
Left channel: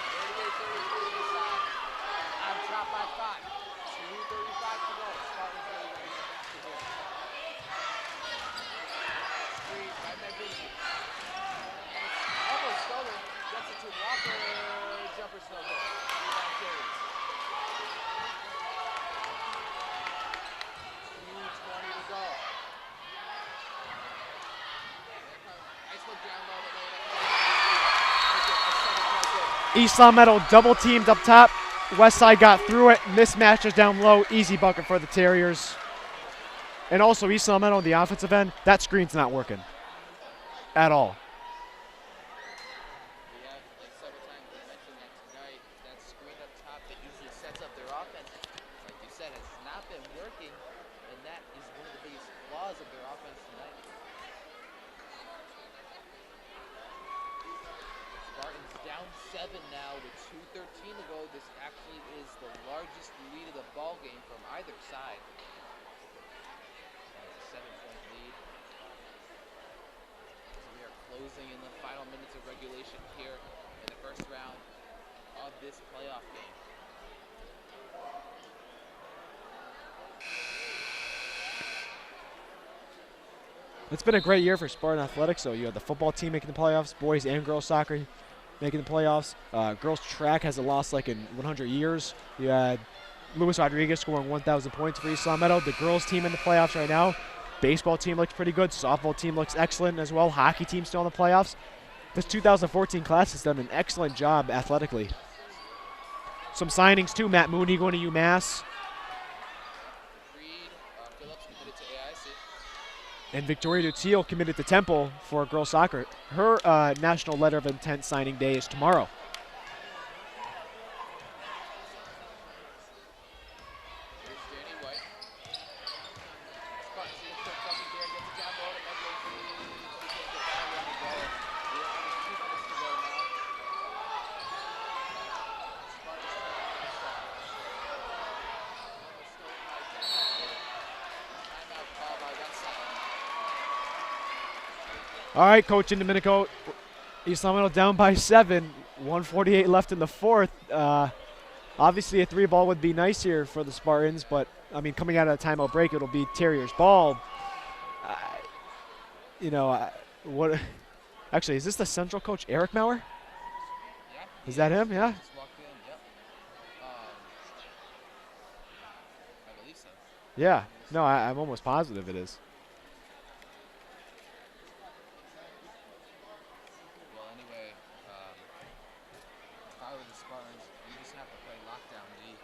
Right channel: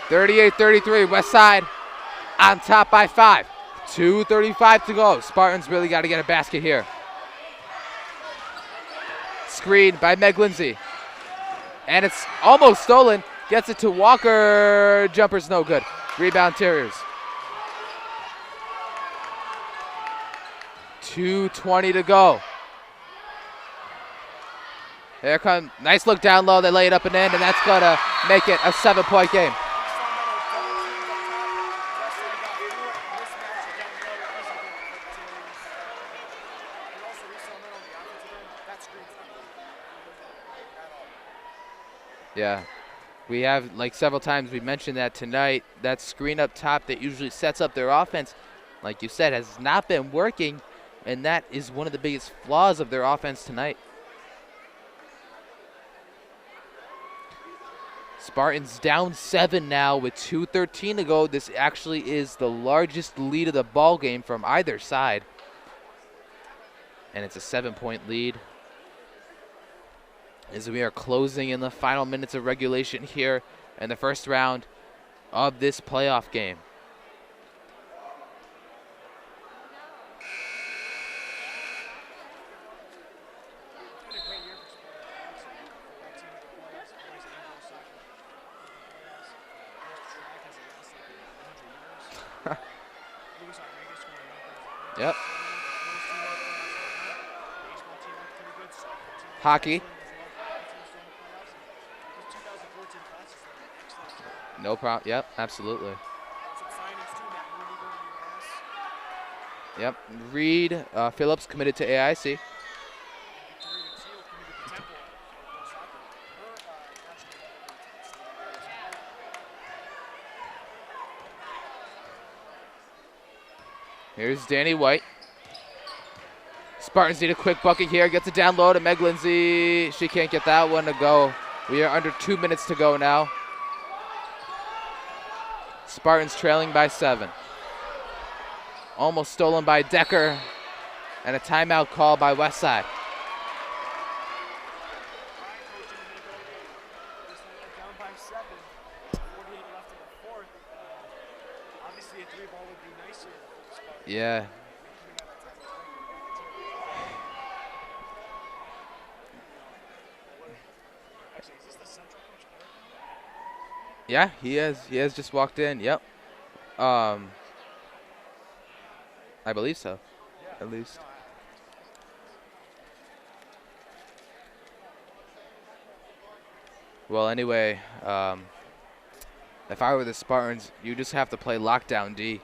(38-33), West Side on top by 5. 2:35 to go. Spartans really got to get a basket here. Screen by Meg Lindsay. And it's almost stolen. Gets it to Walker. Jumper's no good. Rebound Terriers. 2:20 to go. There comes, nice look down low. They lay it up and in, and that's gonna make it a 7-point game. East Long Meadow double teamed up top. West Side got through it. Mismatches down low. Easy bucket for the Terriers. And also East Long Meadow on the offensive end, that screen's not working at all. Yeah, we have, like several times we mentioned that tonight, that screen up top that usually sets up their offense, like you said, has not been working, and that is one of the biggest flaws of their offense tonight. Spartans down 7 now with 2:13 to go. This actually is the largest lead of the ball game from either side. And it's a 7-point lead as we are closing in the final minutes of regulation here in the first round of this playoff game. It's been a great year for Spartan Athletics. So you have the football team making the playoffs, boys and girls soccer making the playoffs. Girls track hasn't lost like in 100 years. You had Luis Rodriguez scoring 1,000 points for East Long Meadow. The girls team in the playoffs right now. Baseball team looks pretty good. Softball team looks excellent as well. Hockey team still in the playoffs. This 2014 class has done an excellent job athletically. Yep, absolutely. Some signings too. Matt Mooney going to UMass. Yep. Reed Phillips committed to AIC. And Victoria Dutil committed to Temple for girls soccer. Her national letter of intent signing day is tomorrow. Here's Danny White. Spartans need a quick bucket here. Gets it down low to Meg Lindsay. She can't get that one to go. We are under 2 minutes to go now. Spartans trailing by 7. Almost stolen by Decker. And a timeout call by Westside. All right, Coach in Domenico. East Long Meadow down by 7. 1:48 left in the fourth. Obviously, a 3 ball would be nice here for the Spartans, but I mean, coming out of a timeout break, it'll be Terriers ball. What? Actually, is this the Central coach, Eric Maurer? Yeah, he has just walked in. Yep. I believe so. Yeah. No, I'm almost positive it is. Well, anyway, if I were the Spartans, you just have to play lockdown D.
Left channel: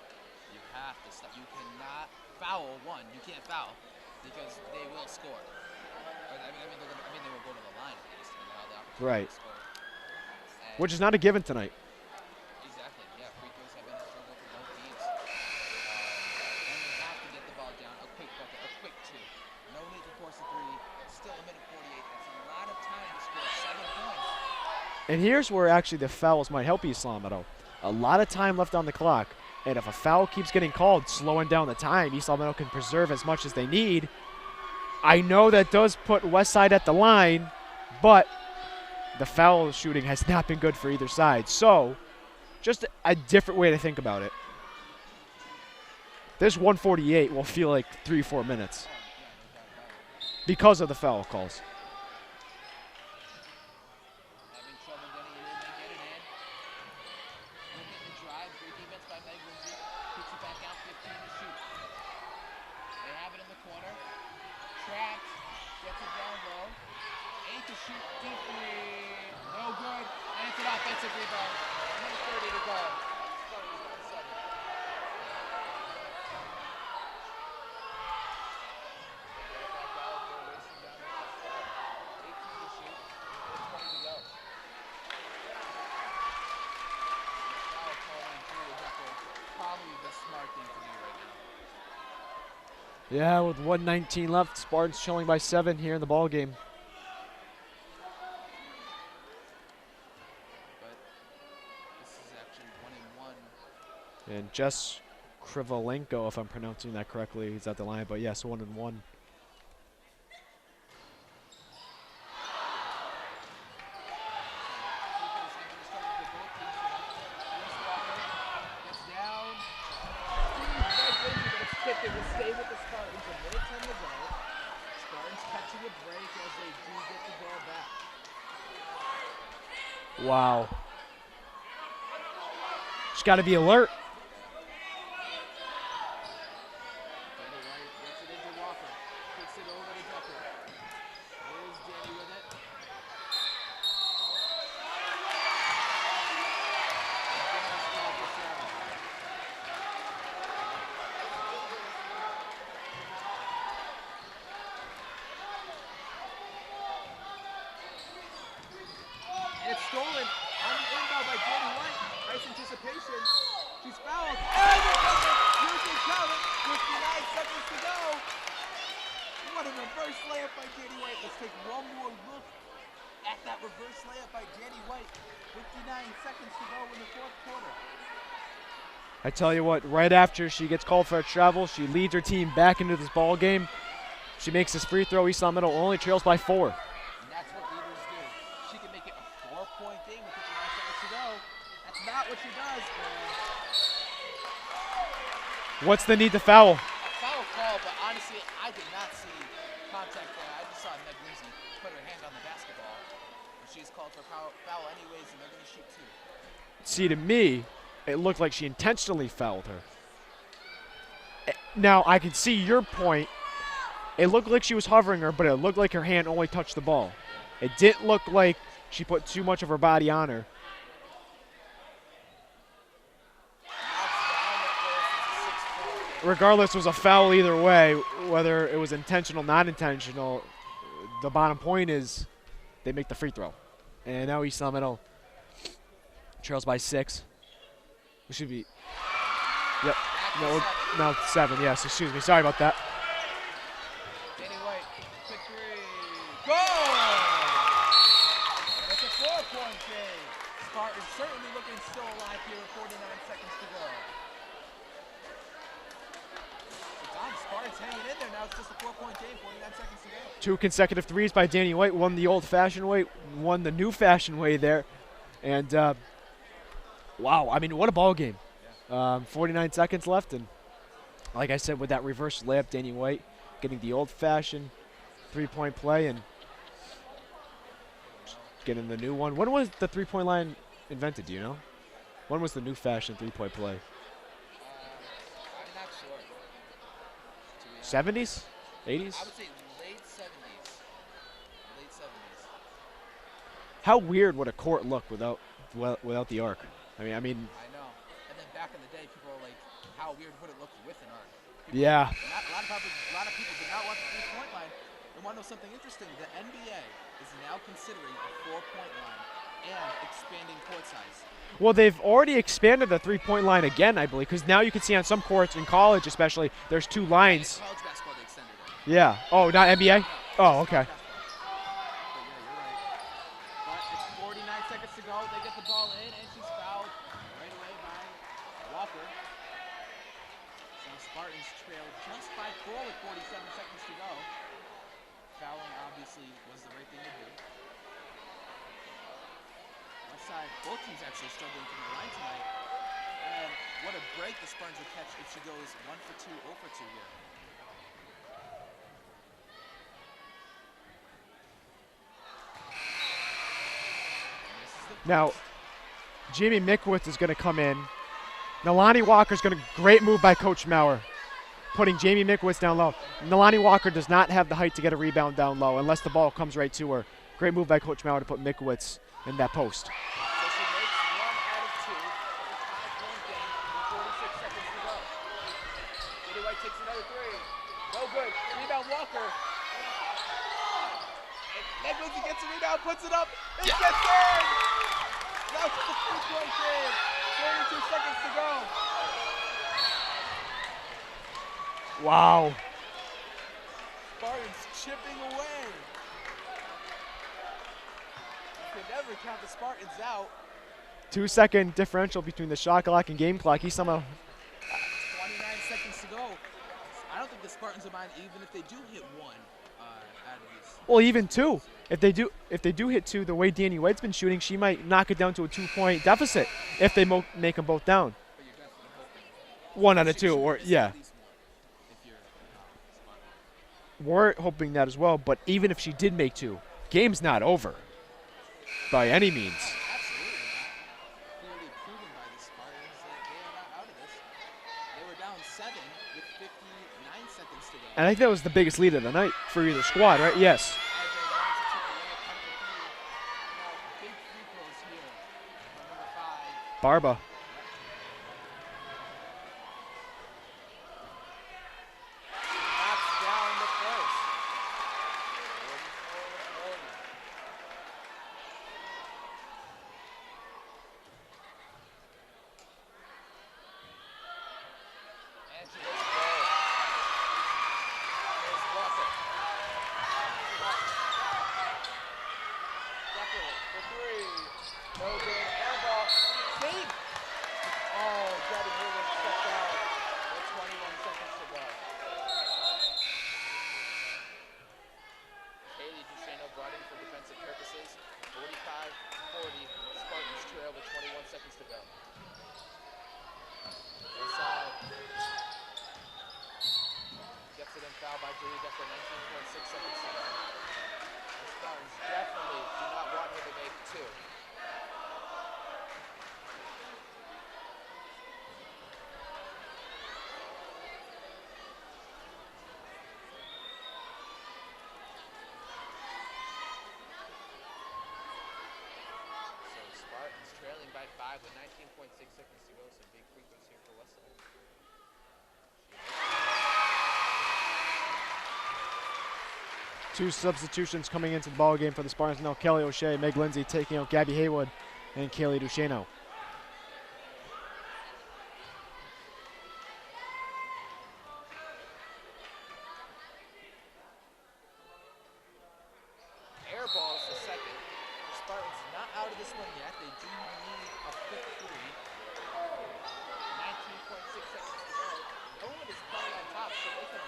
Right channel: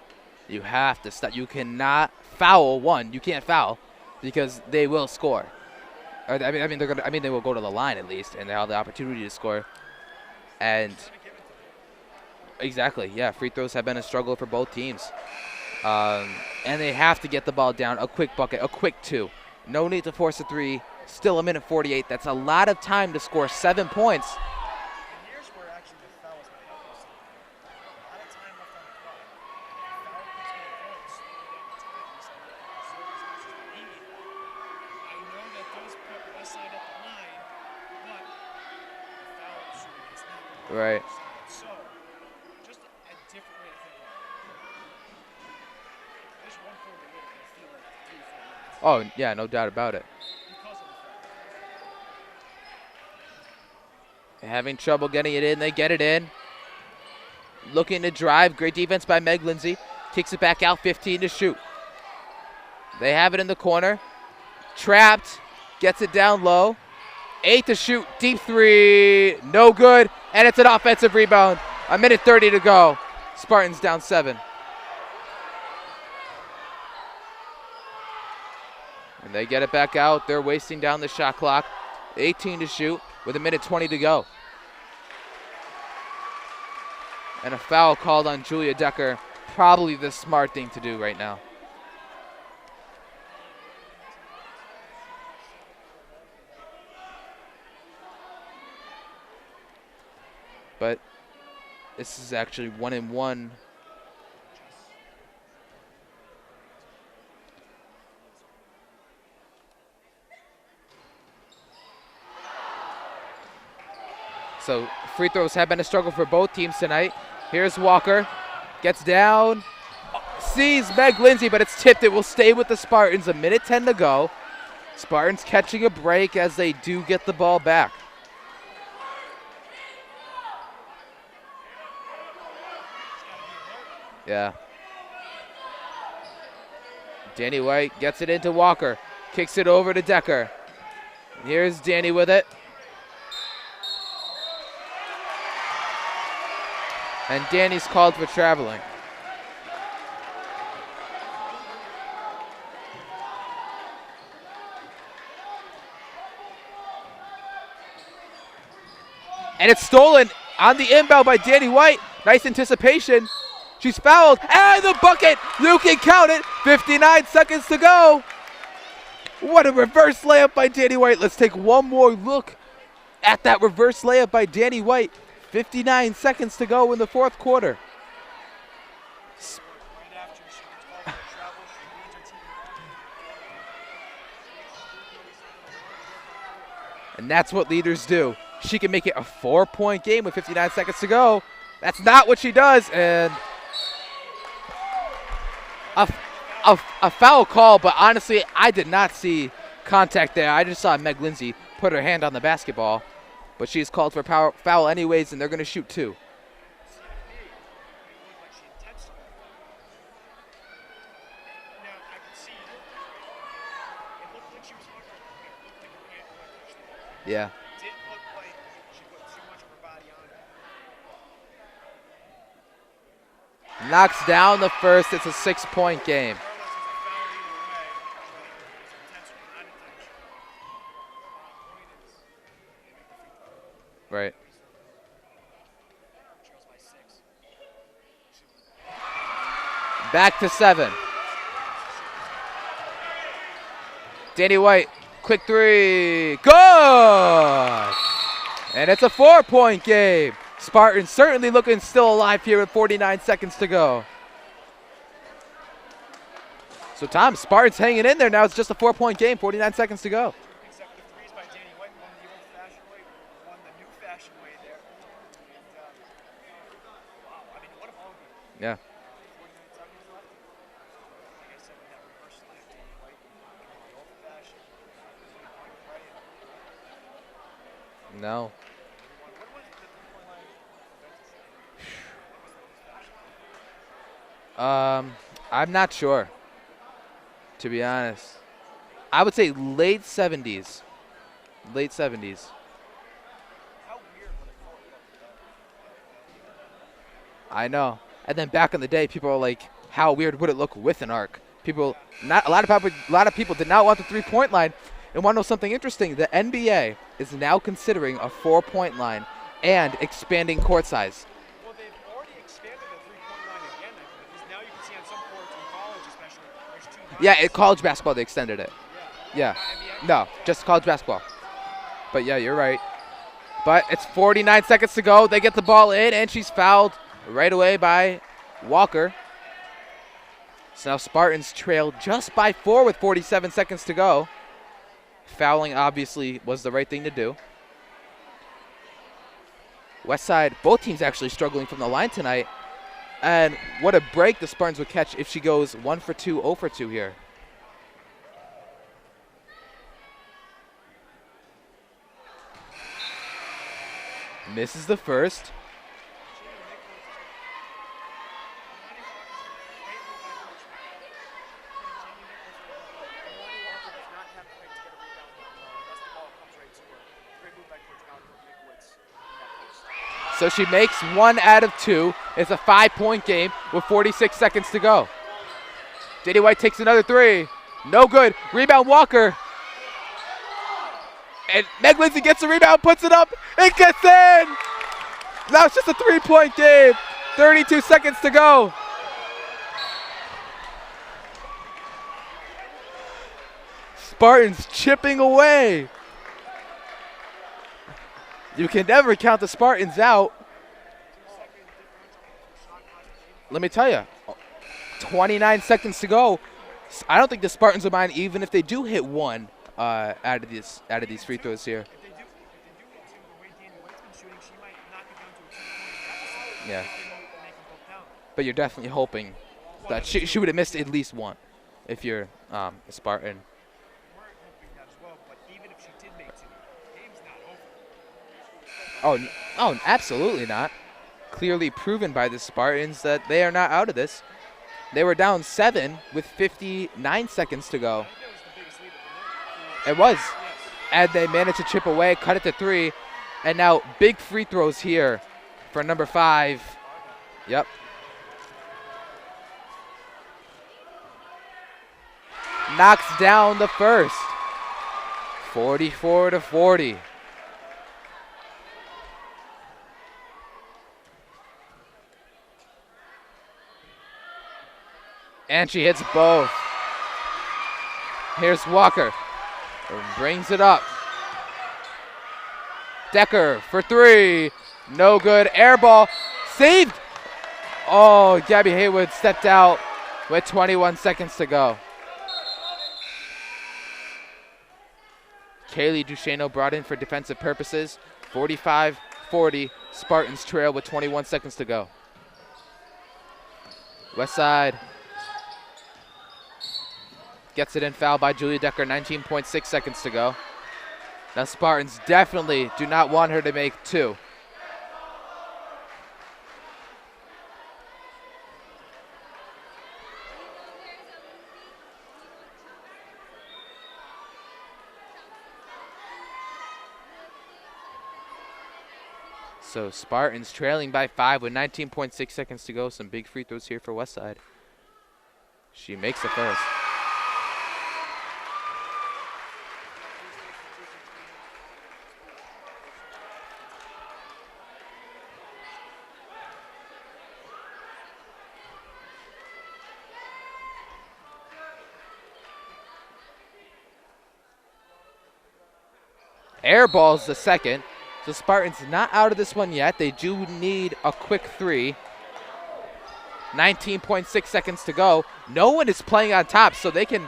You have to stop. You cannot foul. You can't foul because they will score. They will go to the line at least, and they have the opportunity to score. And which is not a given tonight. Exactly. Yeah, free throws have been a struggle for both teams, and they have to get the ball down. A quick bucket, a quick 2. No need to force a 3. Still a minute 48. That's a lot of time to score 7 points. And here's where actually the fouls might help East Long Meadow. A lot of time left on the clock. And if a foul keeps getting called, slowing down the time, East Long Meadow can preserve as much as they need. I know that does put Westside at the line, but the foul shooting has not been good for either side. So, just a different way to think about it. This 148 will feel like 3-4 minutes. Oh, yeah, no doubt about it. Because of the foul calls. They're having trouble getting it in. They get it in. Looking to drive. Great defense by Meg Lindsay. Kicks it back out, 15 to shoot. They have it in the corner. Trapped. Gets it down low. 8 to shoot. Deep 3. No good. And it's an offensive rebound. A minute 30 to go. Spartans down 7. And they get it back out. They're wasting down the shot clock. 18 to shoot with a minute 20 to go. And a foul called on Julia Decker. Probably the smart thing to do right now. Yeah, with 1:19 left, Spartans showing by 7 here in the ball game. But this is actually 1-1. And Jess Krivolenko, if I'm pronouncing that correctly, he's at the line. But yes, 1-1. So free throws have been a struggle for both teams tonight. Here's Walker. Gets down. Sees Meg Lindsay, but it's tipped. It will stay with the Spartans. A minute 10 to go. Spartans catching a break as they do get the ball back. Wow. She's got to be alert. Yeah. Danny White gets it into Walker. Kicks it over to Decker. Here's Danny with it. And Danny's called for traveling. And it's stolen on the inbound by Danny White. Nice anticipation. She's fouled. And the bucket! You can count it. 59 seconds to go. What a reverse layup by Danny White. Let's take one more look at that reverse layup by Danny White. 59 seconds to go in the fourth quarter. I tell you what, right after she gets called for a travel, she leads her team back into this ball game. She makes this free throw. East Long Meadow only trails by 4. And that's what leaders do. She can make it a 4-point game with 59 seconds to go. That's not what she does. And what's the need to foul? A foul call, but honestly, I did not see contact there. I just saw Meg Lindsay put her hand on the basketball. But she's called for foul anyways, and they're going to shoot 2. See, to me, it looked like she intentionally fouled her. Now, I can see your point. It looked like she was hovering her, but it looked like her hand only touched the ball. Yeah. It didn't look like she put too much of her body on her. Knocks down the first. It's a 6-point game. Regardless, it was a foul either way, whether it was intentional, not intentional. The bottom point is they make the free throw. And right. now East Long Meadow trails by 6. It should be. Yep. Back to 7. No, 7, yes. Excuse me. Sorry about that. Danny White, quick 3. Good! And it's a 4-point game. Spartans certainly looking still alive here with 49 seconds to go. So, Tom, Spartans hanging in there now. It's just a 4-point game, 49 seconds to go. 2 consecutive threes by Danny White. One the old-fashioned way, one the new-fashioned way there. And, wow, I mean, what a ball game. Yeah. 49 seconds left. And like I said, with that reverse layup, Danny White getting the old-fashioned 3-point play and getting the new one. When was the 3-point line invented, do you know? When was the new-fashioned 3-point play? I'm not sure, to be honest. 70s? 80s? I would say late 70s. Late 70s. How weird would a court look without the arc? I know. And then back in the day, people are like, how weird would it look with an arc? People, yeah. A lot of people did not want the 3-point line. And want to know something interesting? The NBA is now considering a 4-point line and expanding court size. Well, they've already expanded the 3-point line again, I believe, because now you can see on some courts in college, especially, there's 2 lines. Yeah, in college basketball they extended it. Yeah. Oh, yeah. Not NBA? No, oh, just okay. college basketball. But yeah, you're right. But it's 49 seconds to go. They get the ball in, and she's fouled right away by Walker. So now Spartans trail just by 4 with 47 seconds to go. Fouling obviously was the right thing to do. Westside, both teams actually struggling from the line tonight. And what a break the Spartans would catch if she goes 1 for 2, 0 for 2 here. Misses the first. Now, Jamie Mickowitz is going to come in. Nalani Walker's going to, great move by Coach Maurer, putting Jamie Mickowitz down low. Nalani Walker does not have the height to get a rebound down low unless the ball comes right to her. Great move by Coach Maurer to put Mickowitz in that post. So she makes 1 out of 2. It's a 5-point game with 46 seconds to go. Danny White takes another 3. No good. Rebound Walker. And Meg Lindsay gets the rebound, puts it up, and gets in! Now it's just a 3-point game. 32 seconds to go. Wow. Spartans chipping away. You can never count the Spartans out. 2-second differential between the shot clock and game clock. Let me tell you, 29 seconds to go. I don't think the Spartans will mind even if they do hit 1 out of these. Well, out of even these 2. Here. If they do hit 2, the way Danny White's been shooting, she might knock it down to a 2-point deficit if they make them both down. But you're definitely hoping 1 out of 2. She would have missed at least 1 if you're a Spartan. We're hoping that as well. But even if she did make 2, game's not over. by any means. Oh, absolutely not. Clearly proven by the Spartans that they are not out of this. They were down 7 with 59 seconds to go. And I think that was the biggest lead of the night for either squad, was. right? Yes. And they managed to chip away, cut it to 3. And now big free throws here for number 5. Barba. Yep. Knocks down the first. 44-40. And she hits both. Here's Walker. And brings it up. Decker for 3. No good. Air ball. Saved. Oh, Gabby Haywood stepped out with 21 seconds to go. Kaylee Duchesneau brought in for defensive purposes. 45-40. Spartans trail with 21 seconds to go. West side. Gets it in, foul by Julia Decker, 19.6 seconds to go. Now Spartans definitely do not want her to make 2. So Spartans trailing by 5 with 19.6 seconds to go. Some big free throws here for Westside. She makes the first. 2 substitutions coming into the ball game for the Spartans. Now Kelly O'Shea, Meg Lindsay taking out Gabby Haywood and Kaylee Duchesneau. Air ball's the second. The Spartans not out of this one yet. They do need a quick 3. 19.6 seconds to go. No one is playing on top, so they can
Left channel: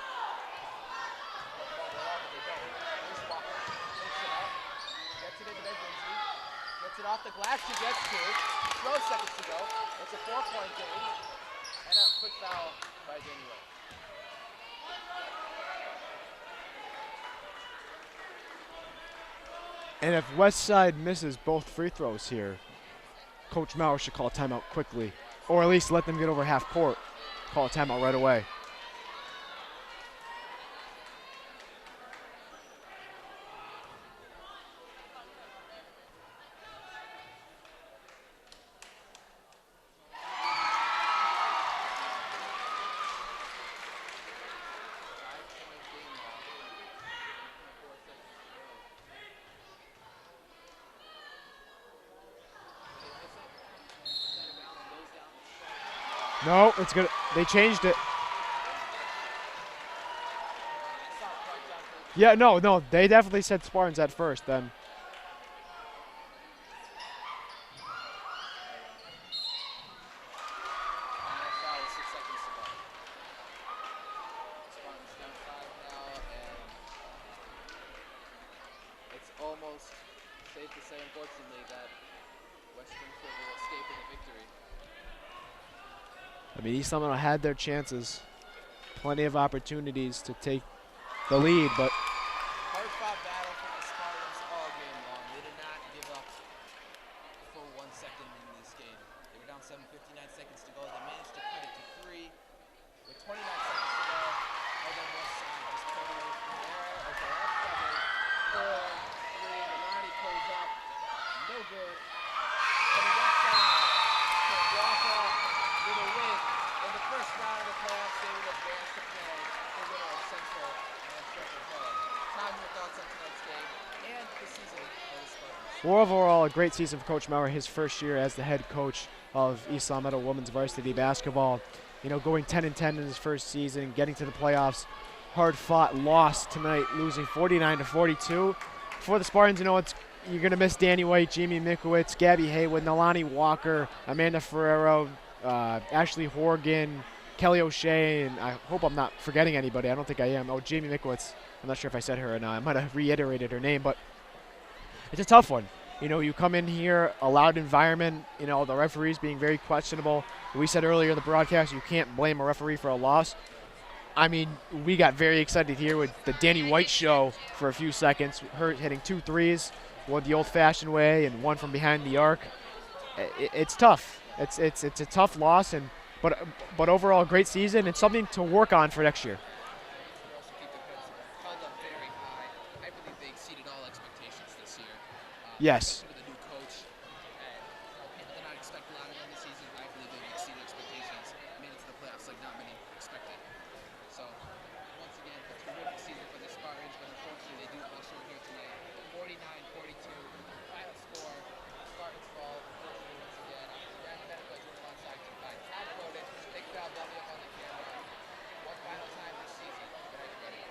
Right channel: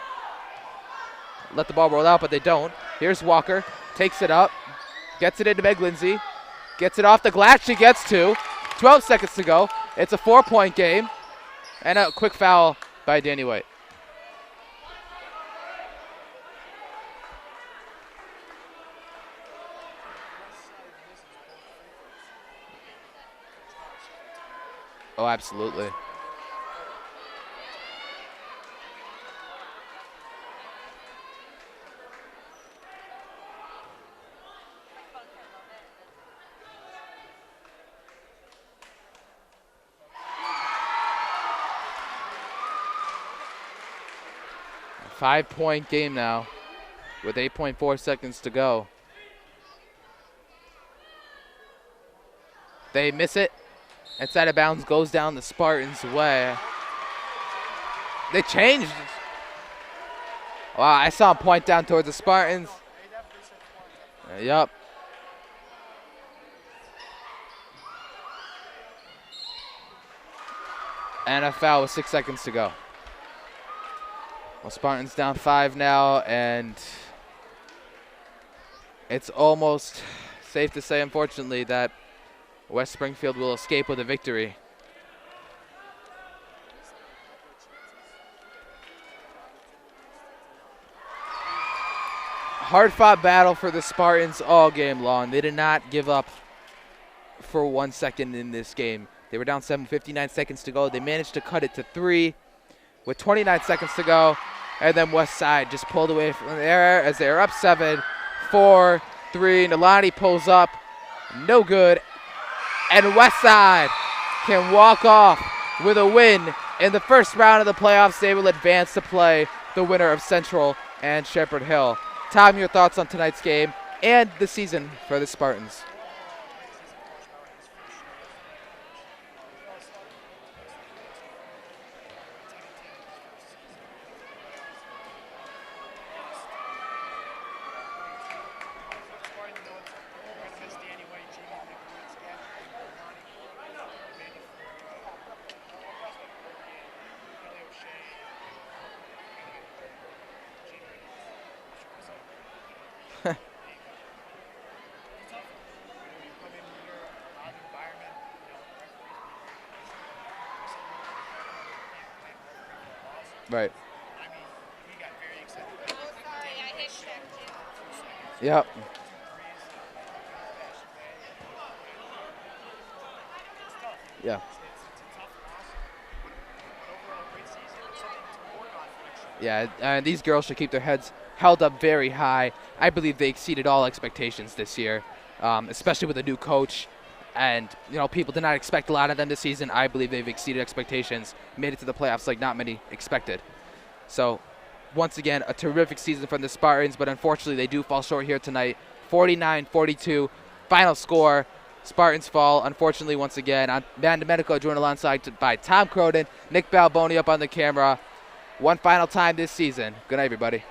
let the ball roll out, but they don't. Here's Walker. Takes it up. Gets it into Meg Lindsay. Gets it off the glass. She gets 2. 12 seconds to go. It's a 4-point game. And a quick foul by Danny White. And if Westside misses both free throws here, Coach Maurer should call a timeout quickly. Oh, absolutely. Or at least let them get over half court. Call a timeout right away. A 5-point game now with 8.4 seconds to go. They miss it. It's out of bounds, goes down the Spartans' way. No, it's good. They changed it. They changed. Wow, I saw him point down towards the Spartans. Yeah, no, they definitely said Spartans at first. Yep. And a foul with 6 seconds to go. Well, Spartans down 5 now, and it's almost safe to say, unfortunately, that West Springfield will escape with a victory. I mean, East Lamino had their chances. Plenty of opportunities to take the lead, but Hard-fought battle for the Spartans all game long. They did not give up for 1 second in this game. They were down 7, 59 seconds to go. They managed to cut it to 3 with 29 seconds to go. And then West Side just pulled away from there as they are up 7, 4, 3. Nalani pulls up. No good. And West Side can walk off with a win in the first round of the playoffs. They will advance to play the winner of Central and Shepherd Hill. Tom, your thoughts on tonight's game and the season for the Spartans? well, overall, a great season for Coach Maurer, his first year as the head coach of East Lamino women's varsity basketball. You know, going 10-10 in his first season, getting to the playoffs. Hard-fought loss tonight, losing 49-42. For the Spartans, you know, you're going to miss Danny White, Jamie Mikowitz, Gabby Haywood, Nalani Walker, Amanda Ferrero, Ashley Horgan, Kelly O'Shea, and I hope I'm not forgetting anybody. I don't think I am. Oh, Jamie Mikowitz. I'm not sure if I said her or not. I might have reiterated her name, but it's a tough one. You know, you come in here, a loud environment, you know, the referees being very questionable. We said earlier in the broadcast, you can't blame a referee for a loss. Right. I mean, we got very excited here with the Danny White show for a few seconds. Yep. Her hitting 2 threes. the old-fashioned way and one from behind the arc. It's tough. Yeah. It's a tough loss, but overall a great season and something to work on for next year. Yeah, these girls should keep their heads held up very high. I believe they exceeded all expectations this year, Yes. especially with a new coach. And, people did not expect a lot of them this season. I believe they've exceeded expectations, made it to the playoffs like not many expected. So, once again, a terrific season from the Spartans, but unfortunately they do fall short here tonight. 49-42, final score. Spartans fall, unfortunately, once again. I'm Van Domenico, joined alongside by Tom Croden, Nick Balboni up on the camera. One final time this season. Good night, everybody.